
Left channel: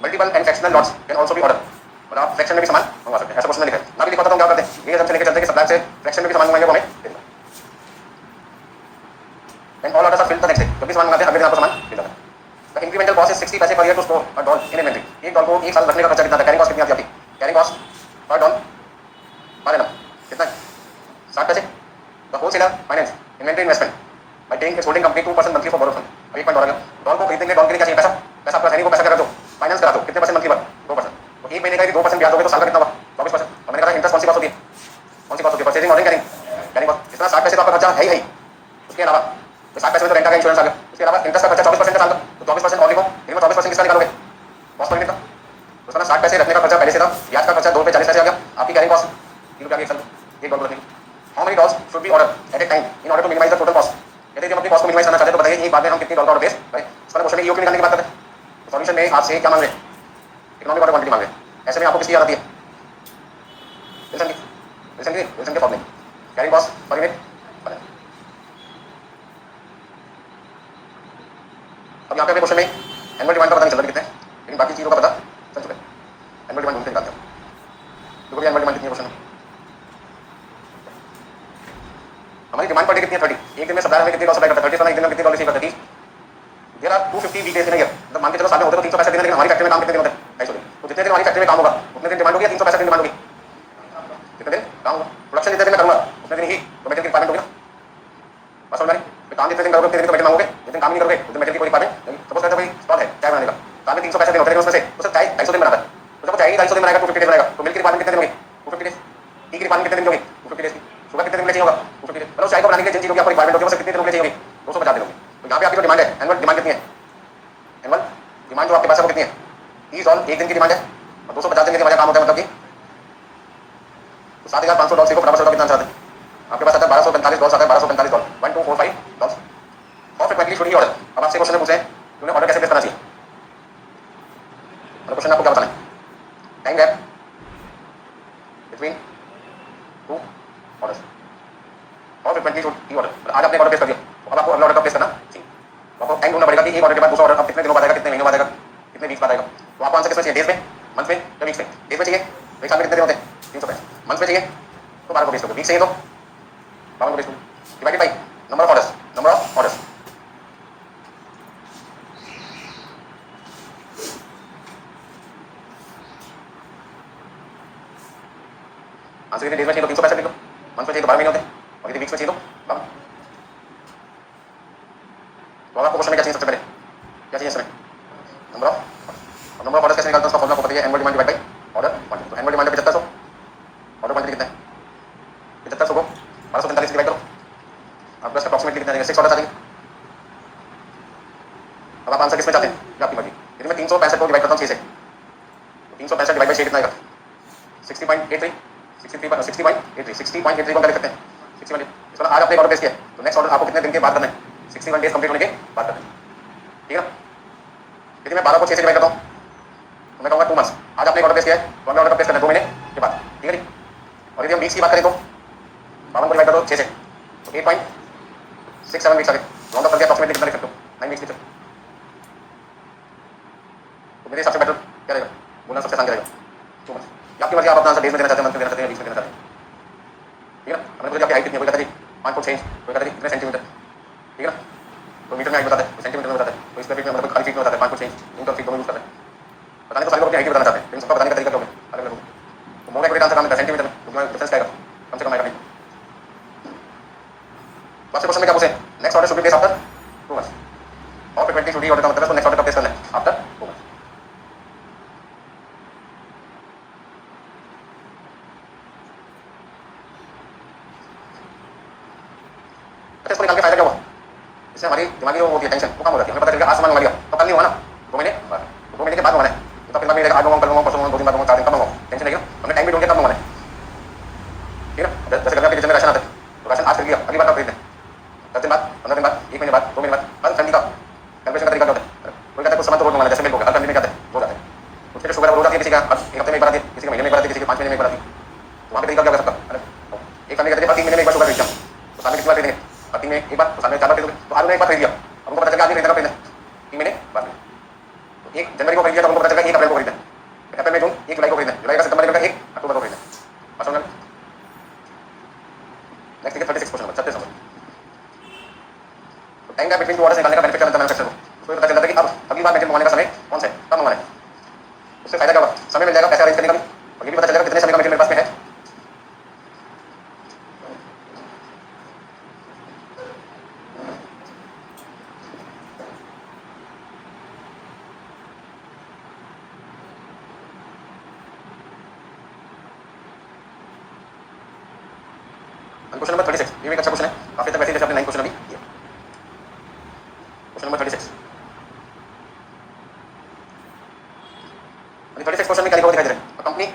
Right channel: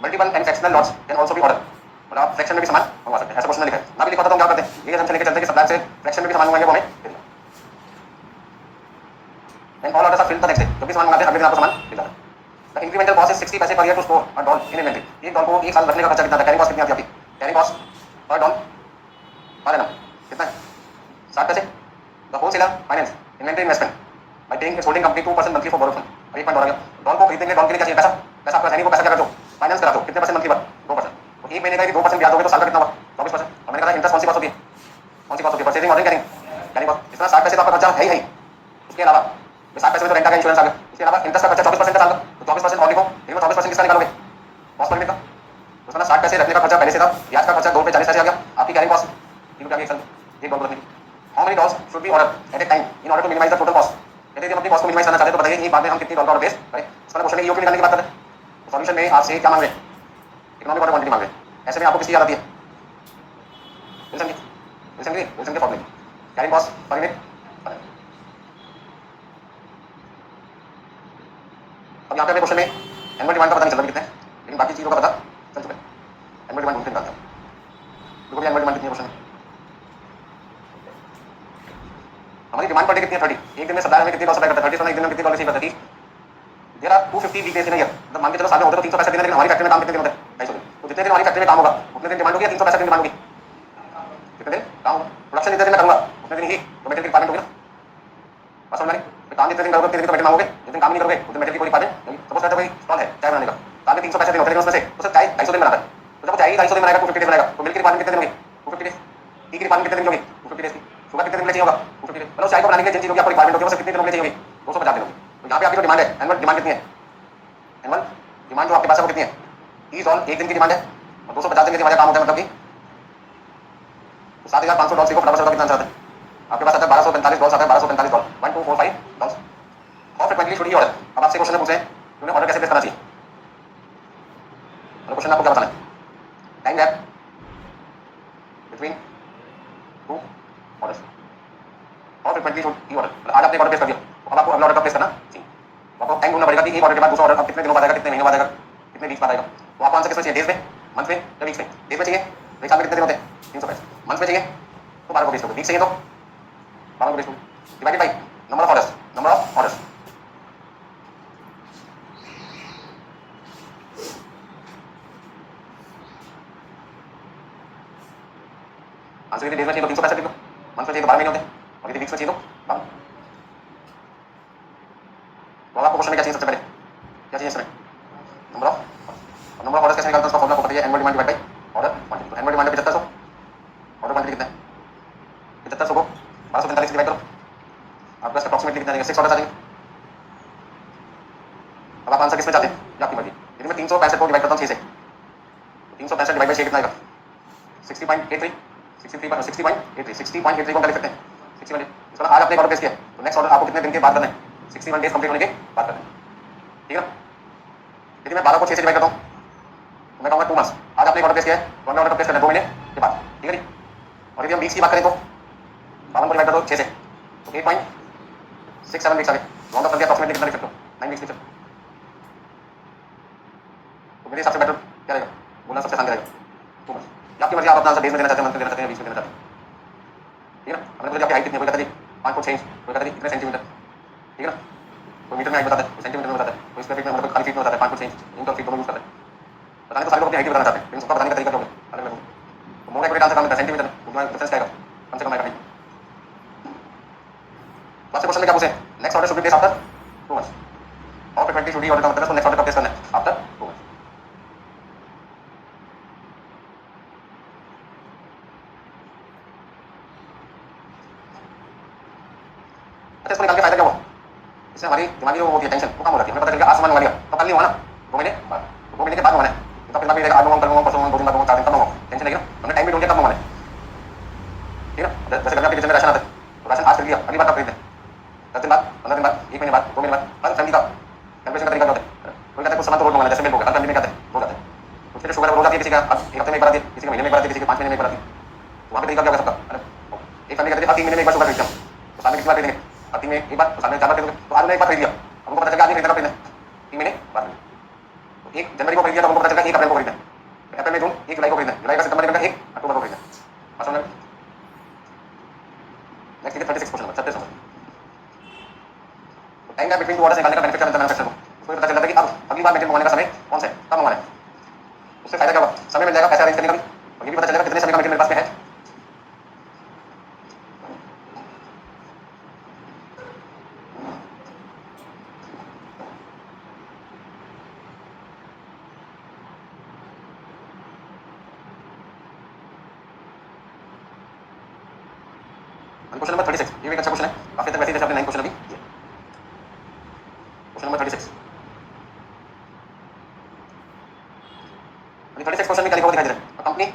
Multiple and fractional lots can also be order, मतलब आप फ्रैक्शन में भी सामान मंगवा सकते हैं। ऐसा क्वेश्चन लिखा है ना भी लिखा था तो हम क्या करते हैं ये हम लेके चलते हैं कि सप्लायर से फ्रैक्शन में भी सामान मंगाएंगे वो हमें देगा। And all orders are filled the next day, जब भी सामान मंगाते हैं अगले दिन आपको सामान मिल जाता है। द इंक्रीमेंटल कॉस्ट इज 60 पैसे per year to store a doll in inventory. एक डॉल को एक साल रखने का खर्चा कितना है? कैरिंग कॉस्ट कितनी आती है आपकी? Carrying cost per doll per annum कितना है? 60 पैसे। The wholesaler finance inventory investment by paying it's holding company 2% monthly for borrowed fund. अब 1 पॉइंट डॉल को खरीदने के लिए डॉल के लिए क्या चाहिए? पैसा। पैसा आपका सैनिक को पैसा क्या कर दो? फाइनेंस करा दो। कितने परसेंट मंथली पर? 2%। तो एक महीने का 2% ब्याज दोगे तो साल का कितना हुआ? 24%। और मैंने कहा इंटरेस्ट कौन सी कॉस्ट होती है? कौन सी कॉस्ट होती है? Purchasing ordering carrying cost. इतना 60 पैसे का आपका खर्चा है ही। उसके अलावा तो 60 पैसे में तो रेंट का इंश्योरेंस आ गया। उसके अलावा इंटरेस्ट का खर्चा 24% का साल का, तो 24% और लिखो। इनमें 24% किसका निकालोगे? कॉस्ट पर यूनिट का। तो उसका 60 पैसे रखने का खर्चा पहले से था, ब्याज का खर्चा 2 रुपये 40 पैसे आ गया। आपकी कैरिंग कॉस्ट 3 रुपये एक साल एक डॉलर रखने की। How many dolls should be order at a time in order to minimise the total cost. यदि हम अपनी कॉस्ट को मिनिमाइज करना चाहते हैं तो बताइए एक बार में हम कितनी डॉलर ऑर्डर प्लेस करें। इसका क्वेश्चन है ईओक्यू निकालने की बात करें तो सॉल्यूशन में आपसे क्या मांग रहे हैं? इकोनॉमिक ऑर्डर क्वांटिटी मांग रहे हैं। ऐसे में आपको किसकी याद आती है? विल्सन के फॉर्मूले कैरिंग कॉस्ट पर यूनिट। अब यहाँ पे क्वेश्चन में एनुअल डिमांड का पता नहीं चल रहा कितने, लेकिन बाकी चीज़ों का पता चल चुका है। एनुअल डिमांड ढूंढते निकालते हैं। देखो एनुअल डिमांड कितनी क्वेश्चन है। हमारी डिमांड पर डे कितनी है? 30। एक दिन में सप्लायर हमें कितनी डॉलर सप्लाई करता है? 30 एक दिन में कितनी डॉलर रिसीव करता है? 30। There are 250 weekdays in year. मतलब मान के चलो साल में होते तो 365 दिन, लेकिन हमारी फैक्ट्री में काम कितने दिन होते हैं? 250 दिन। तो जितने दिन हमारी फैक्ट्री में काम होगा उतने दिन डिमांड होगी या 365 दिन डिमांड होगी? कितने दिन काम होगा? प्रोडक्शन जितने दिन मैं करूँगा उतने दिन ही तो मेटेरियल की रिक्वायरमेंट होगी ना। बस समझ में काम जितने दिन करोगे उतने दिन तो मेटेरियल मांगोगे, जितने काम नहीं करोगे उतने मेटेरियल की कोई रिक्वायरमेंट नहीं। सपोज कहते कोई स्टॉल है चाय बनाने का, साल में 365 दिन होते हैं, उसमें से तो सर चाय 250 दिन बनाता है। तो जब चाय 250 दिन बनाएगा 250 डेज बनाएगा तो मिल्क की रिक्वायरमेंट कितने दिन होगी? 250 डेज। टी की रिक्वायरमेंट कितने दिन होगी? 250 डेज की। शुगर कितने दिन में चाहिए होगा? 250 डेज। मतलब चाय को बनाने के लिए जिन चीज़ों की आपको रिक्वायरमेंट होगी वो कितने दिन में चाहिए होगी? 250 दिन होगी। तो यहाँ पे आपकी जो डिमांड है एनुअल डिमांड कितनी है? एनुअल डिमांड जो आपके पास है वो कितनी है? 30 डॉलर एक दिन की डिमांड है और 250 दिन की डिमांड काम होता है, मतलब कि 7500 डॉलर को फटाफट से कितना चाहते हैं? आपके पास आता है 1245 डॉलर आता है, 1245 डॉलर 1245 डॉलर। और फ्रीक्वेंटली शुड ही ऑर्डर। अब आपसे क्वेश्चन पूछे कि उन्हें ऑर्डर कैसे प्लेस करना चाहिए? मतलब क्वेश्चन आपको क्या बताना है? Time gap between two orders. और फ्रीक्वेंटली शुड ही ऑर्डर। आज आपने ऑर्डर प्लेस कर दिया तो अब आपको अगला ऑर्डर प्लेस करना चाहिए। तो आपको टाइम ढूंढना पड़ेगा कि एक ऑर्डर के बाद दूसरा ऑर्डर अब कितने दिनों बाद आएगा, कितने महीनों बाद आएगा, कितने वीक्स बाद आएगा। तो आपको आंसर किसमें चाहिए? डेज में, मंथ में या वीक्स में? डेज में चाहिए तो एक साल में कितने दिन होते हैं? 365। मंथ में चाहिए तो 12 को बेच दो, वीक चाहिए तो 12 को बेच दो, divided by number of orders. Number of orders answer यदि डेज में चाहिए तो 365 लिख लो, मंथ में चाहिए तो 12 महीने होते हैं, और यदि वीक्स में चाहिए तो 12। तो आपको क्वेश्चन में क्या चाहिए? सबसे पहले क्या चाहिए इसमें? नंबर ऑफ ऑर्डर्स कैसे निकालते हैं? उसका फॉर्मूला आपको पता है, annual demand divide by order quantity. तो एनुअल डिमांड 7500, ऑर्डर क्वांटिटी कितना है? 7500 को 1245 डिवाइड करो, आपके पास अप्रॉक्सिमेटली कितना आएगा? 6 ऑर्डर आ जाएंगे। अब आप आंसर किसमें चाहते हैं? आपकी मर्जी। यदि मैं 365 को डिवाइड करता हूँ 6 से, 365 डिवाइड बाई 6 कितना आएगा? 60.83, 60.83 को कर सकते हैं। 61 इसका आज आपने ऑर्डर प्लेस किया तो नेक्स्ट ऑर्डर आपको कितने दिन के बाद करना है? 61 डेज कंप्लीट होने के बाद करना है, ठीक है ना। यदि मैं 12 को 6 से डिवाइड करता हूँ तो मैं कहूँगा 2 मंथ्स। आज आपने ऑर्डर प्लेस किया है तो हमें ऑर्डर प्लेस करना है 2 महीने के बाद, ठीक है जी। और यदि हम वीक्स की बात करें तो 52 को डिवाइड करो 6 से तो 8.67 वीक्स आ गए। राउंड अप करके अप्रॉक्सिमेटली कितना लिख सकते हो? 9 वीक्स लिख सकते हो। तो मेरे हिसाब से बेटर क्या रहेगा? बोलना सबसे आसान रहेगा 2 मंथ्स। आपकी मर्जी, आप अपना आंसर डेज में देना चाहते हैं, मंथ में देना चाहते हैं, वीक्स में देना चाहते हैं, ठीक है ना। हमने बोला आपकी हाइट कितनी है? कोई कहता है 5 फुट 6 इंच, कोई कहता है कितने सेंटीमीटर, ठीक है ना। तो मीटर में हाइट बताते हैं, सेंटीमीटर में बताते हैं, तो स्क्वायर फीट में मतलब खाली फीट में बताते हैं, 5 फुट 6 इंच, इंच और फीट दोनों यूज करते हैं। बताने तो सारे लोग अपनी हाइट बताना चाहते हैं, लेकिन सबका बताने का तरीका अलग अलग होगा। तो मोर एक्यूरेट आंसर काम है सेंटीमीटर, उसमें डिफरेंस क्या आएगा? कम से कम आएगा। फर्स्ट क्वेश्चन में क्या पूछे? Next order should be place after 2 months. और फ्रीक्वेंटली शुड ही ऑर्डर का मतलब है नेक्स्ट ऑर्डर का प्लेस करना है आफ्टर 2 मंथ्स। अच्छा, इसको निकाल के फायदा क्या हुआ? इससे हमारी दिमागी वो होती है टेंशन वो कम हो जाती है। हमें पता चलेगा आज सामान मंगा लिया तो कल नहीं हुआ ना, 2 महीने बाद, 2 महीने के बाद मंगाना है। तो फिर मैं आज मंगाऊँ, कल मंगाऊँ, परसों मंगाऊँ, 2 दिन बाद मंगाऊँ, 4 दिन कब मंगाऊँ, टेंशन नहीं है। हमने टाइम भी ढूंढ के कब मंगाना है, ठीक है ना। जैसे गर्मी के किचन में राशन आता है तो राशन आज खरीद लिया, अगली बार कब खरीदना है? 10 दिन बाद, 15 दिन बाद, 1 महीने बाद, 2 महीने बाद। हर फैमिली का कैलकुलेशन का तरीका होता है। कोई कहता है कुछ सामान तो रोज मंगाना है, जैसे मिल्क हो गया, हर फैमिली में कहते हैं रोज आता है। कुछ के शुगर रोज आती है, किसी का एक हफ्ते में एक बार आती है, किसी के महीने में एक बार आती है, किसी के 5 महीने में एक बार आती है। तो वहाँ पे तरीका क्या होगा सबका? एक फैमिली कहते हैं 3 महीने में एक बार शुगर खरीदता हूँ तो साल में कितनी बार खरीदेंगे? 3 महीने एक बार, तो साल में 4 बार खरीदोगे। तो आज एक बार खरीद लिया, उनको पता चल गया आदमी खरीदना खरीदना 3 महीने बाद में। तो 1 जनवरी को खरीद लिया तो उनको पता चल गया 1 अप्रैल को खरीदना, अप्रैल में जून 1 जुलाई को खरीदना, जुलाई का सितंबर नवंबर 1 अक्टूबर को खरीदना। समझ में? नेक्स्ट देखिए 36 क्वेश्चन नंबर 36 नंबर। तो time gap between two orders निकालने का बेनिफिट क्या मिलता है मैन्युफैक्चरर को? उसको पता चल जाता है कि अब अगली बार मशीन मंगवाने का समय कौन सा है, कब मंगवाना है। उससे फायदा क्या होगा, समय मिल जाएगा पैसा अरेंज करने का भी, और ये भी पता चलेगा कितने समय का मटेरियल मेरे पास में है। क्वेश्चन नंबर 36 ये भी एक अच्छा क्वेश्चन है, काफी तक वैसे जैसे आपने 9 क्वेश्चन अभी किया। क्वेश्चन नंबर 36 क्वेश्चन में क्या लिखा हुआ दिखाई दे रहा है, company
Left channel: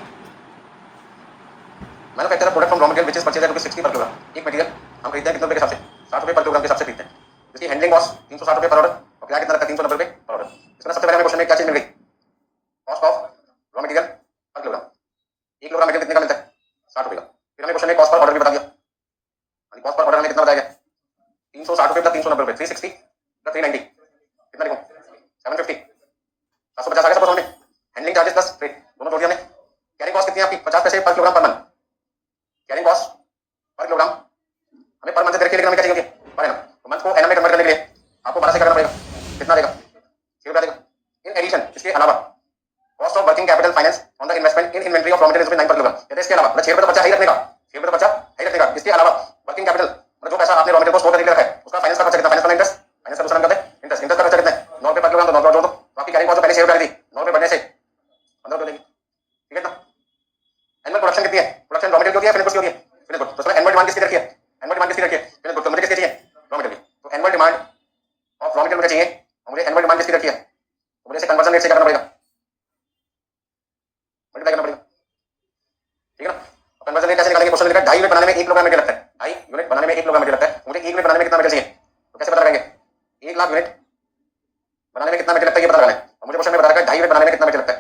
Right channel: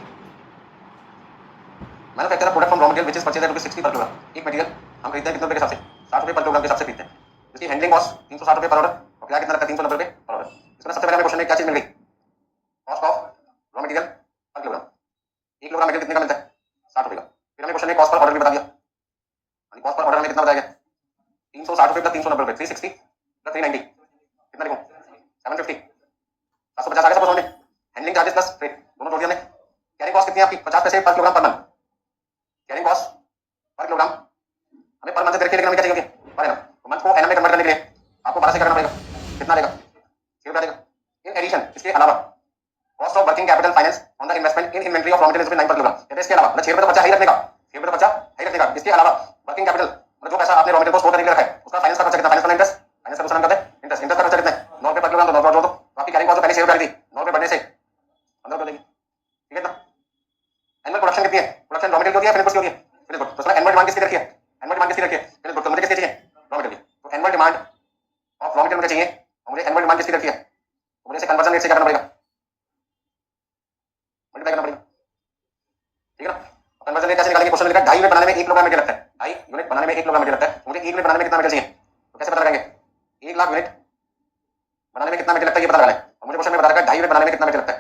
manufacture product from raw material which is purchased at ₹60 per kilogram. एक मटेरियल हम खरीदते हैं कितने रुपए के हिसाब से, ₹60 पर किलोग्राम के हिसाब से खरीदते हैं। इसकी हैंडलिंग कॉस्ट ₹360 पर ऑर्डर, और किराया कितना लगता है ₹390 पर ऑर्डर। इसमें सबसे पहले हमें क्वेश्चन में क्या चीज मिल गई, कॉस्ट ऑफ रॉ मटेरियल पर किलोग्राम। 1 किलोग्राम मटेरियल कितने का मिलता है, ₹60 का। फिर हमें क्वेश्चन में कॉस्ट पर ऑर्डर भी बता दिया, कॉस्ट पर ऑर्डर हमें कितना बताया गया, ₹360 प्लस ₹390 360 प्लस 390 कितना लिखूं, 750 750 आ गया सब में। हैंडलिंग चार्जेस प्लस फ्रेट दोनों जोड़ दिया हमने। कैरिंग कॉस्ट कितनी है आपकी, 50 पैसे पर kilogram per month. Carrying cost per kilogram हमें पर मंथ से लेकर हमें क्या चाहिए पर एनम, तो मंथ को एनम में कन्वर्ट करने के लिए आपको 12 से करना पड़ेगा, कितना देगा 6 देगा। इन एडिशन इसके अलावा cost of working capital finance on the investment in inventory of raw materials 9 पर किलोग्राम। कहते हैं इसके अलावा मतलब 6 तो बचा ही रखने का, 6 तो बचा ही रखने का। इसके अलावा वर्किंग कैपिटल मतलब जो पैसा आपने रॉ मटेरियल को स्टोर करके रखा है उसका फाइनेंस का खर्चा कितना, फाइनेंस का इंटरेस्ट, फाइनेंस का दूसरा नाम कहते हैं इंटरेस्ट, इंटरेस्ट का खर्चा कितना है ₹9 पर किलोग्राम, तो 9 जोड़ दो, आपकी कैरिंग कॉस्ट पहले 6 रुपए थी, 9 बढ़ने से 15 रुपए देगी, ठीक है ना। एनुअल प्रोडक्शन कितनी है, प्रोडक्शन रॉ मटेरियल की होती है, फिनिश गुड्स की होती है, फिनिश गुड। तो उसमें एनुअल डिमांड किसकी रखी है, एनुअल डिमांड किसकी रखी है, फिनिश गुड। तो मुझे किसकी चाहिए, रॉ मटेरियल। तो annual demand of raw material मुझे चाहिए, और मुझे एनुअल डिमांड किसकी रखी है, तो मुझे इसे कन्वर्जन रेट से क्या करना पड़ेगा, मल्टीप्लाई करना पड़ेगा, ठीक है ना। कन्वर्जन रेट कैसे निकालेंगे, क्वेश्चन लिखा है 2.5 यूनिट बनाने में 1 किलोग्राम मटेरियल लगता है, 2.5 यूनिट बनाने में 1 किलोग्राम मटेरियल लगता है। मुझे 1 यूनिट बनाने में कितना मटेरियल चाहिए, तो कैसे पता लगाएंगे, 1 लाख यूनिट बनाने में कितना मटेरियल लगता है ये पता लगाना है। और मुझे क्वेश्चन में बता रखा है 2.5 यूनिट बनाने में कितना मटेरियल लगता है,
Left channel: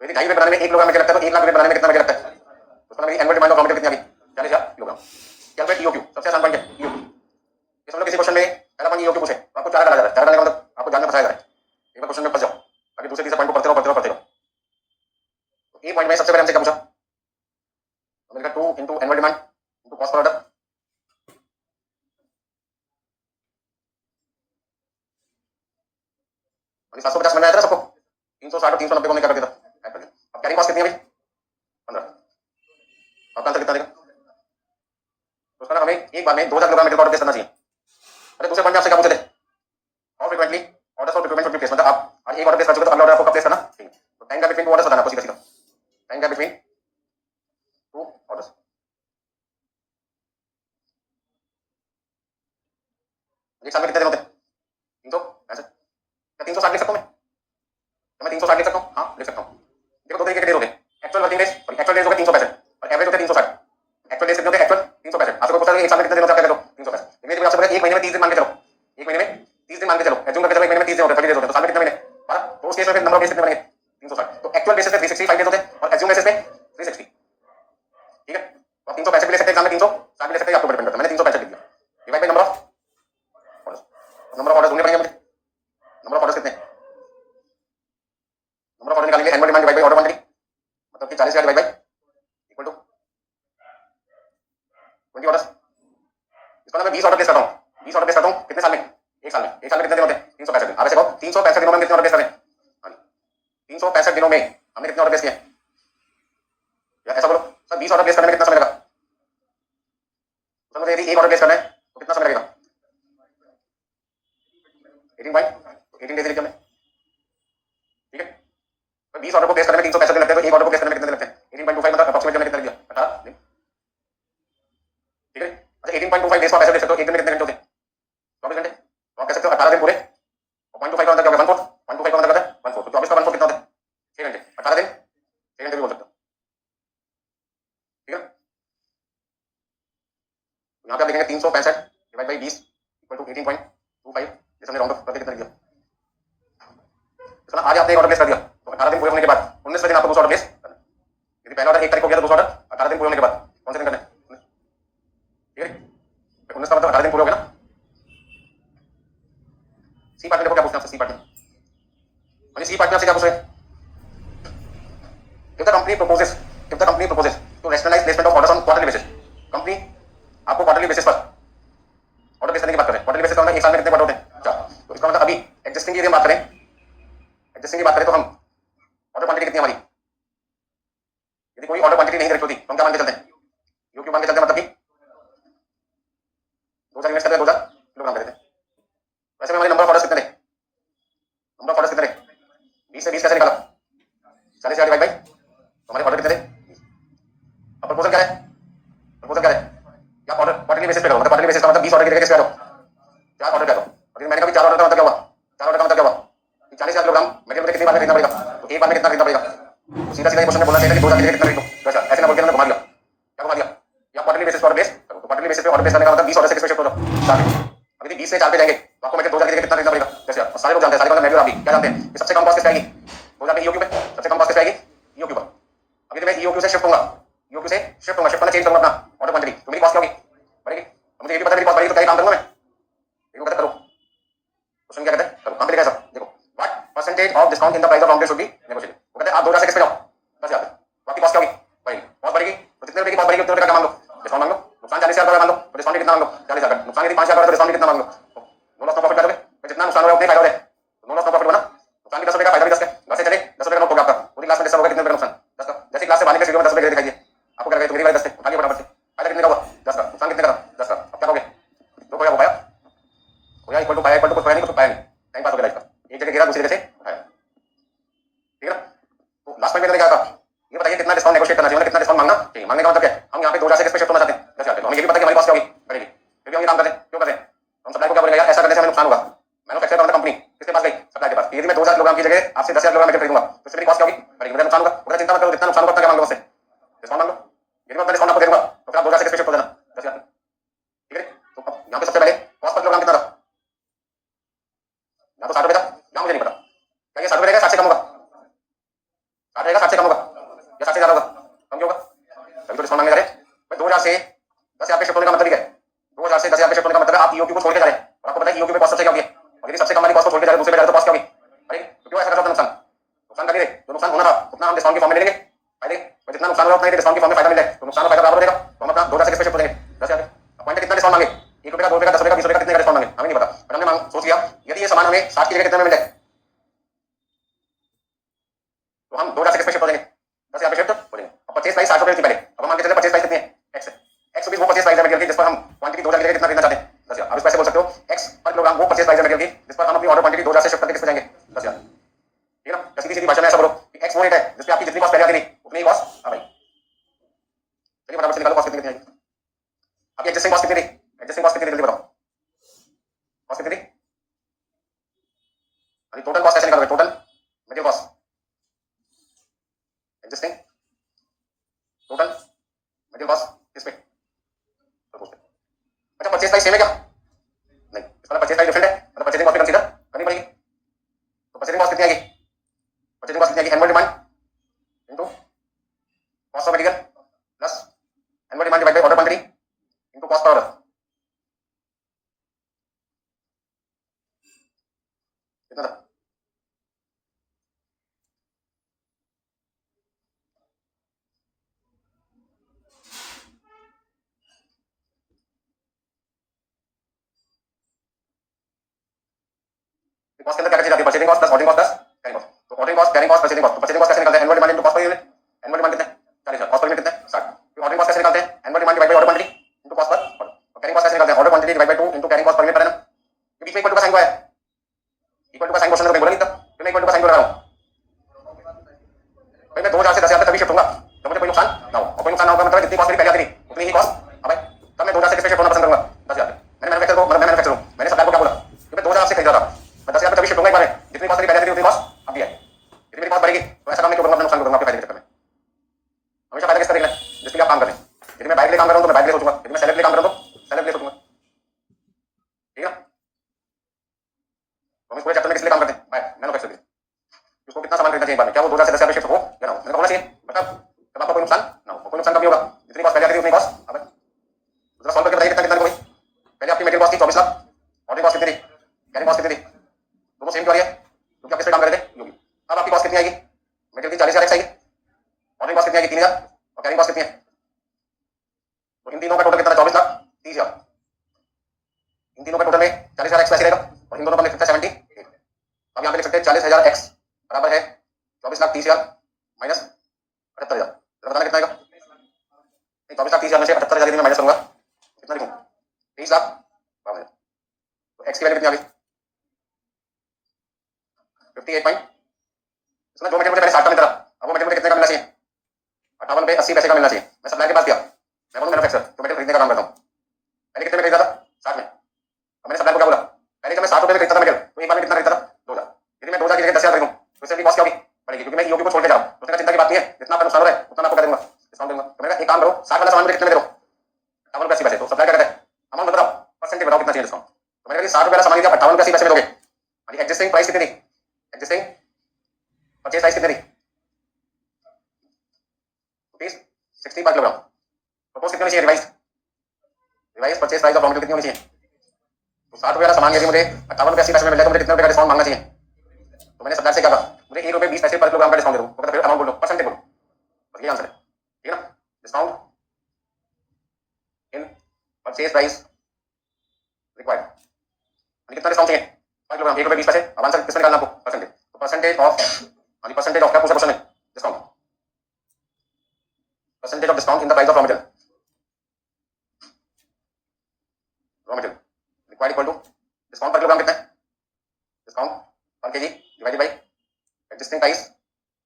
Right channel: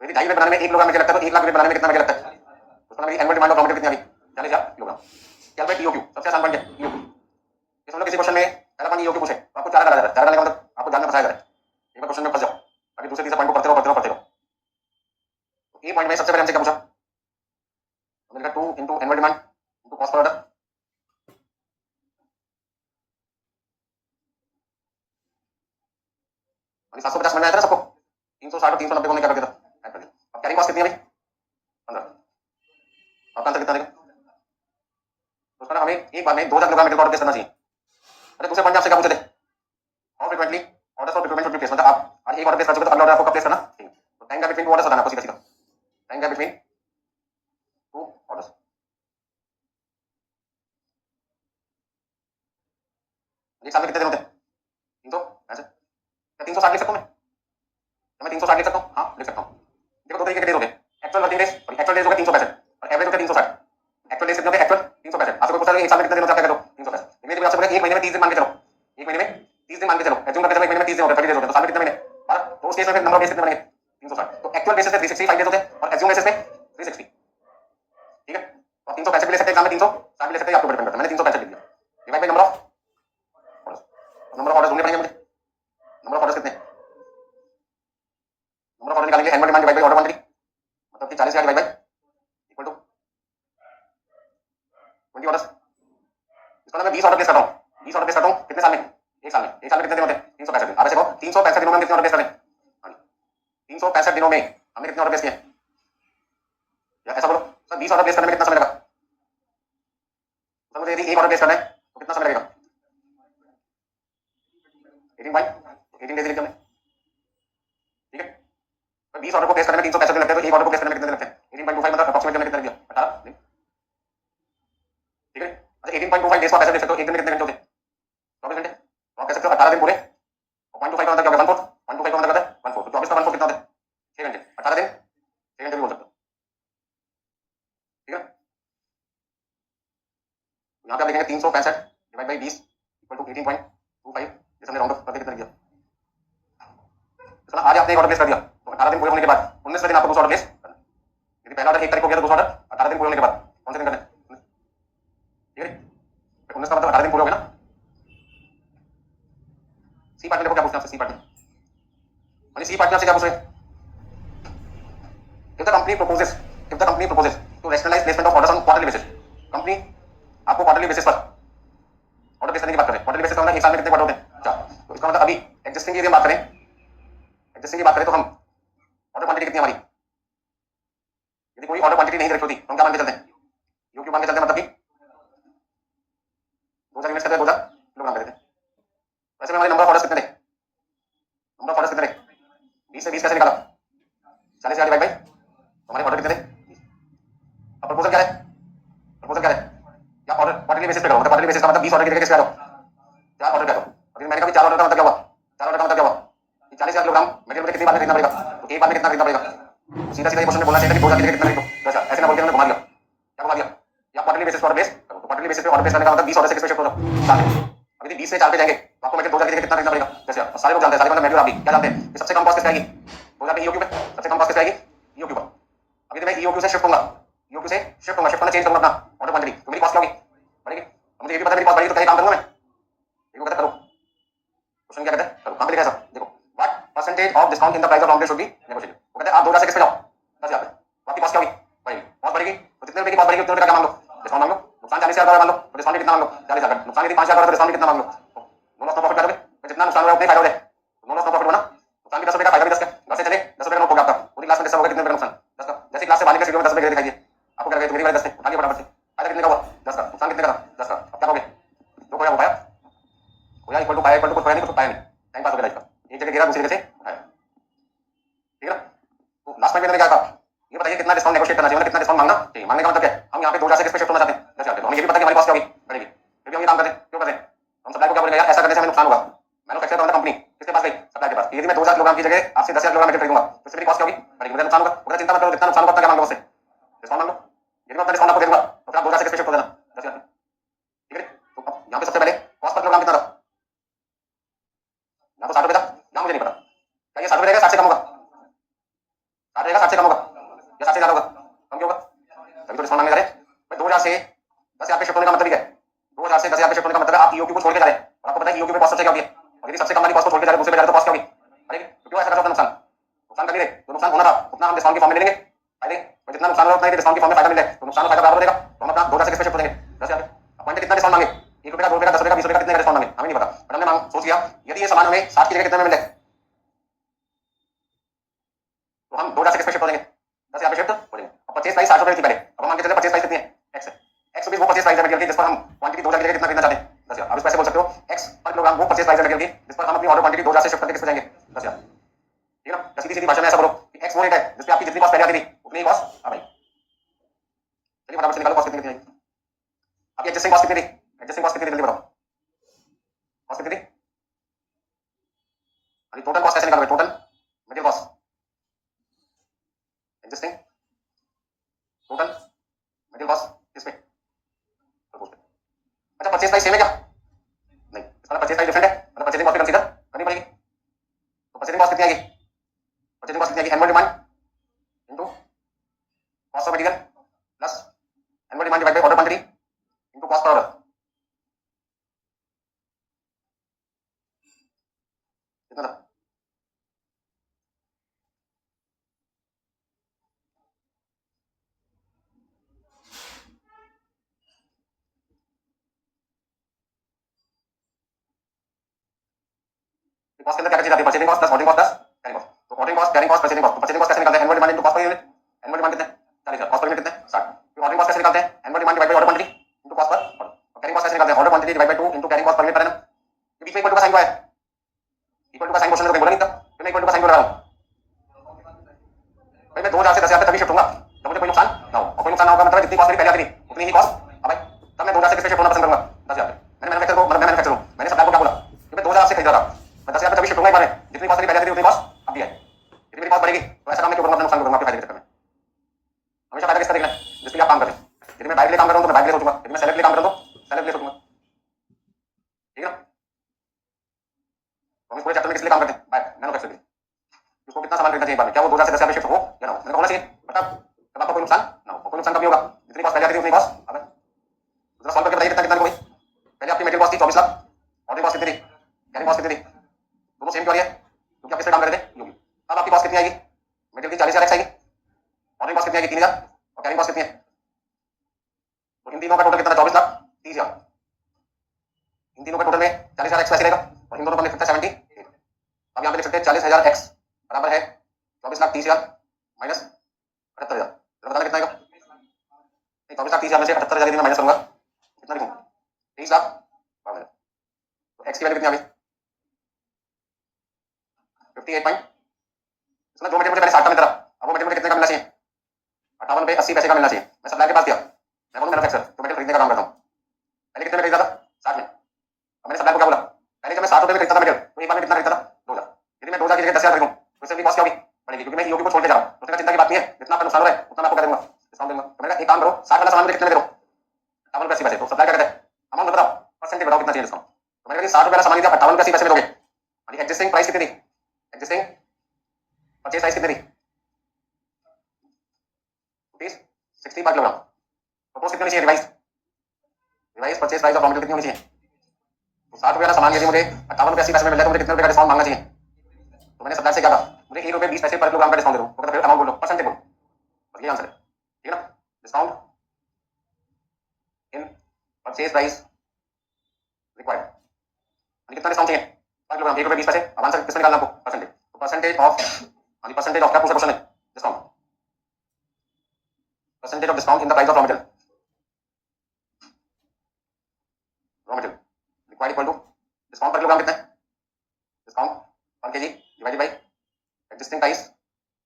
तो यदि 2.5 यूनिट बनाने में 1 किलोग्राम मटेरियल लगता है तो 1 लाख यूनिट बनाने में कितना मटेरियल लगता है, तो उसका annual demand of raw material कितनी आ गई, 40,000 किलोग्राम। कैलकुलेट ईओक्यू, सबसे आसान पॉइंट है ईओक्यू। इस मतलब किसी क्वेश्चन में पहला पॉइंट ईओक्यू पूछे तो आपको 4 डाला जाता है, 4 डालने का मतलब आपको ध्यान में फंसाया जाता है, एक बार क्वेश्चन में फंस जाओ, अभी दूसरे तीसरे पॉइंट को पढ़ते रहो पढ़ते रहो पढ़ते रहो। तो ए पॉइंट में सबसे पहले हमसे क्या पूछा, हमने कहा 2 into annual demand into cost per order, अभी 750 समझ में आया था ना सबको, 360 और 390 को हमने क्या कर दिया था ऐड कर दिया। अब कैरिंग कॉस्ट कितनी है भाई 15, आपका आंसर कितना देगा, तो उसका ना हमें एक बार में 2000 किलोग्राम मटेरियल ऑर्डर प्लेस करना चाहिए। अरे दूसरे पॉइंट में आपसे क्या पूछे थे, how frequently orders for preparement should be placed, मतलब आप एक ऑर्डर प्लेस कर चुके तो अगला ऑर्डर आपको कब प्लेस करना चाहिए। तो time gap between two orders बताना आपको सीधा सीधा, time gap between two orders. एक साल में कितने दिन होते हैं, 365, क्या 360 लिख सकता हूँ मैं, क्या मैं 360 लिख सकता हूँ, हाँ लिख सकता हूँ। देखो दो तरीके के डेज होते हैं, actual working days, actual days हो गए 365 और एवरेज होते हैं 360। एक्चुअल डेज कितने होते हैं, एक्चुअल 365। आपको पूछा एक साल में कितने दिन होते हैं, आप क्या करो 365। लेकिन आपसे बोला एक महीने में 30 दिन मान के चलो, एक महीने में 30 दिन मान के चलो, एज्यूम करके चलो एक महीने में 30 दिन होते हैं, 30 डेज होते हैं, तो साल में कितने महीने 12। तो उस केस में फिर नंबर ऑफ डेज कितने बनेंगे 360। तो एक्चुअल बेसिस पे 365 डेज होते हैं और एज्यूम बेसिस पे 360, ठीक है। तो आप 365 भी ले सकते हैं, एग्जाम में 360 भी ले सकते हैं, आपको डिपेंड करता है। मैंने 365 लिख दिया, divide by number of orders. Number of orders ढूंढने पड़ेंगे मुझे, नंबर ऑफ ऑर्डर्स कितने, नंबर ऑफ ऑर्डर निकालेंगे, annual demand divide by order quantity, मतलब कि 40,000 divide by equal to 20 orders. इसको ना मैं 20 ऑर्डर प्लेस करता हूँ, 20 ऑर्डर प्लेस करता हूँ कितने साल में, एक साल में। एक साल में कितने दिन होते हैं 365 दिन। आप ऐसे कहो 365 दिनों में कितने ऑर्डर प्लेस करें, 365 दिनों में हमने कितने ऑर्डर प्लेस किए, या ऐसा बोलो सर 20 ऑर्डर प्लेस करने में कितना समय लगा, तो मुझे यदि एक ऑर्डर प्लेस करना है तो कितना समय लगेगा 18 बाई 18 डेज लिख दिया हमने, ठीक है। तो 20 ऑर्डर को प्लेस करने में 365 दिन लगते हैं, तो एक ऑर्डर को प्लेस करने में कितने दिन लगते हैं 18.25 मतलब अप्रॉक्सीमेटली हमने कितना दिया 18 दिन, ठीक है। अच्छा 18.25 डेज को आप ऐसे देख सकते हो, एक दिन में कितने घंटे होते हैं 24 घंटे, तो आप कह सकते हो 18 दिन पूरे और 0.25 का मतलब क्या होगा 1/4, 0.25 का मतलब क्या होता है 1/4, तो 24 का 1/4 कितना होता है 6 घंटे, 18 दिन 6 घंटे भी बोल सकते हो, ठीक है। यहाँ पे आप देखेंगे 365 डिवाइड बाई 20 इक्वल टू 18.25, जैसे हमने राउंड अप करके कितना दिया। तो आज आपने एक ऑर्डर प्लेस कर दिया तो 18 दिन पूरे होने के बाद 19वें दिन आपको दूसरा ऑर्डर प्लेस करना है। यदि पहला ऑर्डर 1 तारीख को गया तो दूसरा ऑर्डर 18 दिन पूरे होने के बाद कौन से दिन करना है, ठीक है। 19 का मतलब 18 दिन पूरे हो गए ना, सी पार्टनर को क्या पूछना है सी पार्टनर सी पार्टनर से क्या पूछ रहे हैं if the company proposes to rationalize placement of orders on quarterly basis company आपको क्वार्टरली बेसिस पर ऑर्डर प्लेस करने की बात करें क्वार्टरली बेसिस का मतलब एक साल में कितने ऑर्डर होते हैं चार तो इसका मतलब अभी एग्जिस्टिंग की बात करें तो हम ऑर्डर क्वांटिटी कितनी हमारी यदि कोई ऑर्डर क्वांटिटी नहीं डायरेक्ट होती तो हम क्या मान के चलते हैं यूक्यू मान के चलते हैं मतलब कि 2000 यूनिट्स करते हैं 2000 किलोग्राम देते हैं वैसे में हमारे नंबर ऑफ ऑर्डर्स कितने थे 20 से 20 कैसे निकाला 40,000 डिवाइड बाई हमारे ऑर्डर कितने थे अब प्रपोजल क्या है या ऑर्डर क्वार्टरली बेसिस पे करो मतलब क्वार्टरली बेसिस का मतलब 20 ऑर्डर की जगह कैसे करो 4 ऑर्डर करो और मैंने कहा 4 ऑर्डर का मतलब क्या हुआ 4 ऑर्डर का मतलब क्या हुआ 40,000 किलोग्राम मटेरियल मुझे कितनी बार में खरीदना पड़ेगा तो एक बार में कितना खरीदना पड़ेगा सीधा सीधा क्वेश्चन में बोलना चाहिए कि 2000 की जगह कितना खरीदो तो ऐसे ना बोल के मैंने घुमा दिया क्या घुमा दिया या क्वार्टरली बेसिस पे ऑर्डर बेस करो तो क्वार्टरली बेसिस पे ऑर्डर बेस करने का मतलब 20 ऑर्डर से किस पे शिफ्ट करो 4 अब यदि 20 से 4 पे जाएंगे तो आपको मटेरियल 2000 की जगह कितना खरीदना पड़ेगा कैसे सारे लोग जानते हैं सारे मतलब मैं भी और आप भी क्या जानते हैं कि सबसे कम कॉस्ट किस आएगी 2000 की ईओक्यू पे सबसे कम कॉस्ट किस आएगी ईओक्यू पर अभी तो मैं ईओक्यू से शिफ्ट होऊंगा शिफ्ट करना चेंज करूंगा अपना ऑर्डर क्वांटिटी तो मेरी कॉस्ट क्या होगी बढ़ेगी मुझे ये भी पता मेरी कॉस्ट बढ़ेगी तो क्या काम करूंगा मैं देखो कहते करो क्वेश्चन क्या कहते हैं करो कहां पे लिखा है सब देखो what percentage of discount in the price of raw material should be negotiated वो कहते हैं आप 2000 से किस पे जाओ 10,000 पे तो आपकी कॉस्ट क्या होगी बढ़ेगी कॉस्ट बढ़ेगी तो कितने रुपए की कॉस्ट बढ़ेगी उतने रुपए का मांग लो डिस्काउंट मांग लो नुकसान 40,000 मान लो तो डिस्काउंट कितना मांग लो 40,000 नुकसान यदि 5,000 तो डिस्काउंट कितना मांग लो नो लॉस नो प्रॉफिट करोगे तो जितना नुकसान होगा उतने फायदा होगा तो नो लॉस नो प्रॉफिट बना नुकसान भी 10 रुपए का फायदा भी 10 का घर से चले 10 रुपए का नोट होगा आपका पूरी क्लास में 10 होगा कितने रुपए का नुकसान 10 का जैसे क्लास से बाहर निकले सीधे 10 रुपए दे दिखाइए आपको क्या लगेगा मेरी वाली 10 थे उठाइए फटाफट से फायदा कितने का हुआ 10 का नुकसान कितने का 10 का अब क्या करोगे जो खोया वो पाया खोया इक्वल टू कुछ खोया नहीं कुछ पाया नहीं टाइम पास हो गया लाइफ का एक जगह गिरा दूसरी जगह से उठाया ठीक है तो लास्ट में मैंने क्या कहा ये बताइए कितना डिस्काउंट नेगोशिएट करना चाहिए कितना डिस्काउंट मांगना चाहिए मांगने का मतलब क्या है हम यहाँ पे 2000 से किस पे शिफ्ट होना चाहते हैं 10,000 तो हमें ये भी पता है कि हमारी कॉस्ट क्या होगी बढ़ेगी फिर भी हम ये काम करते हैं क्यों करते हैं हम सप्लाई को क्या बोलेंगे यार ऐसा करने से हमें नुकसान होगा मैन्युफैक्चर करना कंपनी किसके पास गई सप्लाई के पास यदि मैं 2000 किलोग्राम की जगह आपसे 10,000 किलोग्राम खरीदूंगा तो इसमें कॉस्ट क्या होगी बढ़ेगी मुझे नुकसान होगा मुझे चिंता मत करो जितना नुकसान होगा उतना मांगो मुझसे डिस्काउंट मांग लो यदि मैं अपना डिस्काउंट आपको दे दूंगा तो फिर आप 2000 से किस पे शिफ्ट हो जाना 10,000 ठीक है तो यहाँ पे सबसे पहले कॉस्ट पर किलोग्राम कितना था यहाँ तो 60 रुपए था यहाँ मुझे नहीं पता क्या ये 60 रुपए रहेगा 60 से कम होगा 60 रहेगा 60 से कम होगा या 60 से ज्यादा होगा कम क्यों होगा तभी तो डिस्काउंट मांगने जा रहे हैं भाई 2000 से 10,000 पे शिफ्ट होने का मतलब क्या है 2000 से 10,000 पे शिफ्ट होने का मतलब आप ईओक्यू को छोड़ के जा रहे हैं और आपको पता है ईओक्यू पे कॉस्ट सबसे कम है और यदि सबसे कम वाली कॉस्ट को छोड़ के जा रहे हैं दूसरे पे जा रहे हो तो कॉस्ट क्या होगी अरे तो क्यों ऐसा कर रहा था नुकसान कर नहीं रहे जो नुकसान होना था उतना हम डिस्काउंट के फॉर्म में ले लेंगे फायदे और जितना नुकसान होगा उतना डिस्काउंट के फॉर्म में फायदा मिल जाए तो नुकसान और फायदा बराबर हो जाएगा तो हम अपना 2000 से किस पे शिफ्ट हो जाएंगे 10,000 पॉइंट कितना डिस्काउंट मांगे 1 रुपए का 2 रुपए का 10 रुपए का 20 रुपए का कितने का डिस्काउंट मांगे हमें नहीं पता पर हमने सोच लिया यदि ये सामान हमें 60 की जगह कितने में मिल जाए तो हम 2000 से किस पे शिफ्ट हो जाएंगे 10,000 पे शिफ्ट हो जाएंगे अब परचेज प्राइस 60 रुपए थी पहले अब हम मान के चले परचेज प्राइस कितनी है x है x रुपीस वो परचेज प्राइस है मटेरियल की जिस पर हम क्वांटिटी 2000 की जगह कितना खरीदना चाहते हैं 10,000 अब इस पैसे बोल सकते हो x पर किलोग्राम वो परचेज प्राइस है मटेरियल की जिस पर हम अपनी ऑर्डर क्वांटिटी 2000 से शिफ्ट करके किस पे जाएंगे 10,000 ठीक है ना सीधी सीधी भाषा में ऐसा बोलो कि x वो रेट है जिस पे आपकी जितनी कॉस्ट पहले आती थी उतनी ही कॉस्ट आ भाई चलिए फटाफट से निकालो कॉस्ट कितनी आएगी आपकी एडजस्टिंग कॉस्ट कितनी थी एडजस्टिंग कॉस्ट कितनी जल्दी बताओ कॉस्ट कितनी थी अभी टोटल कॉस्ट कैसे निकालोगे total material cost adjusting total material cost किस पे अच्छा परचेज प्राइस सेम है क्या नहीं इसका परचेज प्राइस डिफरेंट है मतलब परचेजिंग कॉस्ट कंसीडर करनी पड़ेगी तो परचेजिंग कॉस्ट कितनी आएगी परचेजिंग कॉस्ट कितनी आएगी annual demand into cost of material plus annual demand divided by order quantity into cost per order कितना था कॉस्ट के अंदर क्या चीज आती है purchasing cost plus ordering cost plus carrying cost तो ordering cost carrying cost purchasing cost तो परचेजिंग कॉस्ट कैसे निकालते हैं annual demand into cost per unit annual demand कितना है 40,000 कॉस्ट पर यूनिट कितना है 60 फिर ऑर्डरिंग कॉस्ट कैसे निकालते हैं annual demand divide by order quantity into cost per order और कैरिंग कॉस्ट कैसे निकालते हैं order quantity divide by 2 into carrying cost per unit per annum तो बीच में इक्वल टू का साइन हुआ है इक्वल टू का साइन क्वेश्चन में बोला नहीं था तो मैं इक्वल टू का साइन बोल रहा हूं भाई मैं 2000 से 10,000 तक तभी शिफ्ट होऊंगा जब मुझे कोई नुकसान ना हो और कोई नुकसान ना होगा मतलब जितनी कॉस्ट मेरी पहले आती थी उतनी ही कॉस्ट अब भाई तब मैं 2000 से किस पे शिफ्ट होना पसंद करूंगा 10,000 पे मैंने मैन्युफैक्चर को मतलब मैं मैन्युफैक्चर हूं मैंने सप्लाई को क्या बोला कि मैं 2000 से खरीद रहा था मैं 10,000 पे तभी शिफ्ट होऊंगा एक बार में जितनी कॉस्ट मेरी पहले आती थी उतनी कॉस्ट अब भी है यदि मेरी कॉस्ट बढ़ेगी तो ऐसा काम नहीं करूंगा अपना नुकसान करूंगा आपके फायदे के चक्कर में हमेशा फायदा किसका देखना है जिसके लिए आप काम कर रहे हैं यदि मैं बाइक ले काम कर रहा हूं तो मैं बाइक ले सोचूंगा यदि मैं सेलेक्ट ले काम कर रहा हूं तो सेलेक्ट ले सोचूंगा ठीक है ना तो हम पूरे चैप्टर में किस लिए काम करते हैं बाइक मैन्युफैक्चर के उसको कितना सामान खरीदना चाहिए बार में क्या वो 2000 से 10,000 पे शिफ्ट हो या ना हो मैंने होना चाहिए बता तब आपको कोई नुकसान ना हो कोई नुकसान कब होगा जितनी कॉस्ट पहले आती थी उतनी कॉस्ट अब दूसरा सॉल्व करके बताइए कितना कितना होगी पहले आपकी मटेरियल कॉस्ट थी 24 लाख ऑर्डरिंग कॉस्ट कितनी थी कैरिंग कॉस्ट कितनी थी सेम क्यों आ रही है? क्योंकि आप इस पे काम कर रहे थे योगी। अब आपकी कॉस्ट कितनी आएगी? मेटेरियल की 40,000 एक्स आएगी, ऑनलाइन कॉस्ट कितनी आएगी? 3,000, और कैरिंग कॉस्ट कितनी है? तो इन तीनों का टोटल कितना? 24,30,000। इन तीनों का टोटल में 40,000 एक्स ऐसे रहेगा, और इन दोनों का लिख सकते हैं 70। अब यहाँ पे लिख सकते हैं 40,000 एक्स बराबर है 24,30,000 माइनस 78,000। बताना कितना आएगा? 24,30,000 में से 78,000 यदि मैं माइनस करूंगा कितना लिखूं? 23,52,000। तो एक्स की वैल्यू कितनी आ गई? 58 पॉइंट। इसमें जो मटेरियल पहले 60 का मिल रहा, अब वो मटेरियल कितने का मिलना चाहिए? 58 पे 80 पैसे का मिलना चाहिए। मैं सप्लायर के पास दिया, मैं बोलूं मैन्युफैक्चरर जो मटेरियल खरीदने का काम करता हूं, पहले कितने में खरीदा था? 60 में। अब मैंने सप्लायर को क्या बोला? पहले जब मैं 7 रुपए में खरीदता था मटेरियल, तो एक बार में कितना खरीदता था? 2,000। यदि मैं 2,000 की जगह 10,000 खरीदूं तो इससे भी कॉस्ट क्या होगी? बढ़ेगी, क्योंकि मैं ईओपी को छोड़ के जा रहा हूं। तो उसमें चिंता की बात नहीं है, जितना आपका नुकसान हो रहा है उतना मैं आपको कर दूंगा, डिस्काउंट दूंगा। तो मैंने कहा एक काम करो, 60 वाला सामान मुझे कितने में दे दो? 58 रुपए 80 पैसे। तो सप्लायर क्या कहता है? अमाउंट बताओ, परसेंटेज बताओ कितना चाहिए डिस्काउंट। तो मैंने कहा 60 रुपए वाला सामान आप 58 रुपए 80 पैसे में दोगे, एग्जिस्टिंग प्राइस कितनी थी? एग्जिस्टिंग परचेज प्राइस कितनी थी? Rupees 60 per kilogram. प्रपोज कितनी होनी चाहिए? Revise purchase price of raw material कितनी होनी चाहिए? तो 60 रुपए वाला सामान यदि मुझे 58 रुपए 80 पैसे में मिल जाए तो मुझे कितने रुपए का डिस्काउंट मांगना चाहिए? तो मैंने सप्लायर से क्या कहा? मुझे 1 रुपए 20 पैसे पर किलोग्राम का डिस्काउंट दे दो। तो कहता है अमाउंट बोलो, परसेंटेज बोलो, बस ये आंसर है, ठीक है ना? Discount in purchase price required, कितना डिस्काउंट चाहिए पर किलोग्राम? 1 रुपए 20 पैसे। अब आंसर किसमें निकालना आपको? परसेंटेज। तो परसेंटेज ऑफ परसेंटेज ऑफ क्या पूछा क्वेश्चन में? Discount, percentage of discount in the price of raw material, raw material required equal to discount per kilogram कितना है? Discount per KG divided by existing price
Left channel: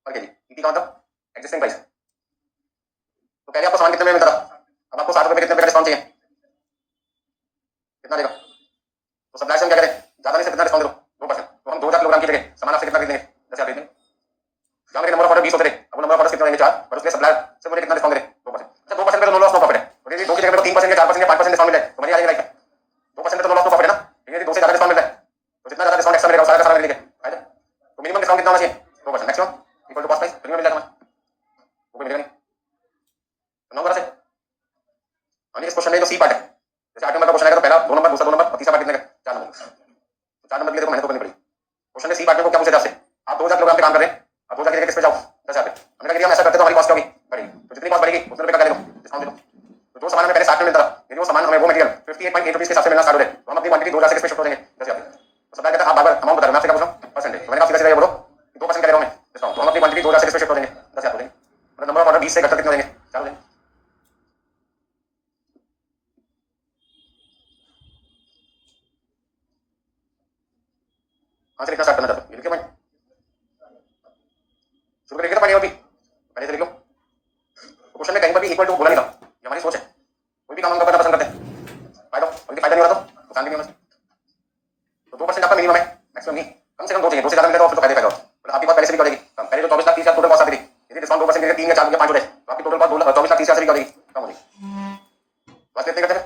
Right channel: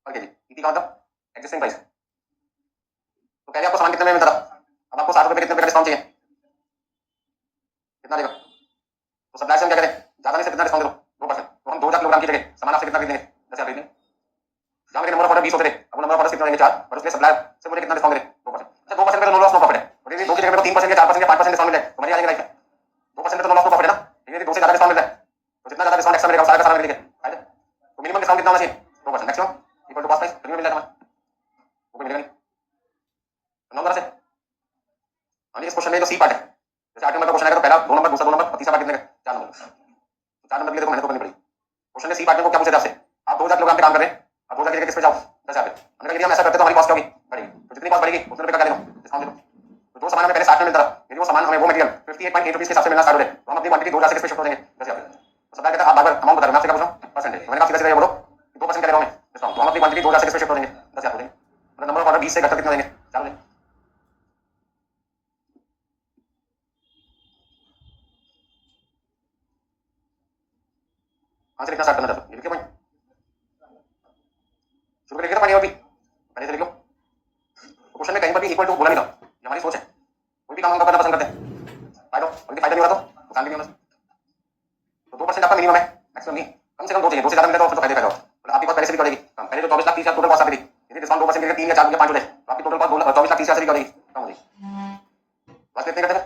per KG. ET का मतलब existing price. तो पहले आपको सामान कितने में मिलता था, अब आपको 60 रुपए कितने रुपए का डिस्काउंट चाहिए? कितना देगा? तो सप्लायर से हम क्या करें? ज्यादा नहीं से कितना डिस्काउंट दे दो? 2%। तो हम 2,000 किलोग्राम की जगह सामान आपसे कितना खरीदेंगे? 10,000 खरीदेंगे। जहाँ मेरे नंबर ऑफ ऑर्डर 20 होते थे, अब नंबर ऑफ ऑर्डर कितना देंगे? 4, पर उसके सप्लायर से मुझे कितना डिस्काउंट दे? 2%। अच्छा 2% पे तो नो लॉस नो प्रॉफिट है, और यदि 2 की जगह पे 3% या 4% या 5% डिस्काउंट मिल जाए तो बढ़िया आ जाएगा लाइफ में। 2% पे तो नो लॉस नो प्रॉफिट है ना, लेकिन यदि 2 से ज्यादा डिस्काउंट मिल जाए तो जितना ज्यादा डिस्काउंट एक्स्ट्रा मिलेगा सारा का सारा मिलेगा, आएगा। तो मिनिमम डिस्काउंट कितना होना चाहिए? 2%, maximum equal to cost price, free में मिल जाएगा हमें, वो मिलेगा नहीं। नंबर से इस क्वेश्चन में जो सी पार्ट है, जैसे 8 नंबर का क्वेश्चन आएगा तो पहला 2 नंबर, दूसरा 2 नंबर और तीसरा पार्ट कितने का? 4 नंबर। तो 4 नंबर के लिए तो मेहनत तो करनी पड़ेगी। क्वेश्चन में सी पार्ट में को क्या पूछा था आपसे? आप 2,000 किलोग्राम पे काम कर रहे हैं, अब 2,000 की जगह किस पे जाओ? 10,000 पे। हमने कहा यदि हम ऐसा करते तो हमारी कॉस्ट क्या होगी? बढ़ेगी। तो जितनी कॉस्ट बढ़ेगी उतने रुपए का डालेंगे डिस्काउंट दे दो। तो जो सामान हमें पहले 60 में मिलता था, यदि वो सामान हमें वो मटेरियल 58.8 रुपीस के हिसाब से मिलना स्टार्ट हो जाए तो हम अपनी क्वांटिटी 2,000 से किस पे शिफ्ट हो जाएंगे? 10,000। तो सप्लायर कहता है आप बार-बार अमाउंट बता रहे हो, मैं आपसे क्या पूछ रहा हूं? परसेंटेज। तो मैंने कहा सीधा-सीधा ये बोलो 2% करेगा हमें डिस्काउंट, तो हम अपनी क्वांटिटी 2,000 से किस पे शिफ्ट हो जाएंगे? 10,000 हो जाएंगे। मतलब नंबर ऑफ ऑर्डर 20 से घटकर कितना देंगे? 4 देंगे। आंसर इतना स्टार्ट करना चाहते हो, ये लिखिए पॉइंट, शुरू करेंगे ना पॉइंट और भी पहले से लिख लो। क्वेश्चन में कहीं पर भी इक्वल टू बोला नहीं था, ये हमारी सोच है। कोई भी काम हम करना पसंद करते हैं, फायदा, और यदि फायदा नहीं हो रहा तो नुकसान भी नहीं होना। तो 2% आपका मिनिमम है, मैक्सिमम नहीं, कम से कम 2 चाहिए, 2 से ज्यादा मिले तो फिर तो फायदे पैदा होगा। मतलब आपकी बात पहले से भी करेगी कम, पहले जो 24,30,000 टोटल कॉस्ट आती थी, यदि डिस्काउंट 2% देकर 3 या 4 या 5 हो जाए तो आपकी टोटल कॉस्ट 24,30,000 से भी करेगी, कम हो जाएगी। बात कितने करते हैं?